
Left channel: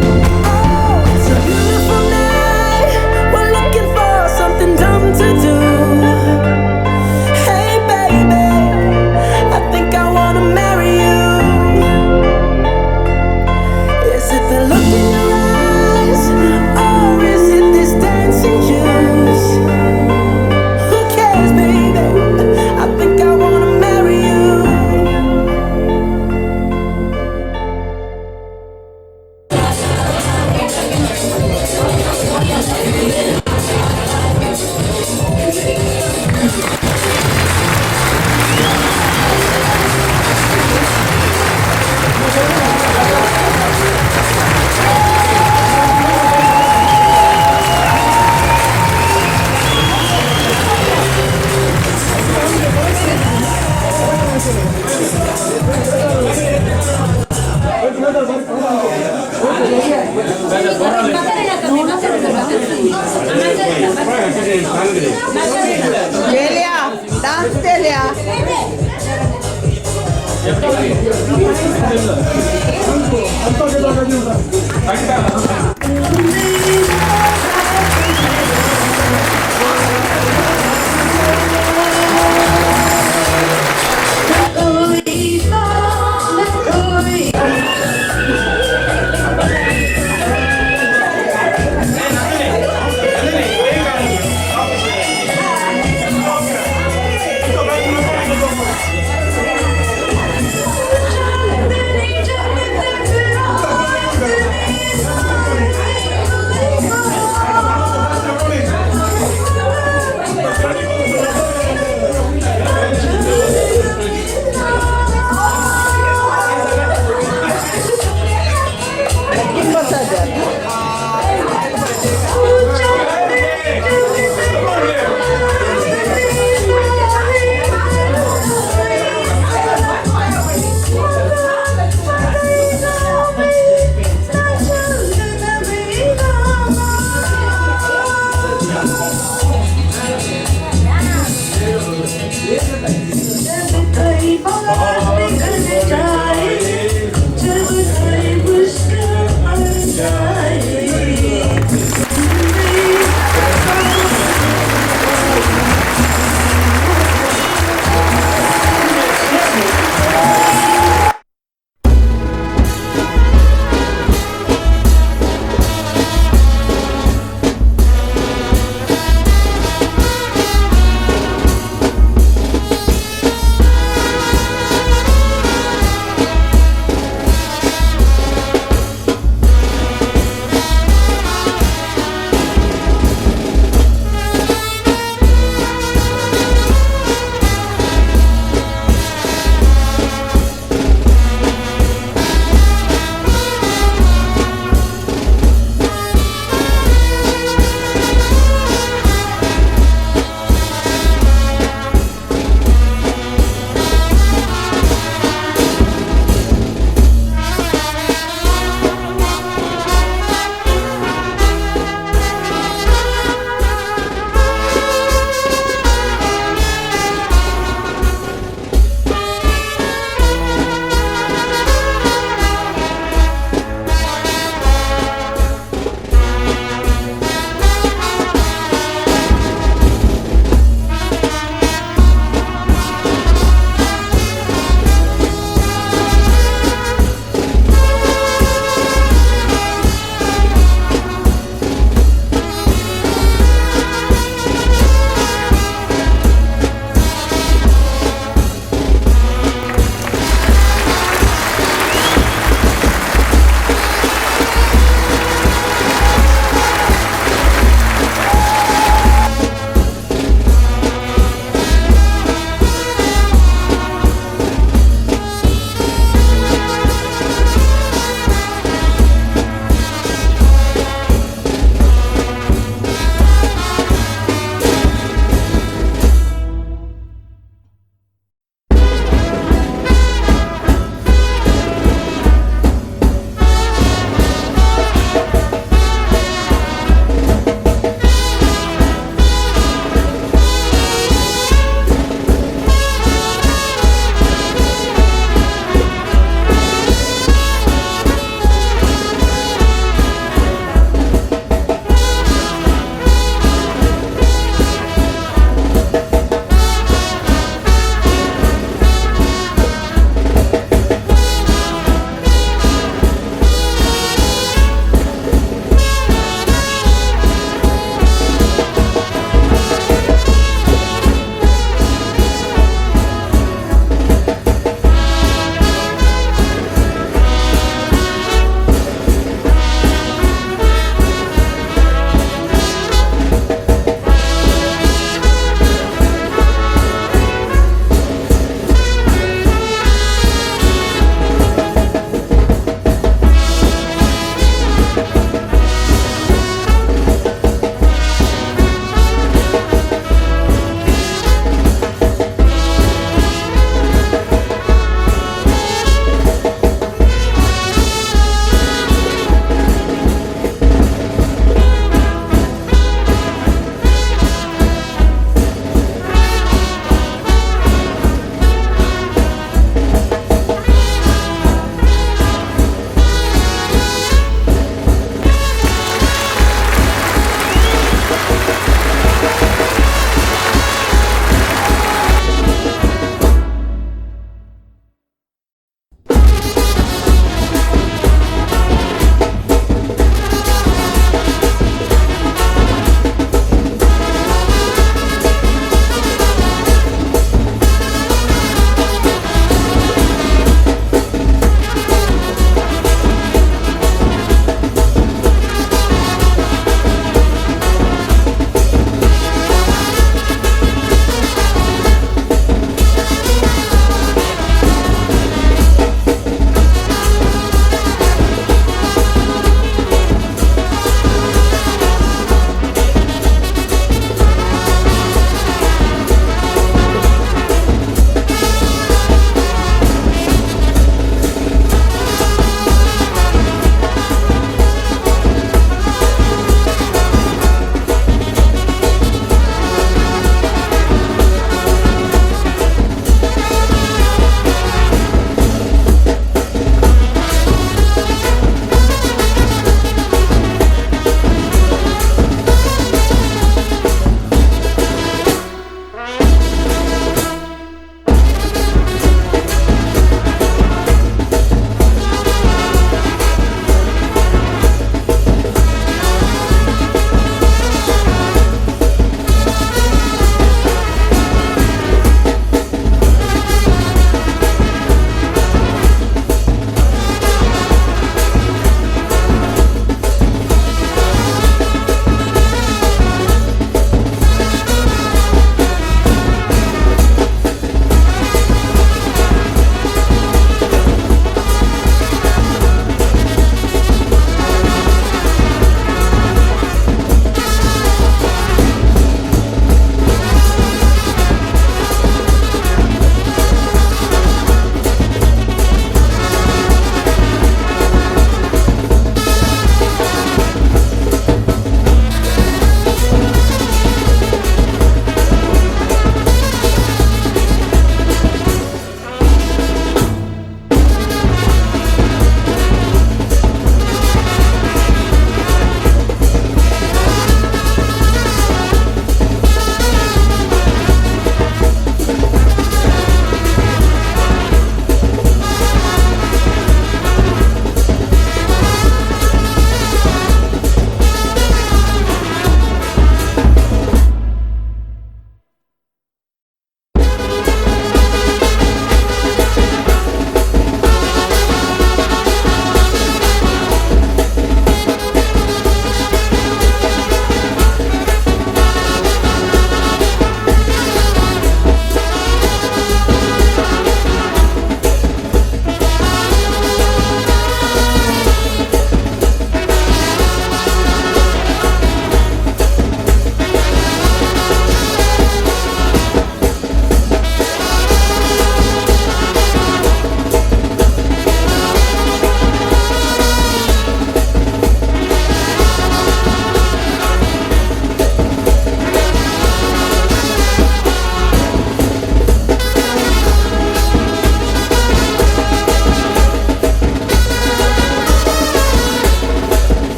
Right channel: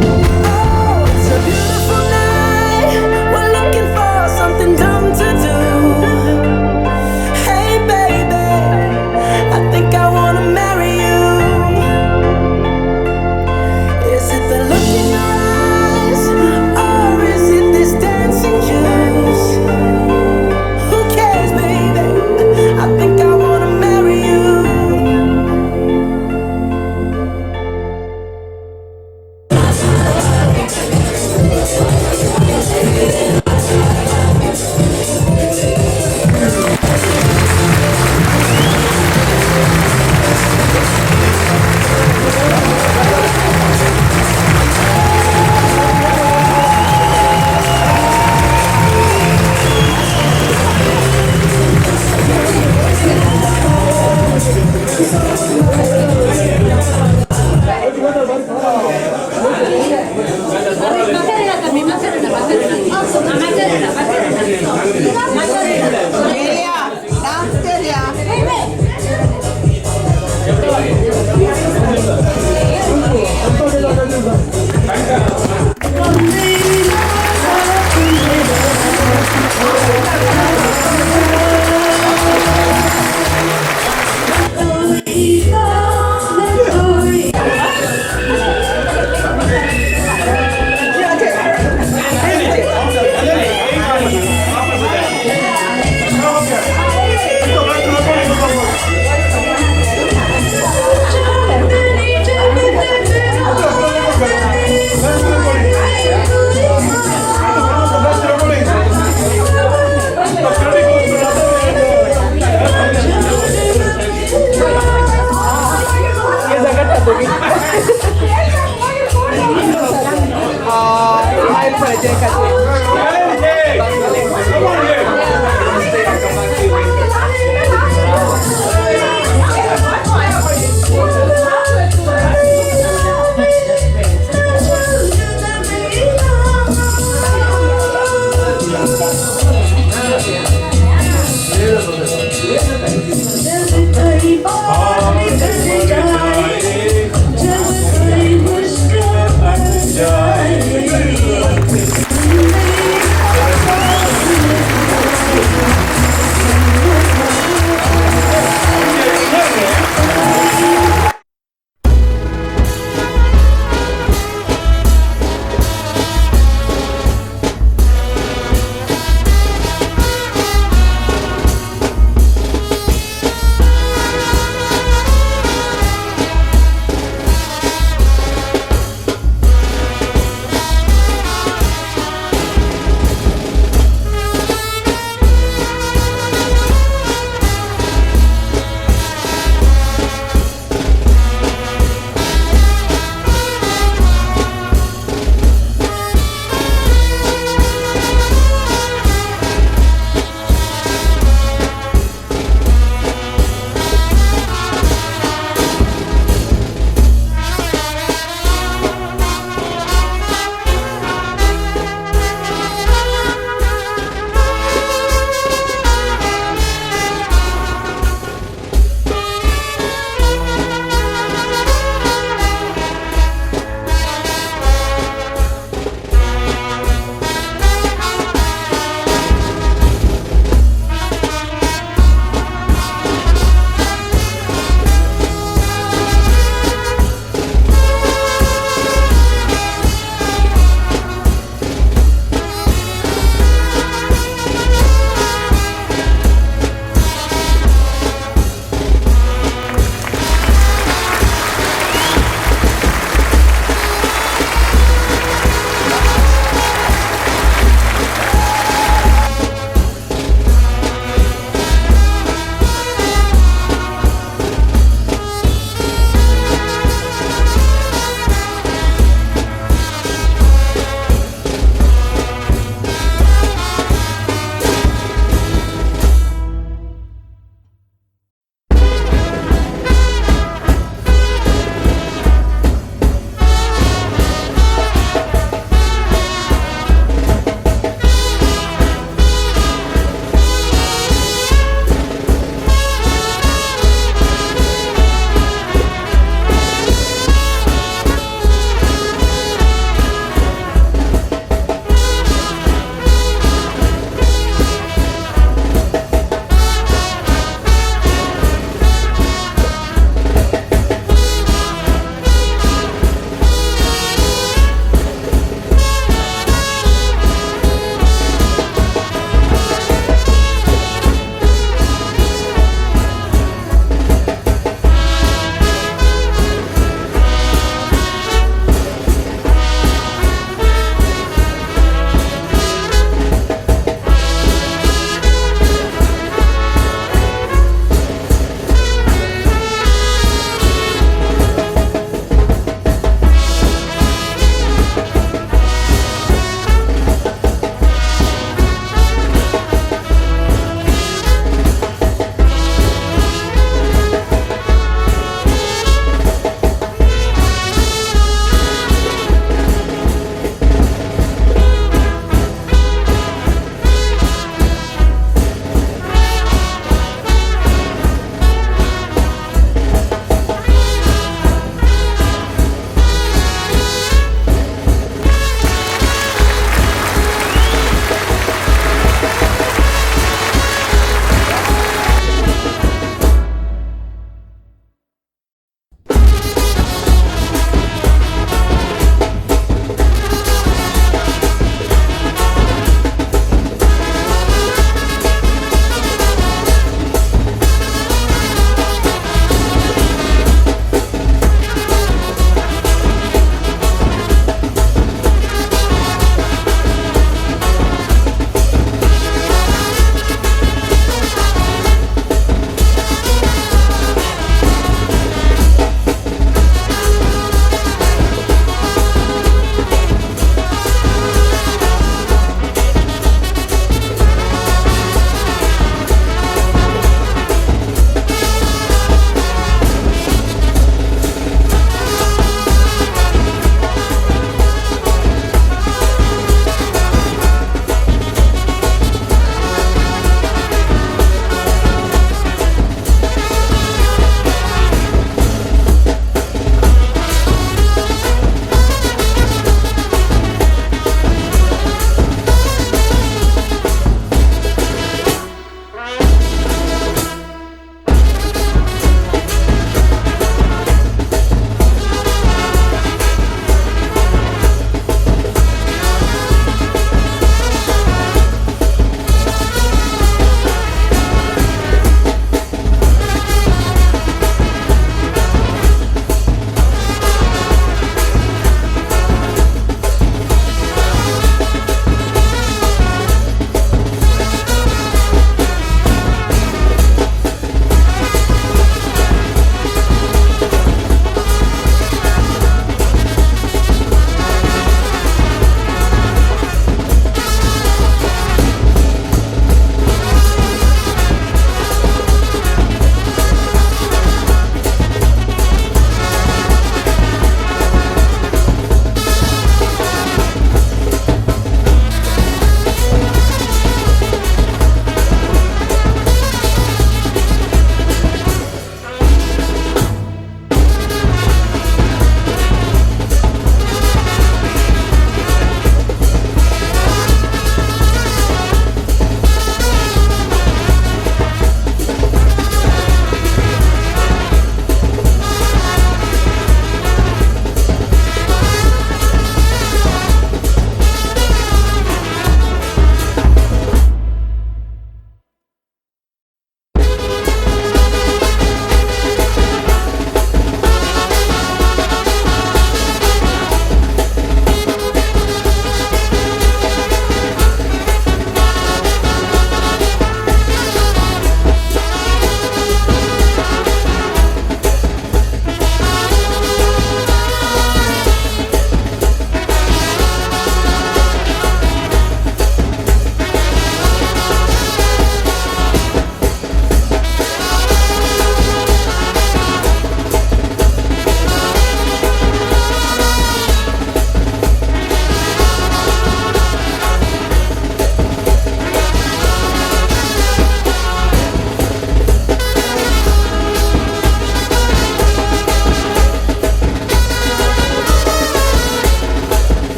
oh, it's a beautiful night. We're looking for something dumb to do. Hey baby, I think I wanna marry you. Is it the look in your eyes, or is it this dancing juice? Who cares, baby? I think I wanna marry you.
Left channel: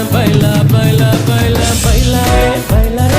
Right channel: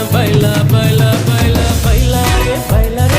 baila, baila, baila, baila, baila,